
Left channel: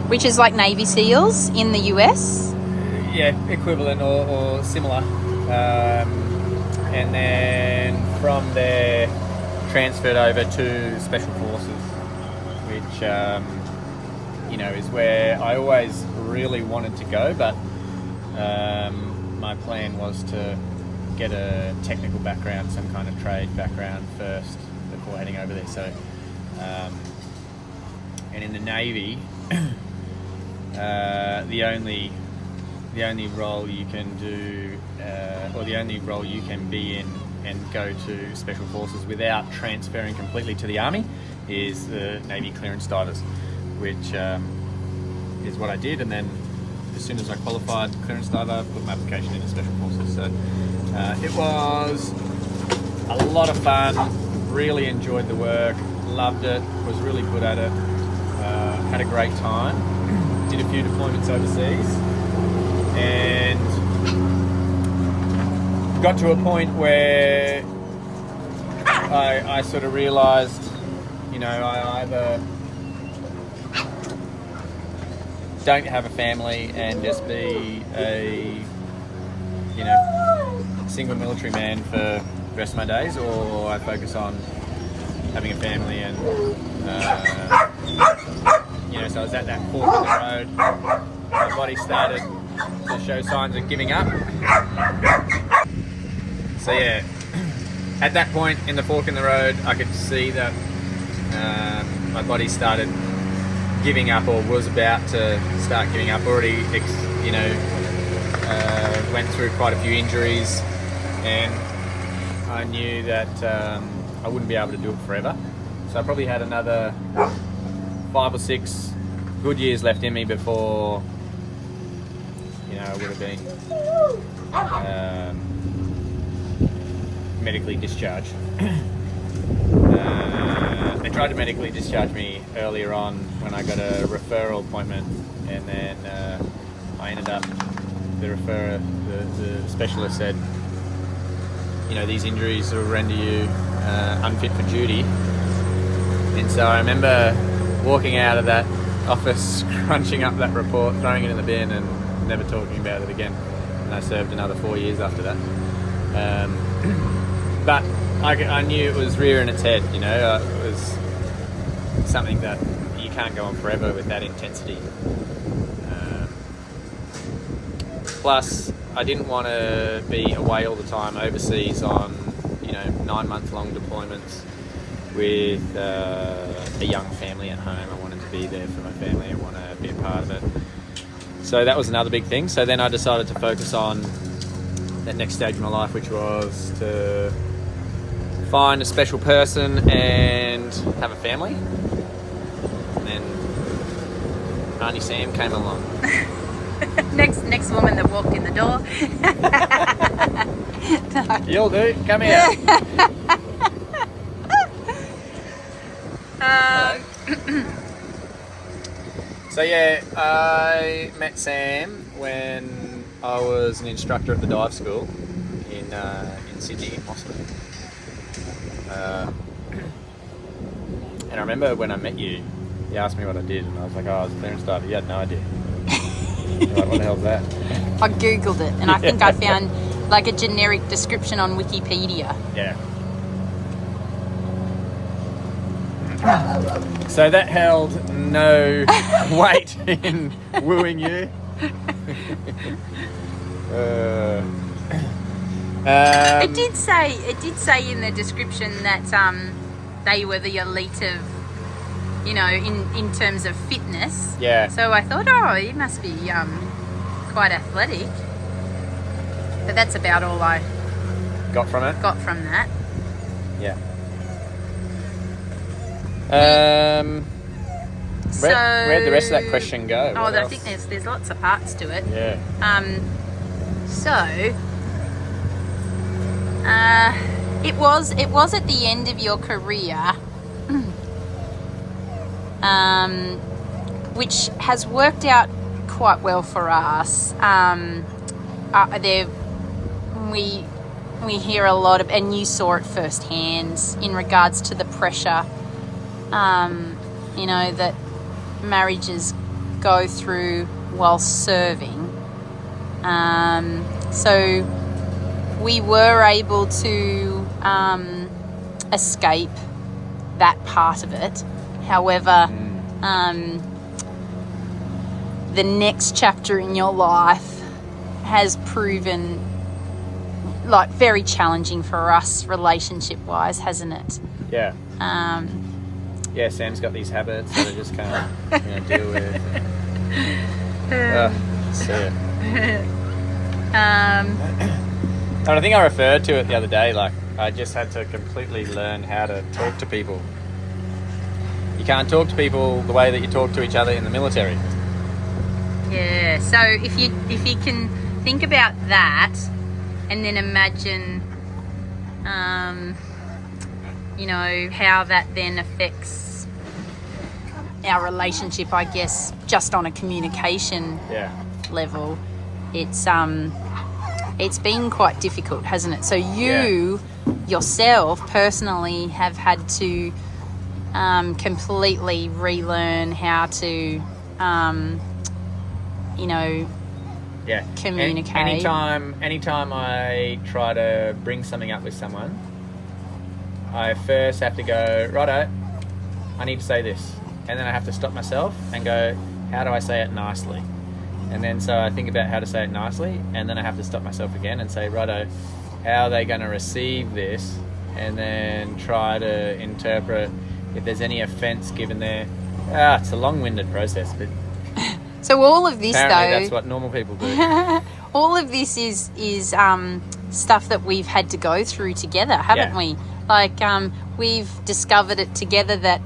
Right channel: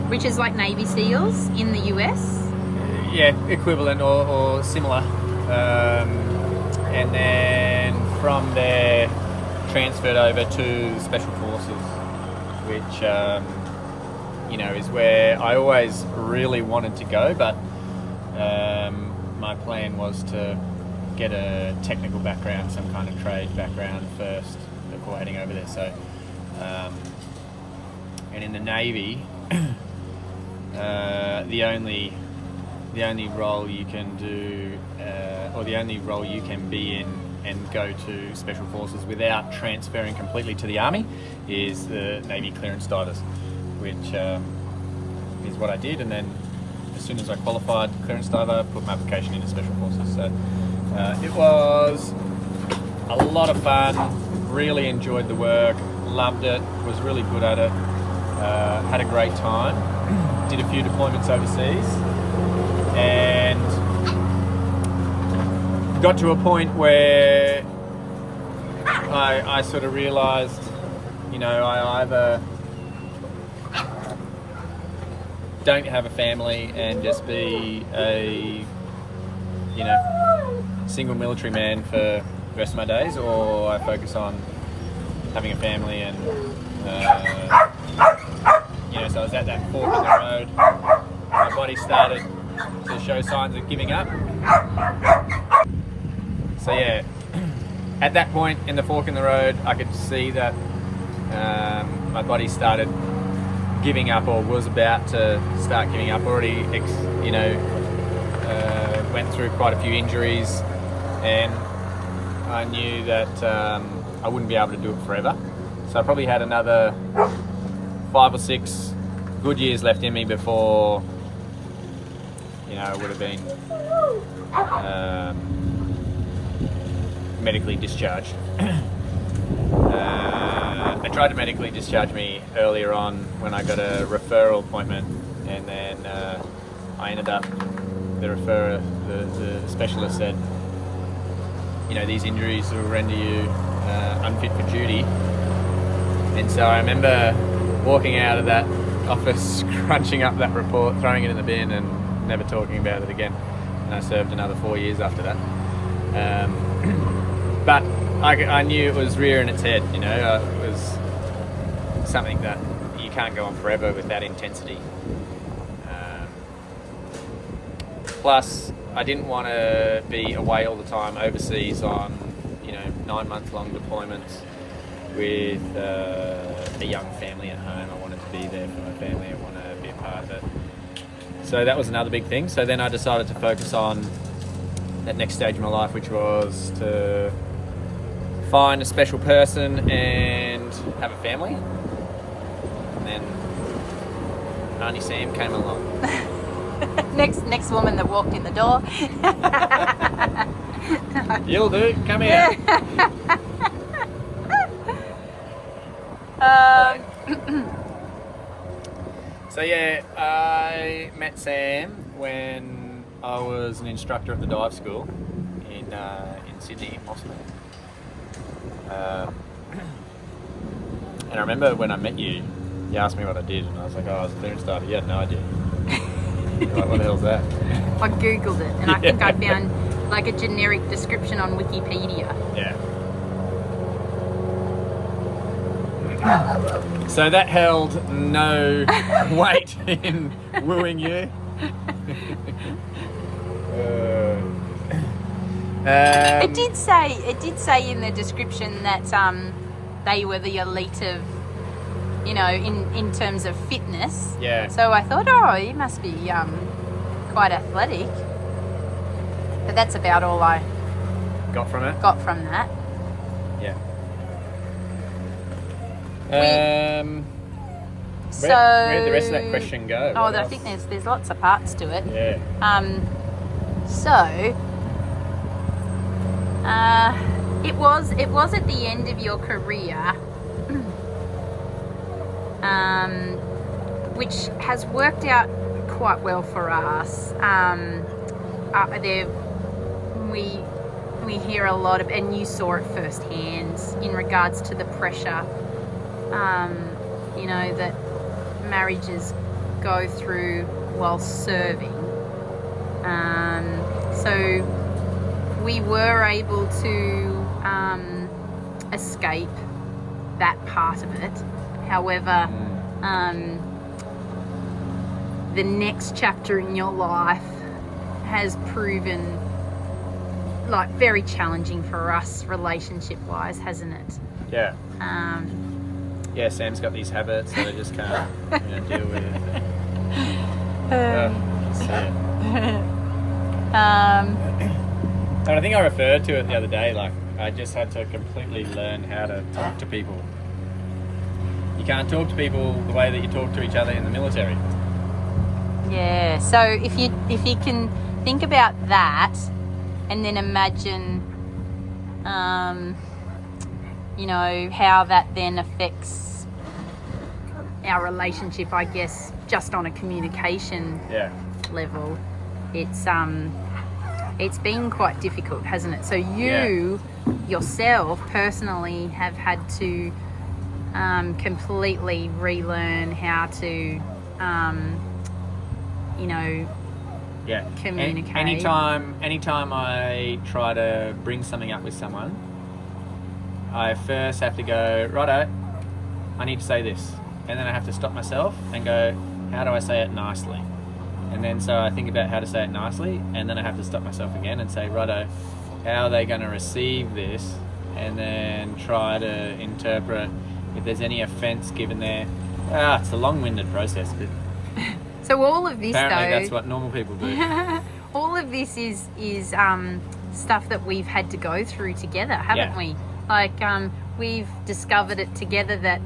Which is like Navy SEALs in the US? Yeah, equivalent or similar. And then from there, transferred over to Special Forces, which, is where I always really wanted to go, but my plan was to get a technical background, some kind of trade background first before heading over there. So, and in the Navy, the only role you can do, or the only role you can be in and go to Special Forces without transferring completely to the Army is the Navy clearance divers, which is what I did. And then as soon as I qualified clearance diver, put my application into Special Forces. So it was a lot of fun, really enjoyed the work, loved it, was really good at it. had a great time, did a few deployments overseas, and got to a point where I sort of realised, I either don't have a family and just be a, single military man for the rest of my days, or I focus on having a family and, so I was at that fork in the road. My body started to show signs of giving up. So yeah, at that point in the fork in the road, I could see that my body started giving up, or was about to start giving up. Already, went through quite a few injuries, and I knew that I wouldn't be able to do it forever. So I probably had another 5 or 6 good years left in me before, I would have been medically discharged. They tried to medically discharge me earlier on when I got a referral appointment, and then I ended up, the specialist said, these injuries will render you unfit for duty. And so I remember walking out of that office, crunching up that report, throwing it in the bin, and never talking about it again. And I served another 4 years after that. But I knew it was rearing its head, it was something that you can't go on forever with that intensity. Plus, I didn't want to be away all the time overseas on, 9-month-long deployments with a young family at home. I wanted to be there for my family. I want to be a part of it. So that was another big thing. So then I decided to focus on that next stage of my life, which was to find a special person and have a family. And then Auntie Sam came along. next woman that walked in the door. No. You'll do. Come here. So yeah, I met Sam when I was an instructor at the dive school in Sydney, Mosman. And I remember when I met you, you asked me what I did, and I was like, I was a clearance diver. You had no idea. You're like, what the hell's that? I googled it, and I think I found like a generic description on Wikipedia. Yeah. So that held no weight in wooing you. It did say in the description that they were the elite of, in terms of fitness. Yeah. So I thought, he must be quite athletic. But that's about all I got from it. that. Yeah. Where'd the rest of that question go? I think there's lots of parts to it. Yeah. It was at the end of your career, which has worked out quite well for us. We hear a lot of, and you saw it firsthand in regards to the pressure, that marriages go through while serving. So we were able to escape that part of it. However, the next chapter in your life has proven like very challenging for us relationship-wise, hasn't it? Yeah. Yeah, Sam's got these habits that I just can't deal with. See it. And I think I referred to it the other day, like I just had to completely learn how to talk to people. You can't talk to people the way that you talk to each other in the military. Yeah, so if you can think about that and then imagine how that then affects our relationship, I guess, just on a communication level, it's been quite difficult, hasn't it? So you yourself personally have had to completely relearn how to communicate. Anytime I try to bring something up with someone, I first have to go, righto, I need to say this. And then I have to stop myself and go, how do I say it nicely? And then so I think about how to say it nicely, and then I have to stop myself again and say, righto, how are they going to receive this? And then try to interpret if there's any offence given there. It's a long-winded process, but so all of this, apparently though, that's what normal people do. all of this is stuff that we've had to go through together, haven't we? Like we've discovered it together that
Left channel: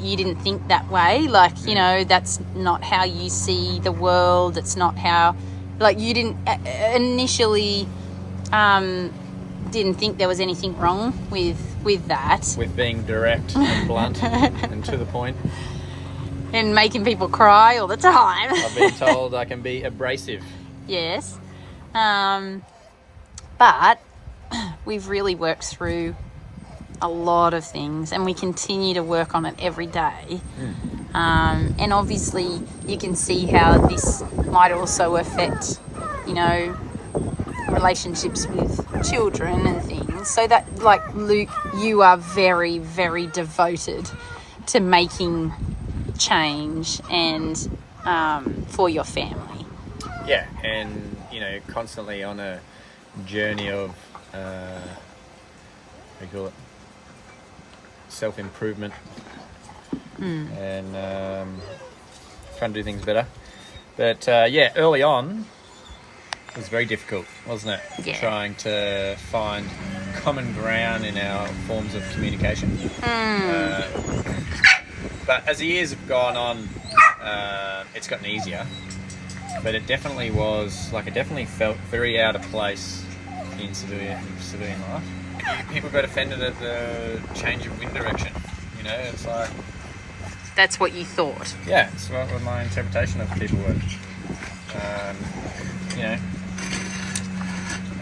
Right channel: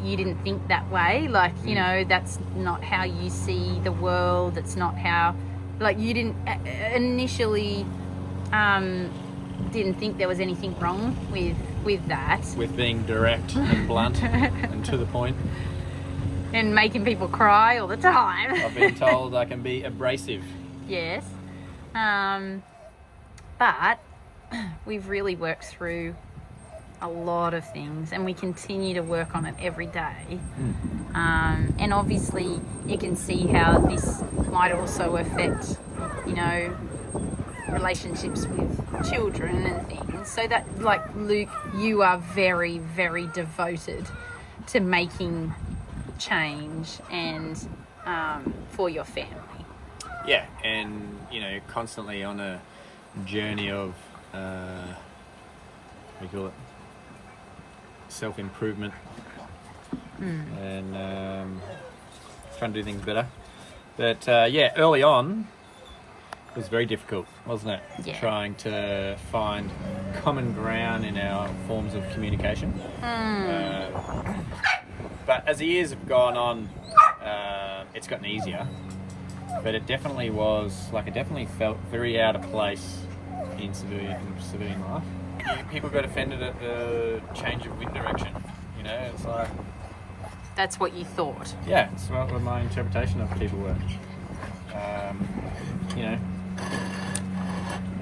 you didn't think that way. Like, you know, that's not how you see the world. It's not how, like, you didn't initially didn't think there was anything wrong with that. With being direct and blunt and to the point. And making people cry all the time. I've been told I can be abrasive. Yes. But we've really worked through a lot of things, and we continue to work on it every day. And obviously you can see how this might also affect, you know, relationships with children and things. So that, like, Luke, you are very, very devoted to making change and for your family. Yeah, and, you know, constantly on a journey of what do you call it, self-improvement and trying to do things better. But early on it was very difficult, wasn't it? Yeah. Trying to find common ground in our forms of communication. But as the years have gone on, it's gotten easier. But it definitely felt very out of place in civilian life. People got offended at the change of wind direction. You know, it's like... That's what you thought? Yeah, it's what my interpretation of people were. You know,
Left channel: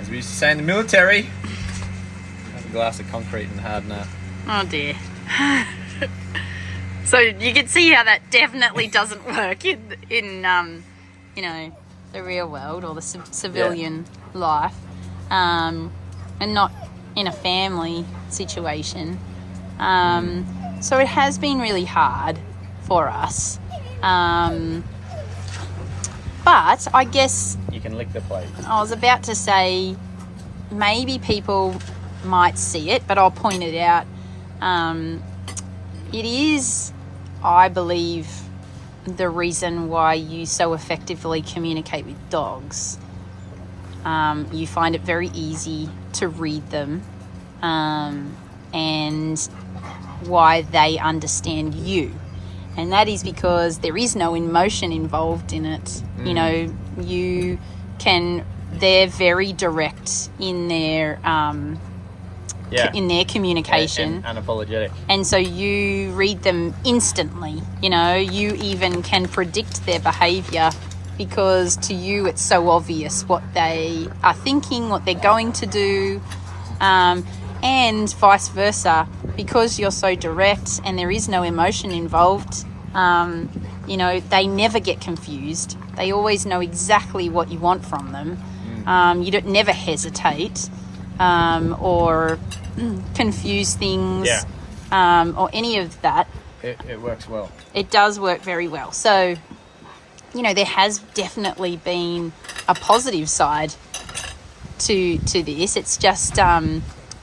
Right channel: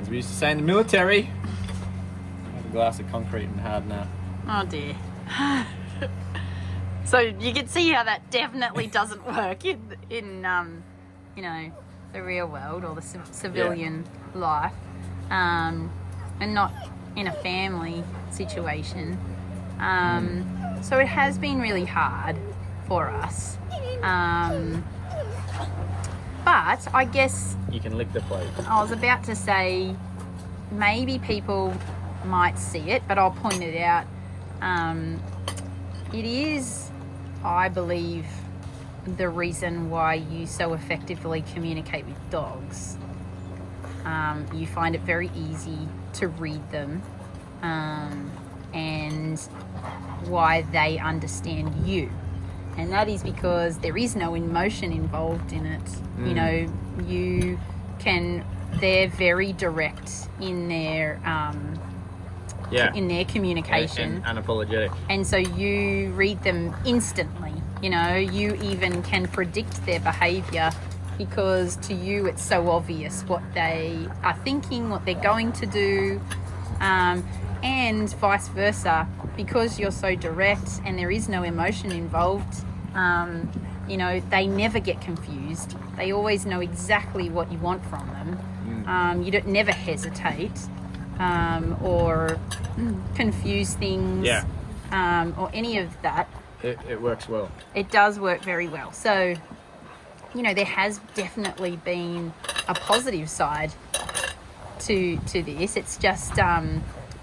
as we used to say in the military, have a glass of concrete and harden up. Oh dear. So you can see how that definitely doesn't work in you know, the real world or the civilian life, and not in a family situation. So it has been really hard for us. But I guess... You can lick the plate. I was about to say, maybe people might see it, but I'll point it out. It is, I believe, the reason why you so effectively communicate with dogs. You find it very easy to read them, and why they understand you. And that is because there is no emotion involved in it. You know, they're very direct in their in their communication. And unapologetic. And so you read them instantly. You know, you even can predict their behaviour because to you it's so obvious what they are thinking, what they're going to do, and vice versa. Because you're so direct and there is no emotion involved, you know, they never get confused. They always know exactly what you want from them. You don't never hesitate or confuse things or any of that. It works well. It does work very well. So, you know, there has definitely been a positive side to this. It's just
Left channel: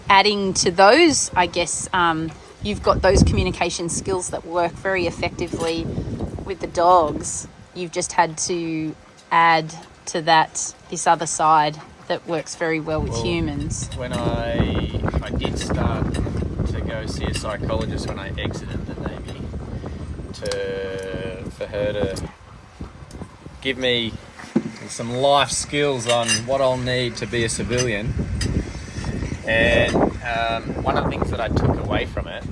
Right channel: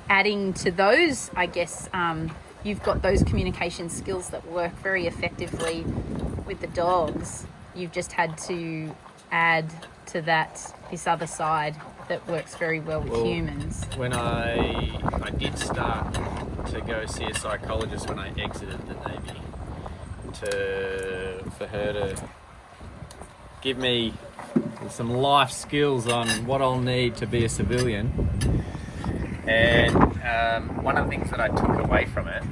adding to those, I guess, you've got those communication skills that work very effectively with the dogs. You've just had to add to that this other side that works very well with humans. When I did start to go see a psychologist when I exited the Navy, for her to give me some life skills on what I'll need to be a civilian, And one of the things that I took away from it,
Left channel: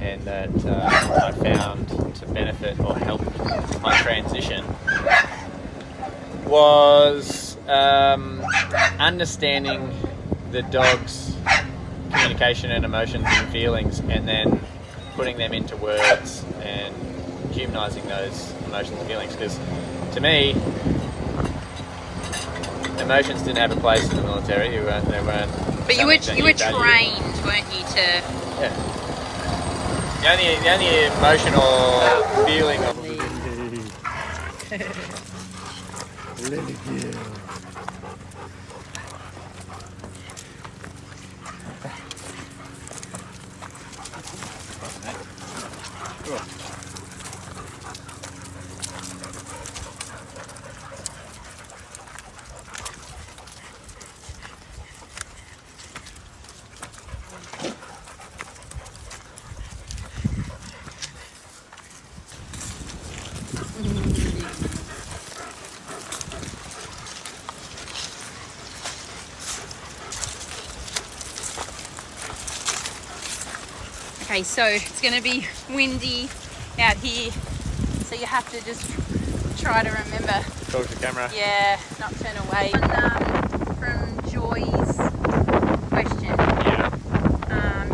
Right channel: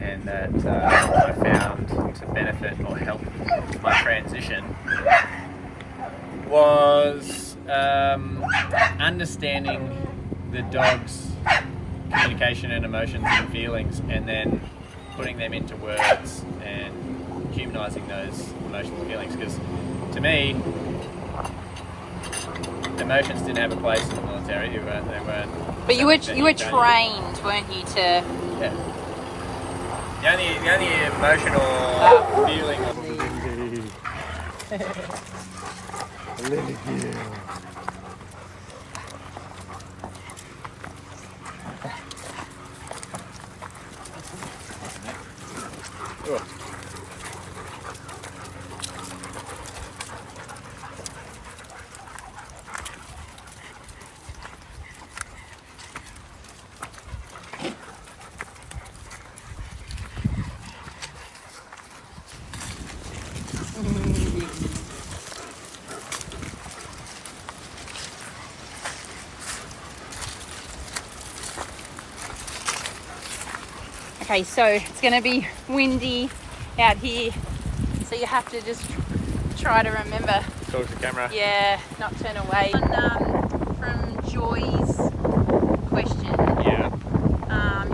and that I found to benefit or help my transition, was understanding the dog's communication and emotions and feelings, and then putting them into words and humanizing those emotions and feelings. Because to me, emotions didn't have a place in the military. They weren't. But you were trained, weren't you, to... Yeah. The only emotional feeling of Okay, so it's going to be windy out here, so you have to just try to remember. talk to the camera. Yeah, not turn away. From Joy's question. Yeah.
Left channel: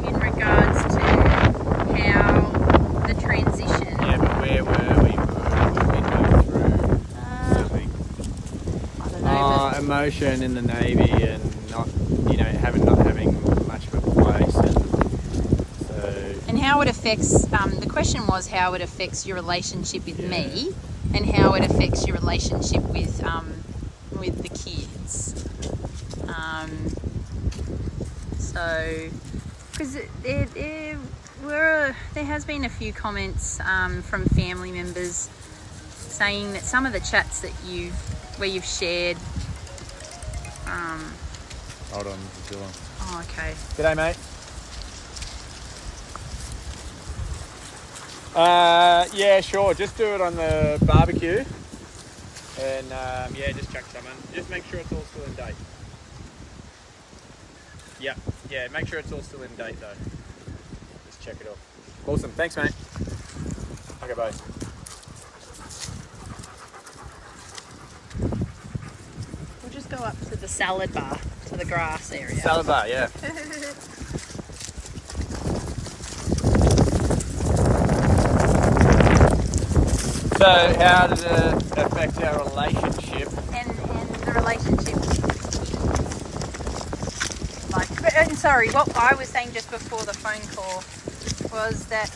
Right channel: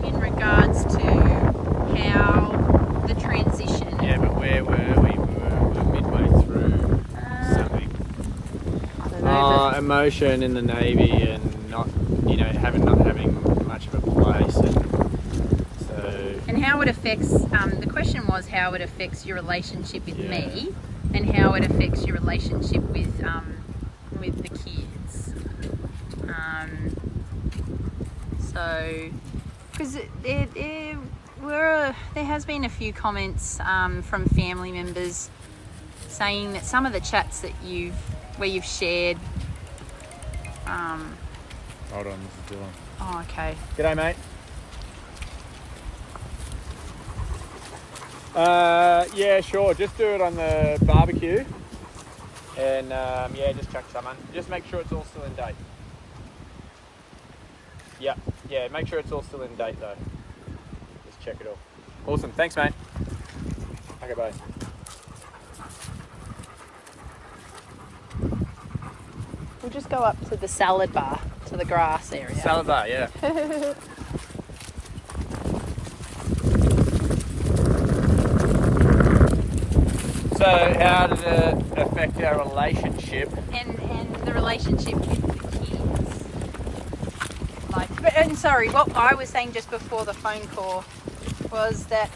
In regards to how the transition. Yeah, but where were we? We were midway through something. I don't know. Emotion in the Navy and not having much of a place, and so. And how it affects, the question was how it affects your relationship with Yeah. me, and how it affects your relationship with the kids. So, because there has been a few comments from family members saying that some of the chats that where you've shared. Hold on, this is Dylan. Oh, okay. G'day, mate. Yeah, sure. Just do it on the barbecue, and just chuck some on. Just make sure it's all still in date. Yeah. Make sure it's all still in date though. Just check it off. Awesome. Thanks, mate. Okay, bye. We'll just go up to the salad bar, to the grass area. Salad bar, yeah. So, how did it affect our relationship? And the relationship with the kids. And sorry, what I was saying just before the phone call was that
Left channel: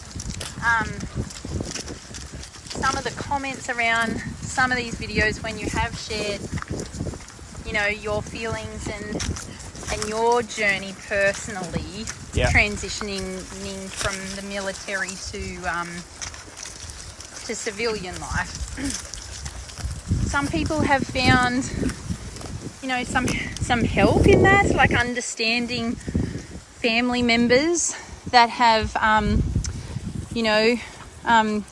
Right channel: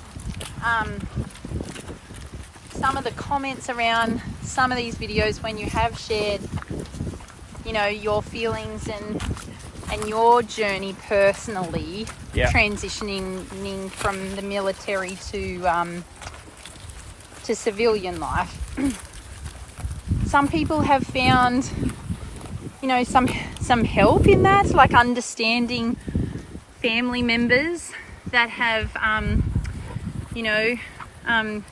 some of the comments around some of these videos, when you have shared, your feelings and your journey personally, transitioning from the military to civilian life. Some people have found, some help in that, like understanding family members that have,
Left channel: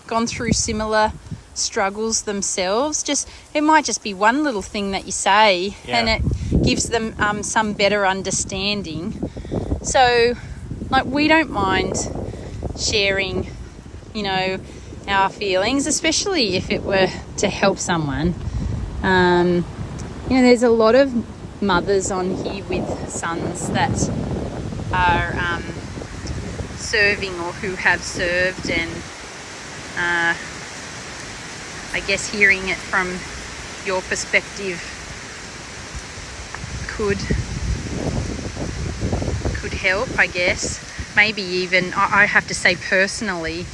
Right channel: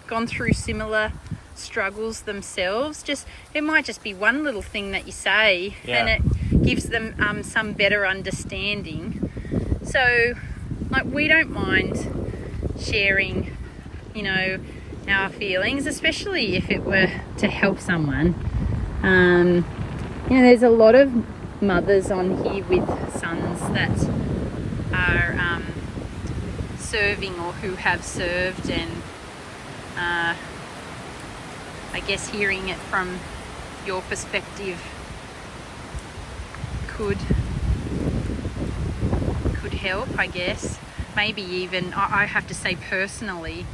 gone through similar struggles themselves. It might just be one little thing that you say, and it gives them some better understanding. So, we don't mind sharing, our feelings, especially if it were to help someone. There's a lot of mothers on here with sons that are serving or who have served, and I guess hearing it from your perspective could help, I guess. Maybe even, I have to say personally,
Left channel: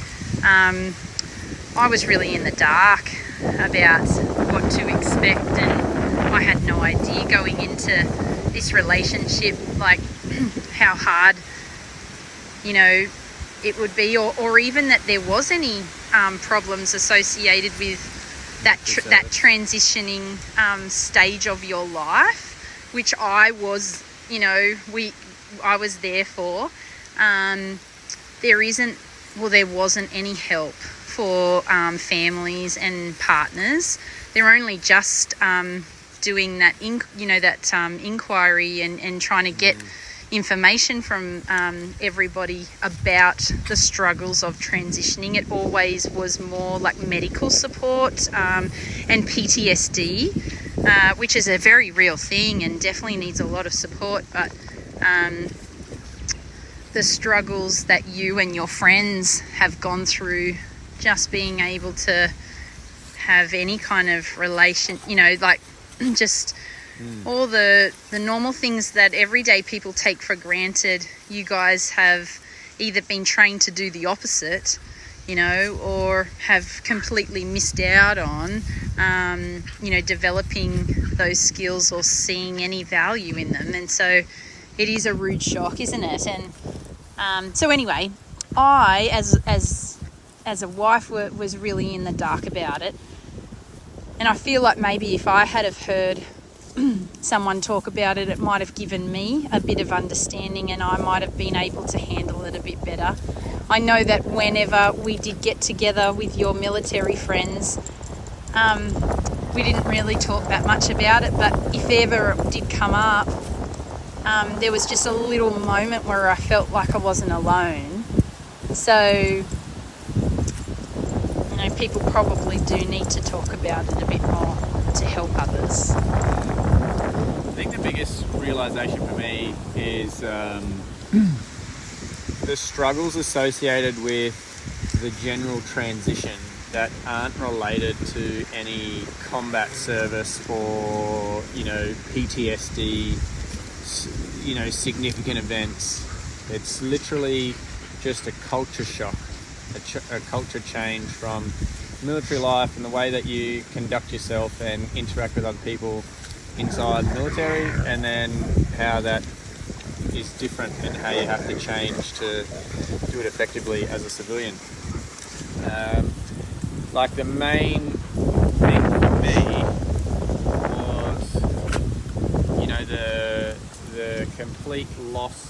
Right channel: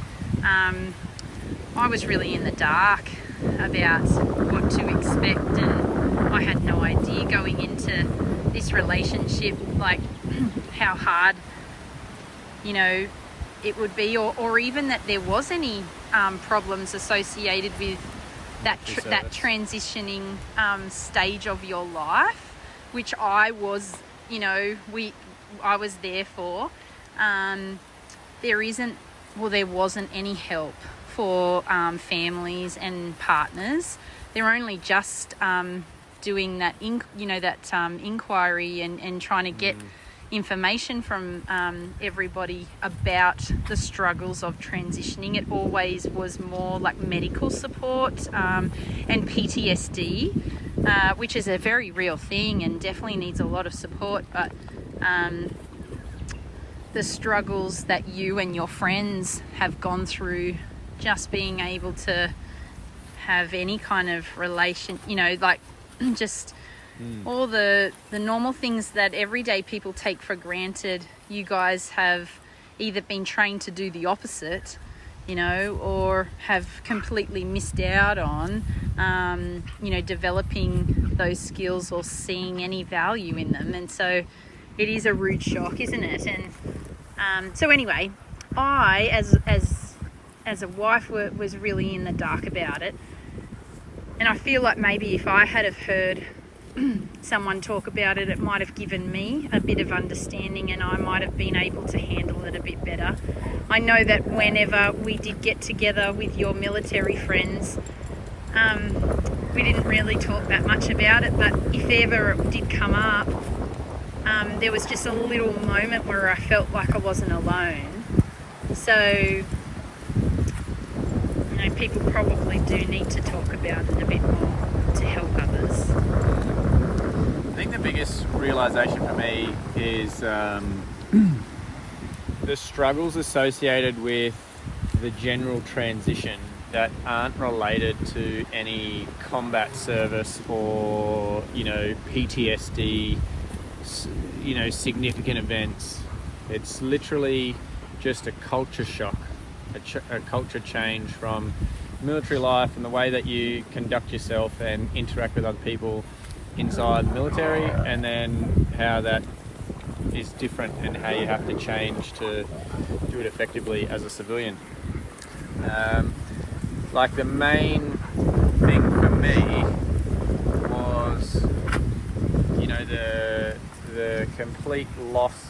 I was really in the dark about what to expect, and I had no idea going into this relationship, how hard, it would be, or even that there was any problems associated with that transitioning stage of your life, which I was, I was there for. There wasn't any help for families and partners. They're only just doing that, inquiry and trying to get, information from everybody about the struggles of transitioning. It always was more like medical support and PTSD, which is a very real thing and definitely needs a lot of support, but the struggles that you and your friends have gone through, just being able to have any kind of relation, you know, like just all the normal things that everyday people take for granted, you guys have either been trained to do the opposite, you know, or have completely missed out on, you know, developing those skills or seeing any value in them. And so it is a rude shock, isn't it? And so anyway, I, as a wife, was really in the dark about it. And I feel like maybe if I had have heard someone talk about it, it might have given me a bit of understanding and I might have been able to handle it a bit better. I know that whenever we did get together with your military friends, we didn't really talk that much about it, but if ever it did come up, there was just a little moment where I felt like I wasn't alone. So, you know, people probably do need to talk about it a bit more to help others. I think the biggest realization for me is the struggles associated with the general transition that aren't related to any combat service or, you know, PTSD, you know, significant events. It's literally just a culture shock, a culture change from military life and the way that you conduct yourself and interact with other people inside the military, and then how that is different and how you have to change to do it effectively as a civilian. Like the main thing for me was, you know, the complete loss,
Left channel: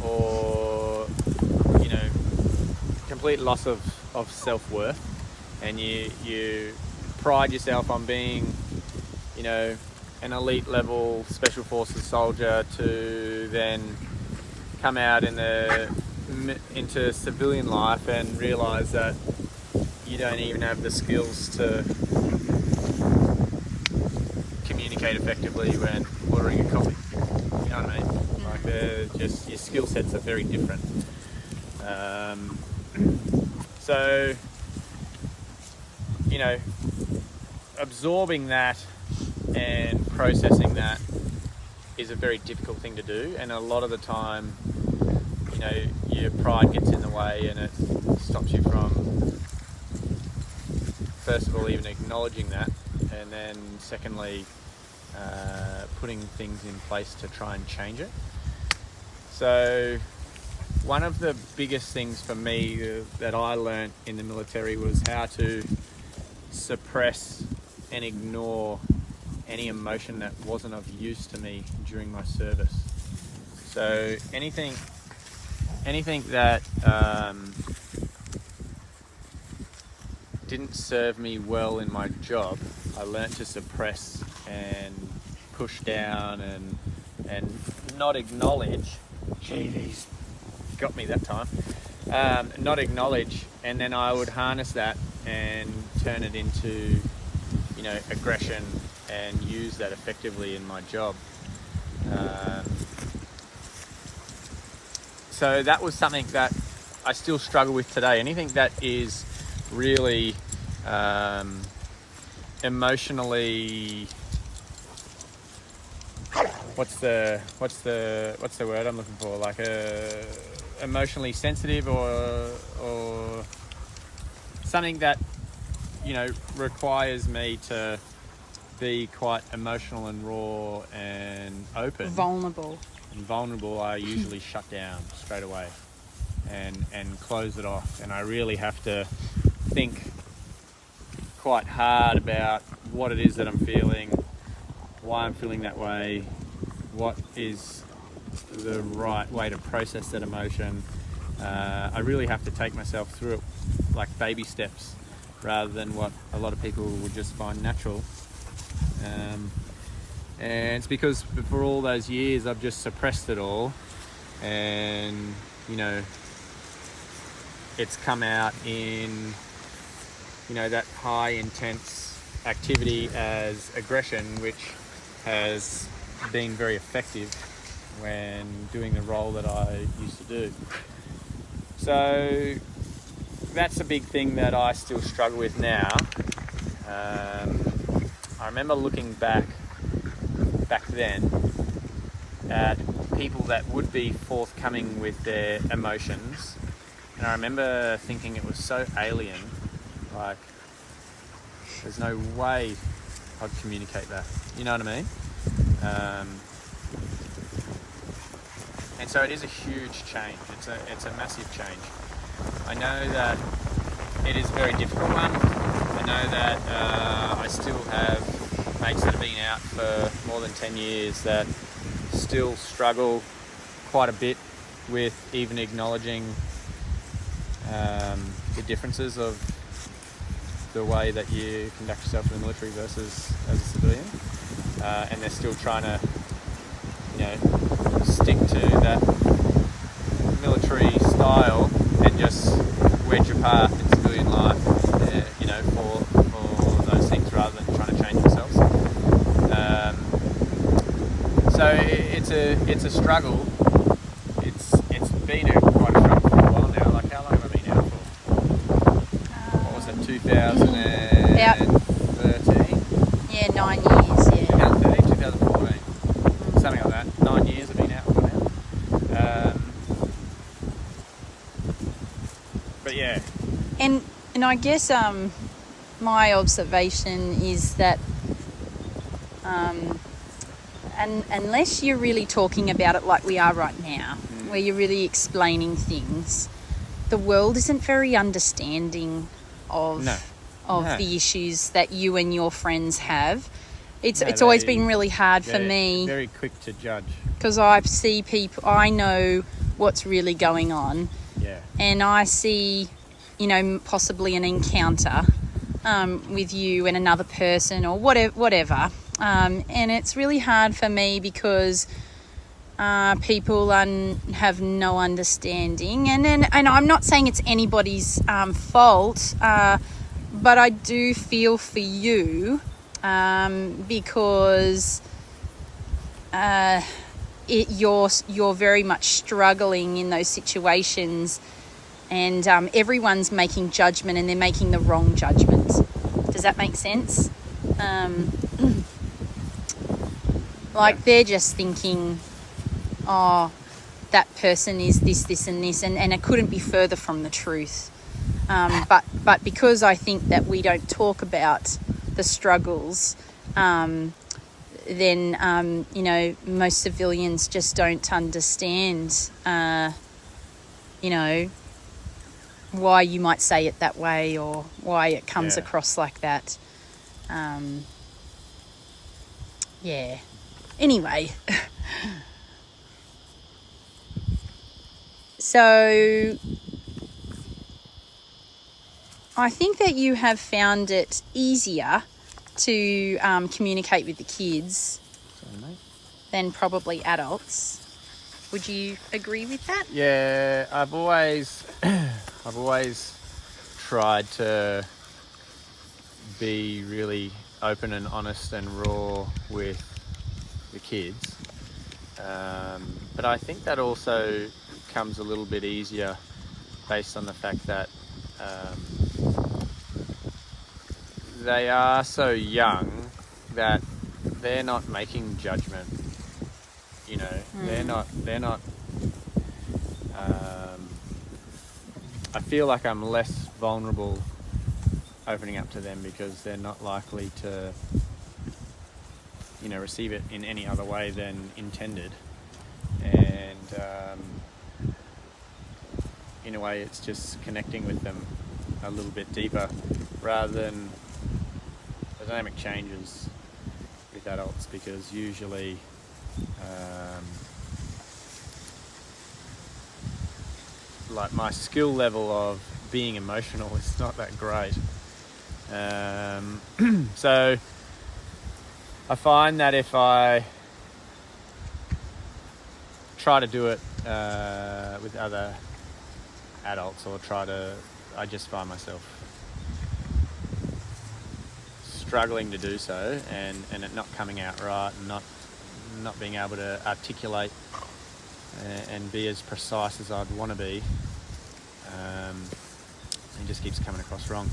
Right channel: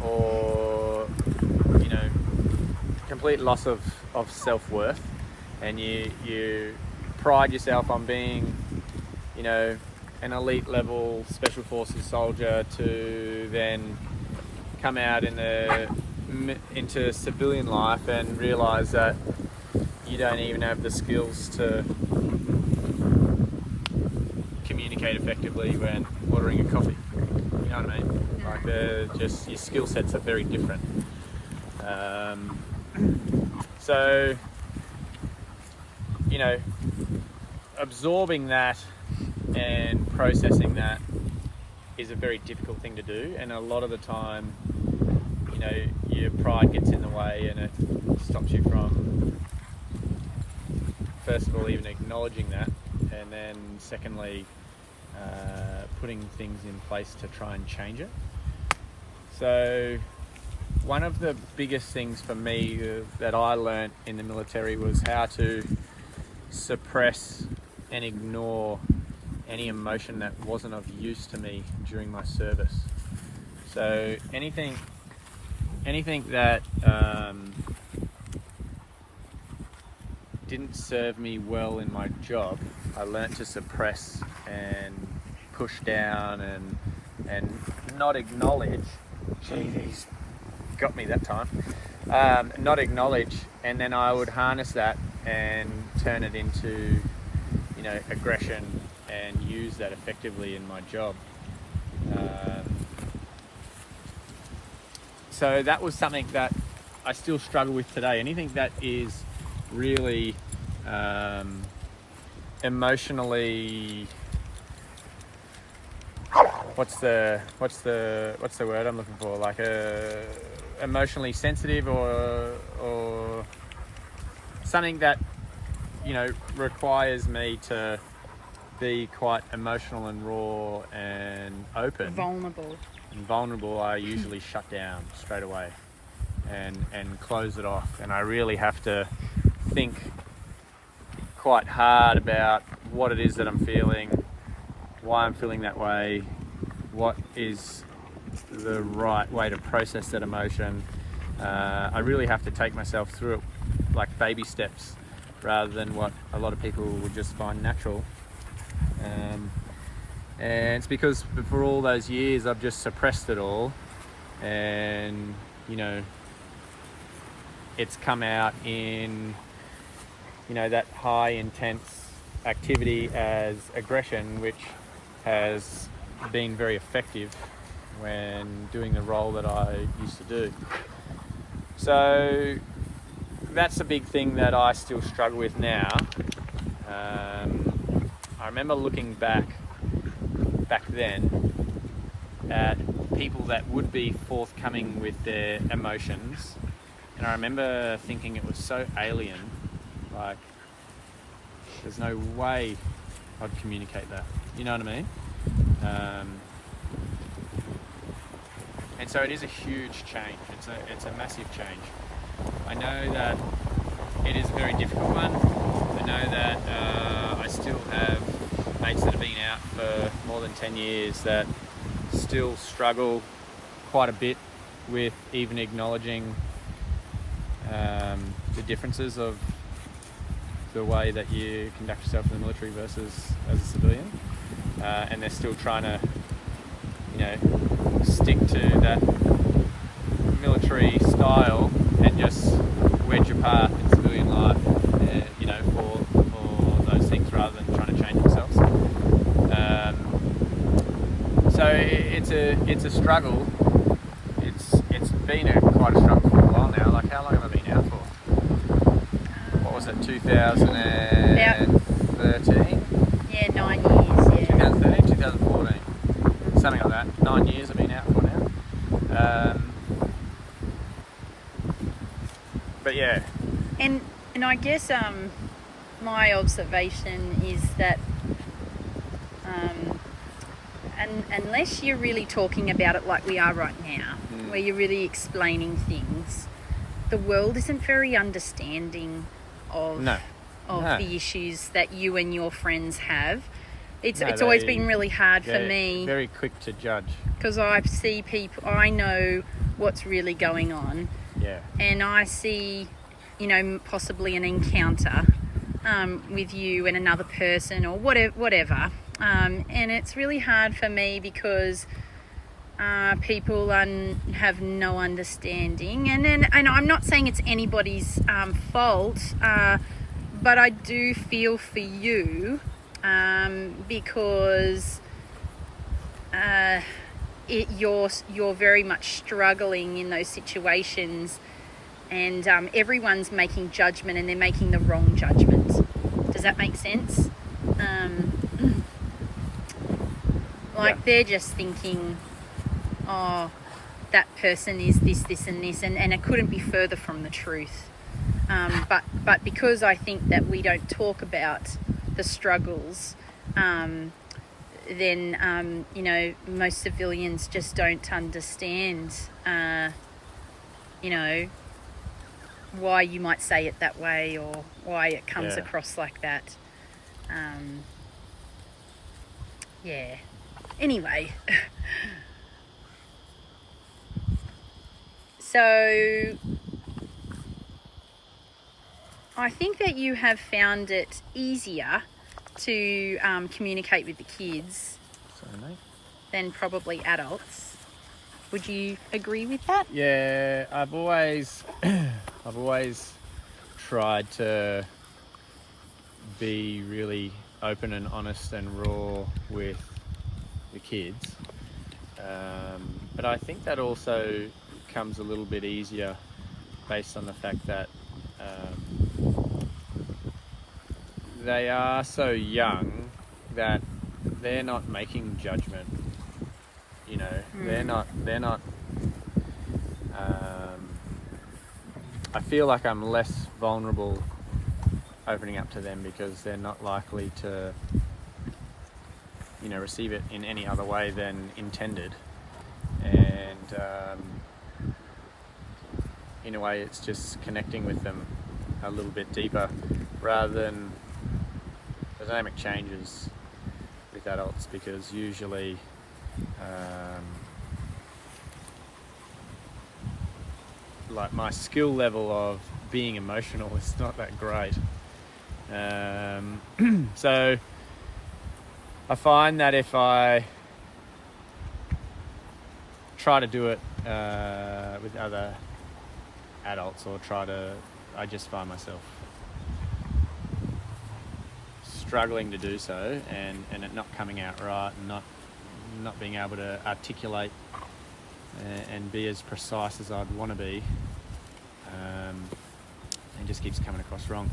or, you know, complete loss of self-worth, and you pride yourself on being, you know, an elite level special forces soldier, to then come out into civilian life and realize that you don't even have the skills to communicate effectively when ordering a coffee. You know what I mean? Like, just your skill sets are very different. So, you know, absorbing that and processing that is a very difficult thing to do, and a lot of the time, you know, your pride gets in the way and it stops you from, first of all, even acknowledging that, and then secondly, putting things in place to try and change it. So one of the biggest things for me that I learnt in the military was how to suppress and ignore any emotion that wasn't of use to me during my service. So anything that didn't serve me well in my job, I learnt to suppress and push down and not acknowledge. Gee, he's got me that time. Not acknowledge, and then I would harness that and turn it into, you know, aggression, and use that effectively in my job. So that was something that I still struggle with today. Anything that is really emotionally, what's the word I'm looking for? Like emotionally sensitive, or something that, you know, requires me to be quite emotional and raw and open. Vulnerable, I usually shut down straight away and close it off. And I really have to think quite hard about what it is that I'm feeling, why I'm feeling that way, what is the right way to process that emotion. I really have to take myself through it like baby steps, rather than what a lot of people would just find natural. And it's because for all those years I've just suppressed it all, and it's come out in that high intense activity as aggression, which has been very effective when doing the role that I used to do. So that's a big thing that I still struggle with now. I remember looking back then at people that would be forthcoming with their emotions, and I remember thinking it was so alien, like there's no way I'd communicate that, you know what I mean? And so it is a huge change. It's a massive change. I know that it is a very difficult one. I know that I still have mates that have been out for more than 10 years that still struggle quite a bit with even acknowledging the differences of the way that you conduct yourself in the military versus as a civilian, and they're still trying to stick to that military style and just wedge your path in civilian life, for those things rather than trying to change themselves. So it's a struggle. It's been quite a struggle for a while now. Like, how long have I been out for? What was it, 2013? Yeah, 9 years. Yeah. 2013, 2014, something like that. 9 years I've been out for now. But yeah. And I guess my observation is that unless you're really talking about it like we are right now, where you're really explaining things, the world isn't very understanding of the issues that you and your friends have. It's always been really hard for me. Very quick to judge. Because I see people, I know what's really going on. Yeah. And I see, possibly an encounter with you and another person or whatever. And it's really hard for me because people have no understanding. And I'm not saying it's anybody's fault, but I do feel for you because you're very much struggling in those situations, and everyone's making judgment and they're making the wrong judgment. Does that make sense? They're just thinking, oh, that person is this and this, and it couldn't be further from the truth. But because I think that we don't talk about the struggles, then most civilians just don't understand why you might say it that way or why it comes across like that. Anyway, so I think that you have found it easier to communicate with the kids than probably adults. Would you agree with that? Yeah, I've always tried to be really open and honest and raw with the kids, but I think that also comes a little bit easier based on the fact that they are so young that they're not making judgment. They're not I feel like I'm less vulnerable opening up to them because they're not likely to receive it in any other way than intended, and in a way it's just connecting with them a little bit deeper rather than the dynamic changes with adults, because usually like my skill level of being emotional is not that great, so I find that if I try to do it with other adults, or I just find myself struggling to do so, and it not coming out right, and not being able to articulate and be as precise as I'd want to be. It just keeps coming across wrong.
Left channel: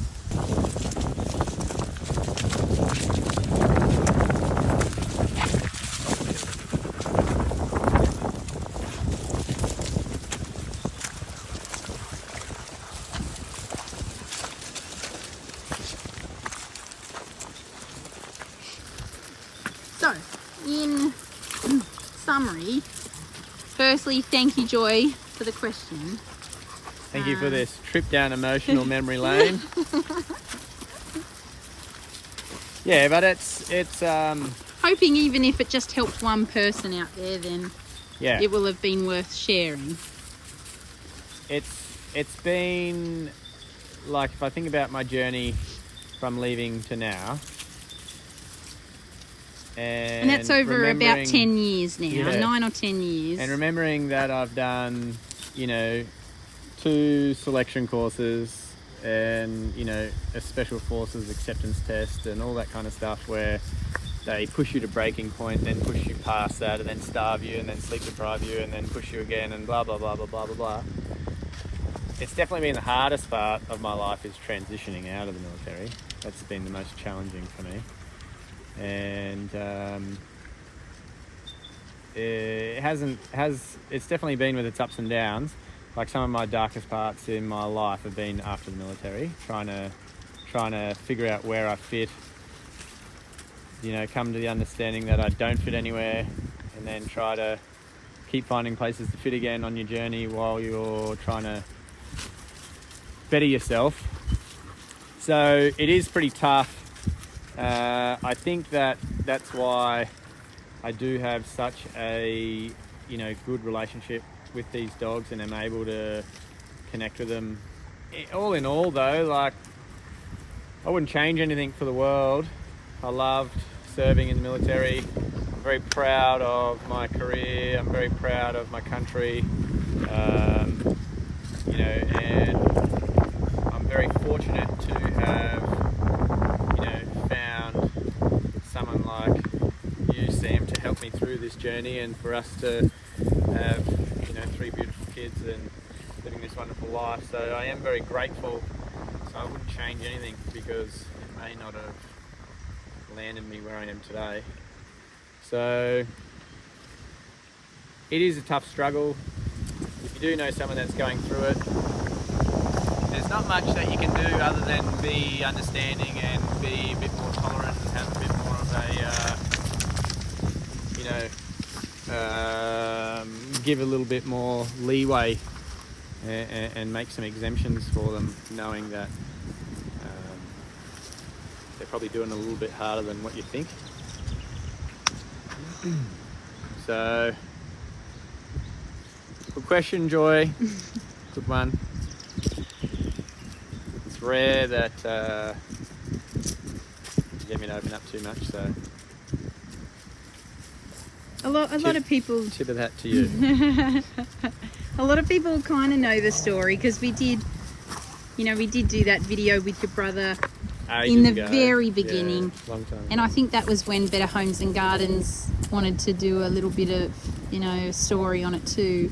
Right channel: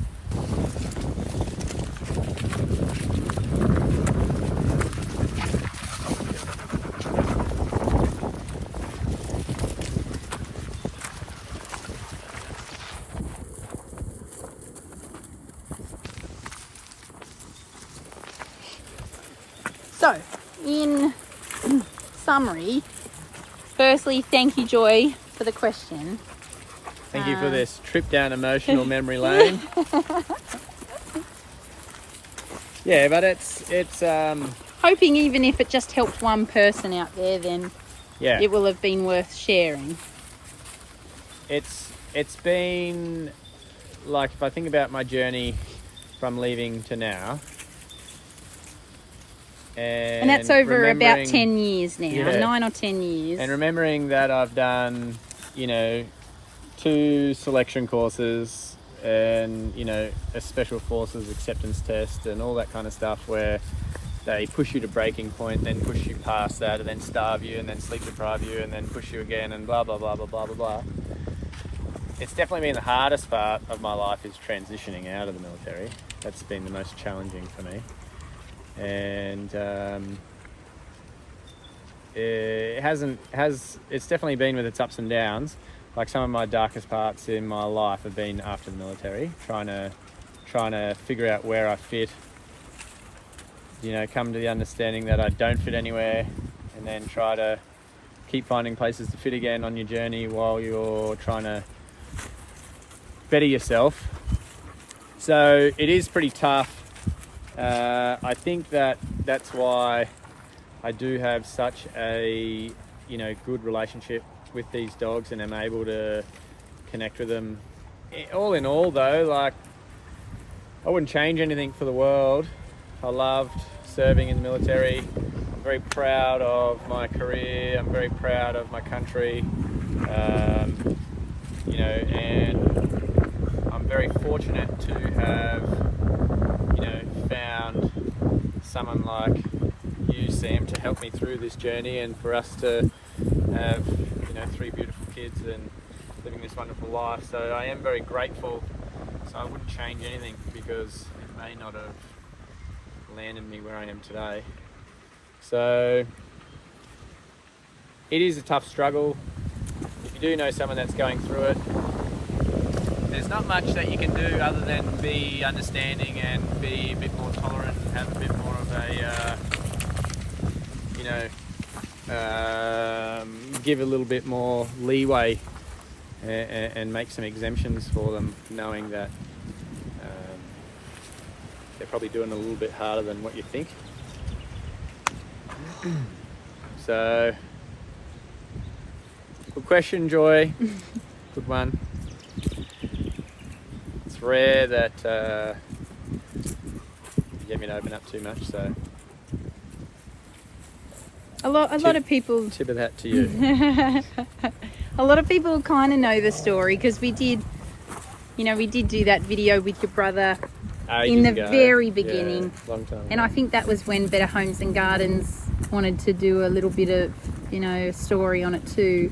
So, in summary, firstly, thank you, Joy, for the question. Thank you for this trip down emotional memory lane. Yeah, but it's Hoping even if it just helped one person out there, then yeah, it will have been worth sharing. it's been like, if I think about my journey from leaving to now, And that's over about remembering- 10 years now, Yeah. 9 or 10 years. and remembering that I've done, 2 selection courses, and a special forces acceptance test and all that kind of stuff, where they push you to breaking point, then push you past that, and then starve you, and then sleep deprive you, and then push you again, and blah blah blah blah blah blah blah. It's definitely been the hardest part of my life, is transitioning out of the military. That's been the most challenging for me, and it's definitely been with its ups and downs. Like, some of my darkest parts in my life have been after the military, trying to figure out where I fit, come to the understanding that I don't fit anywhere, and then try to keep finding places to fit again on your journey while you're trying to better yourself. So it is pretty tough. I think that's why I do have such a good relationship with these dogs, and am able to connect with them. All in all, though, like, I wouldn't change anything for the world. I loved serving in the military. I'm very proud of my career. I'm very proud of my country. And I'm very fortunate to have, found someone like you, Sam, to help me through this journey, and for us to have 3 beautiful kids and living this wonderful life. So I am very grateful. So I wouldn't change anything, because it may not have landed me where I am today. So it is a tough struggle. If you do know someone that's going through it, there's not much that you can do other than be understanding and be a bit more tolerant, and have a bit more of a give a little bit more leeway, and make some exemptions for them, knowing that they're probably doing a little bit harder than what you think. So, good question, Joy. Good one. It's rare that you get me to open up too much, so A lot of people tip of that to you. A lot of people kind of know the story, because we did do that video with your brother in the very beginning. Yeah, long time and ago. I think that was when Better Homes and Gardens wanted to do a little bit of story on it too.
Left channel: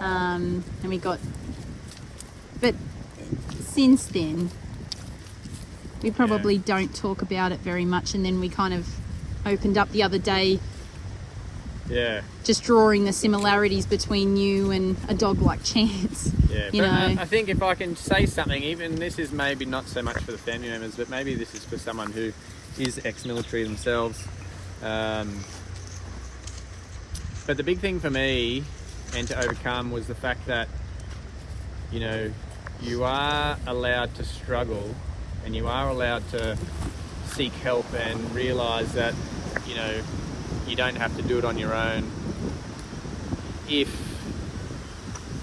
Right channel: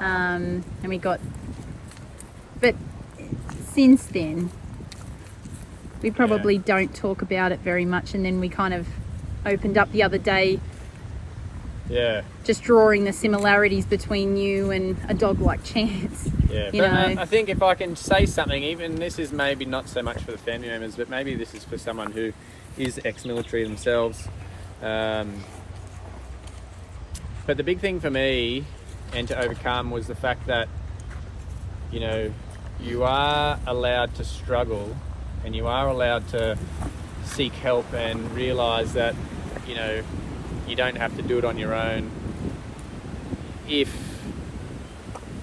And we got, but since then we probably don't talk about it very much, and then we kind of opened up the other day, just drawing the similarities between you and a dog like Chance. Yeah, but I think if I can say something, even this is maybe not so much for the family members, but maybe this is for someone who is ex-military themselves. But the big thing for me, and to overcome, was the fact that, you are allowed to struggle, and you are allowed to seek help, and realise that, you don't have to do it on your own. If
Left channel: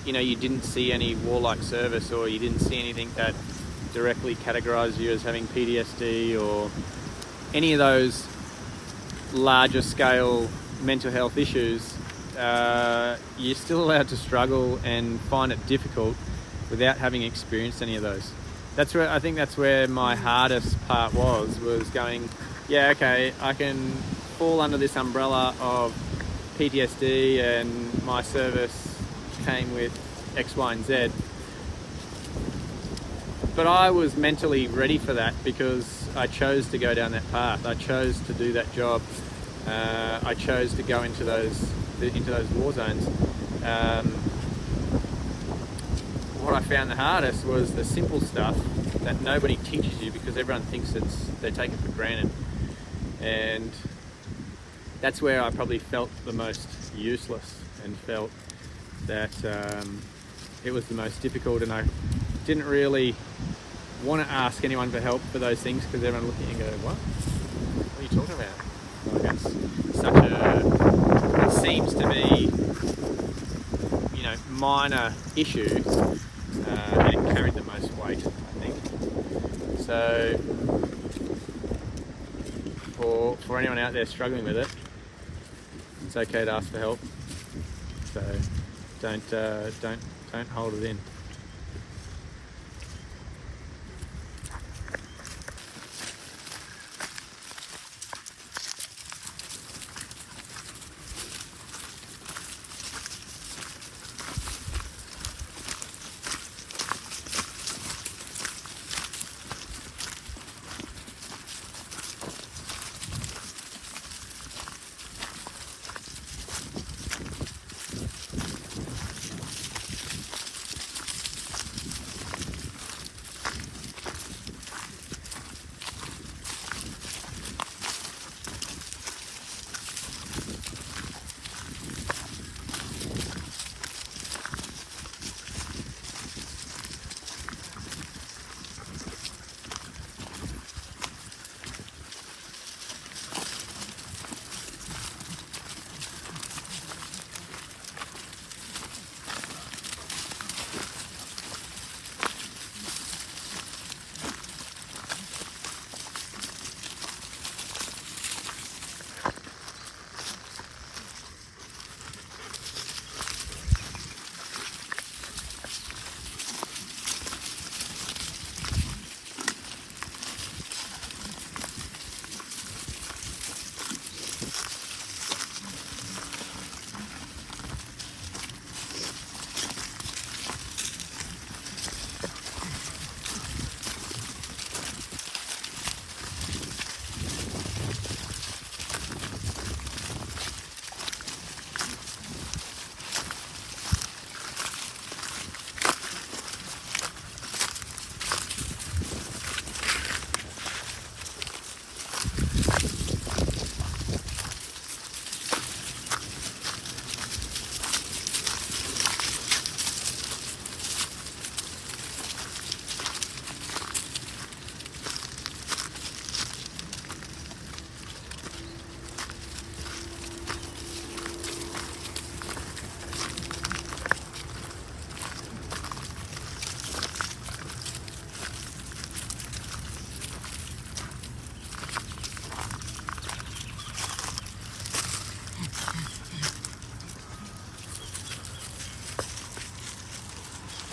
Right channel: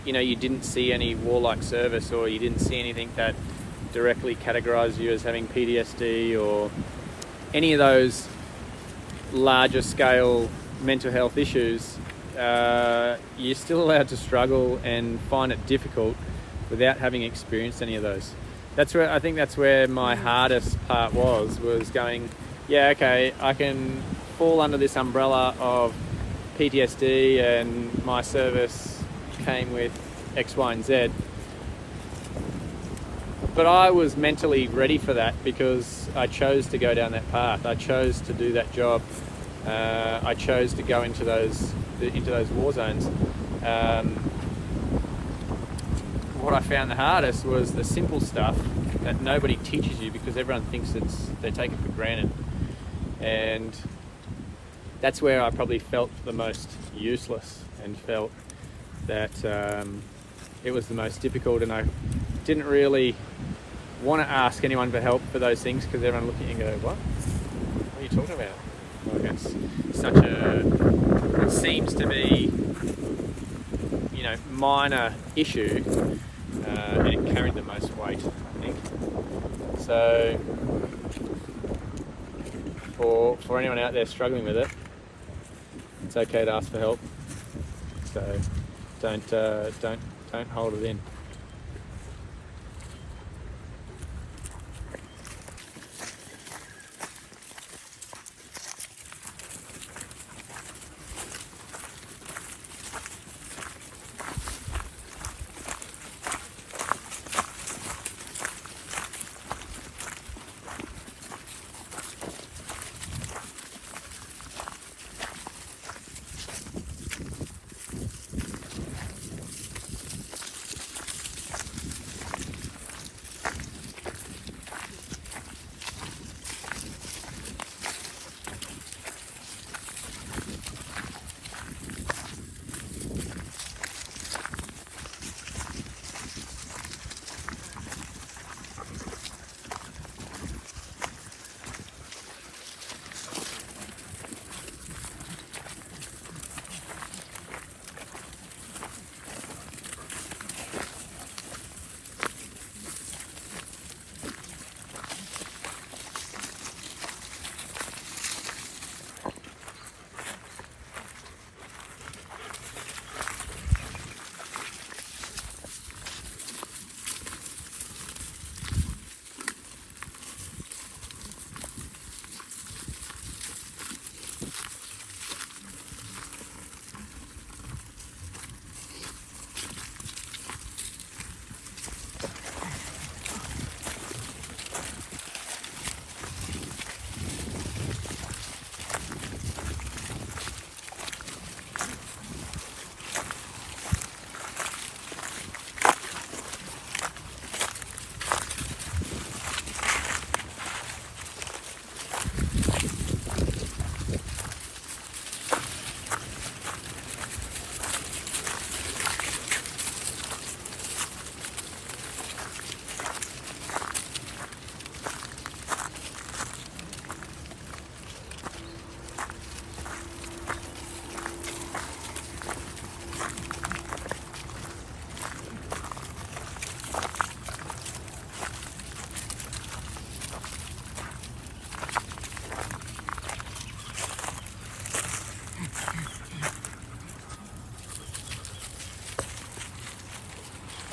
you didn't see any warlike service, or you didn't see anything that directly categorised you as having PTSD, or any of those larger scale mental health issues, you're still allowed to struggle and find it difficult without having experienced any of those. I think that's where my hardest part was going, yeah, okay, I can fall under this umbrella of PTSD and my service came with X, Y, and Z. But I was mentally ready for that because I chose to go down that path. I chose to do that job. I chose to go into those war zones. What I found the hardest was the simple stuff that nobody teaches you because everyone thinks they're taken for granted. And that's where I probably felt the most useless and felt that it was the most difficult, and I didn't really want to ask anyone for help for those things because everyone looked at you and go, what are you talking about? Like, it seems to be, minor issues, and it carried the most weight, I think. So for anyone out there struggling with it, it's okay to ask for help. So don't hold it in.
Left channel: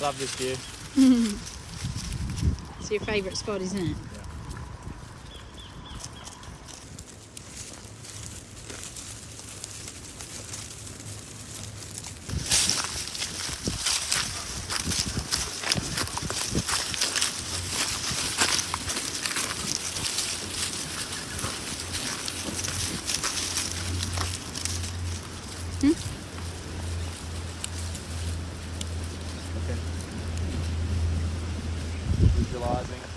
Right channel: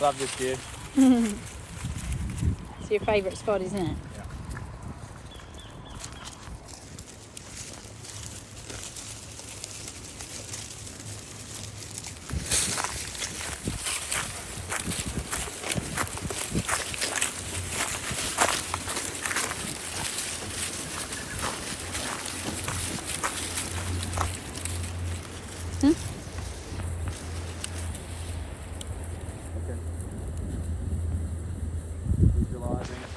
Love this view. It's your favourite spot, isn't it? Visualising it.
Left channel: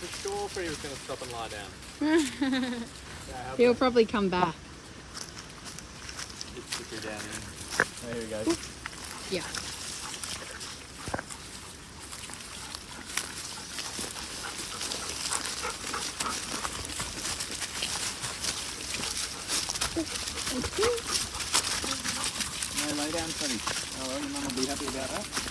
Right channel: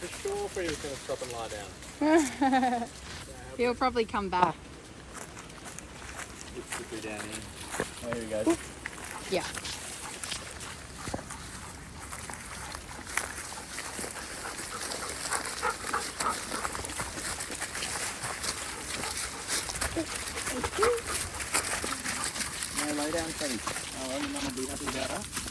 the store for you was going to stop and lie down. He'll probably come back. Just stick her down there. There we go. Yeah. No, lay down, Sonny. Oh, well, your mum will be happy about that.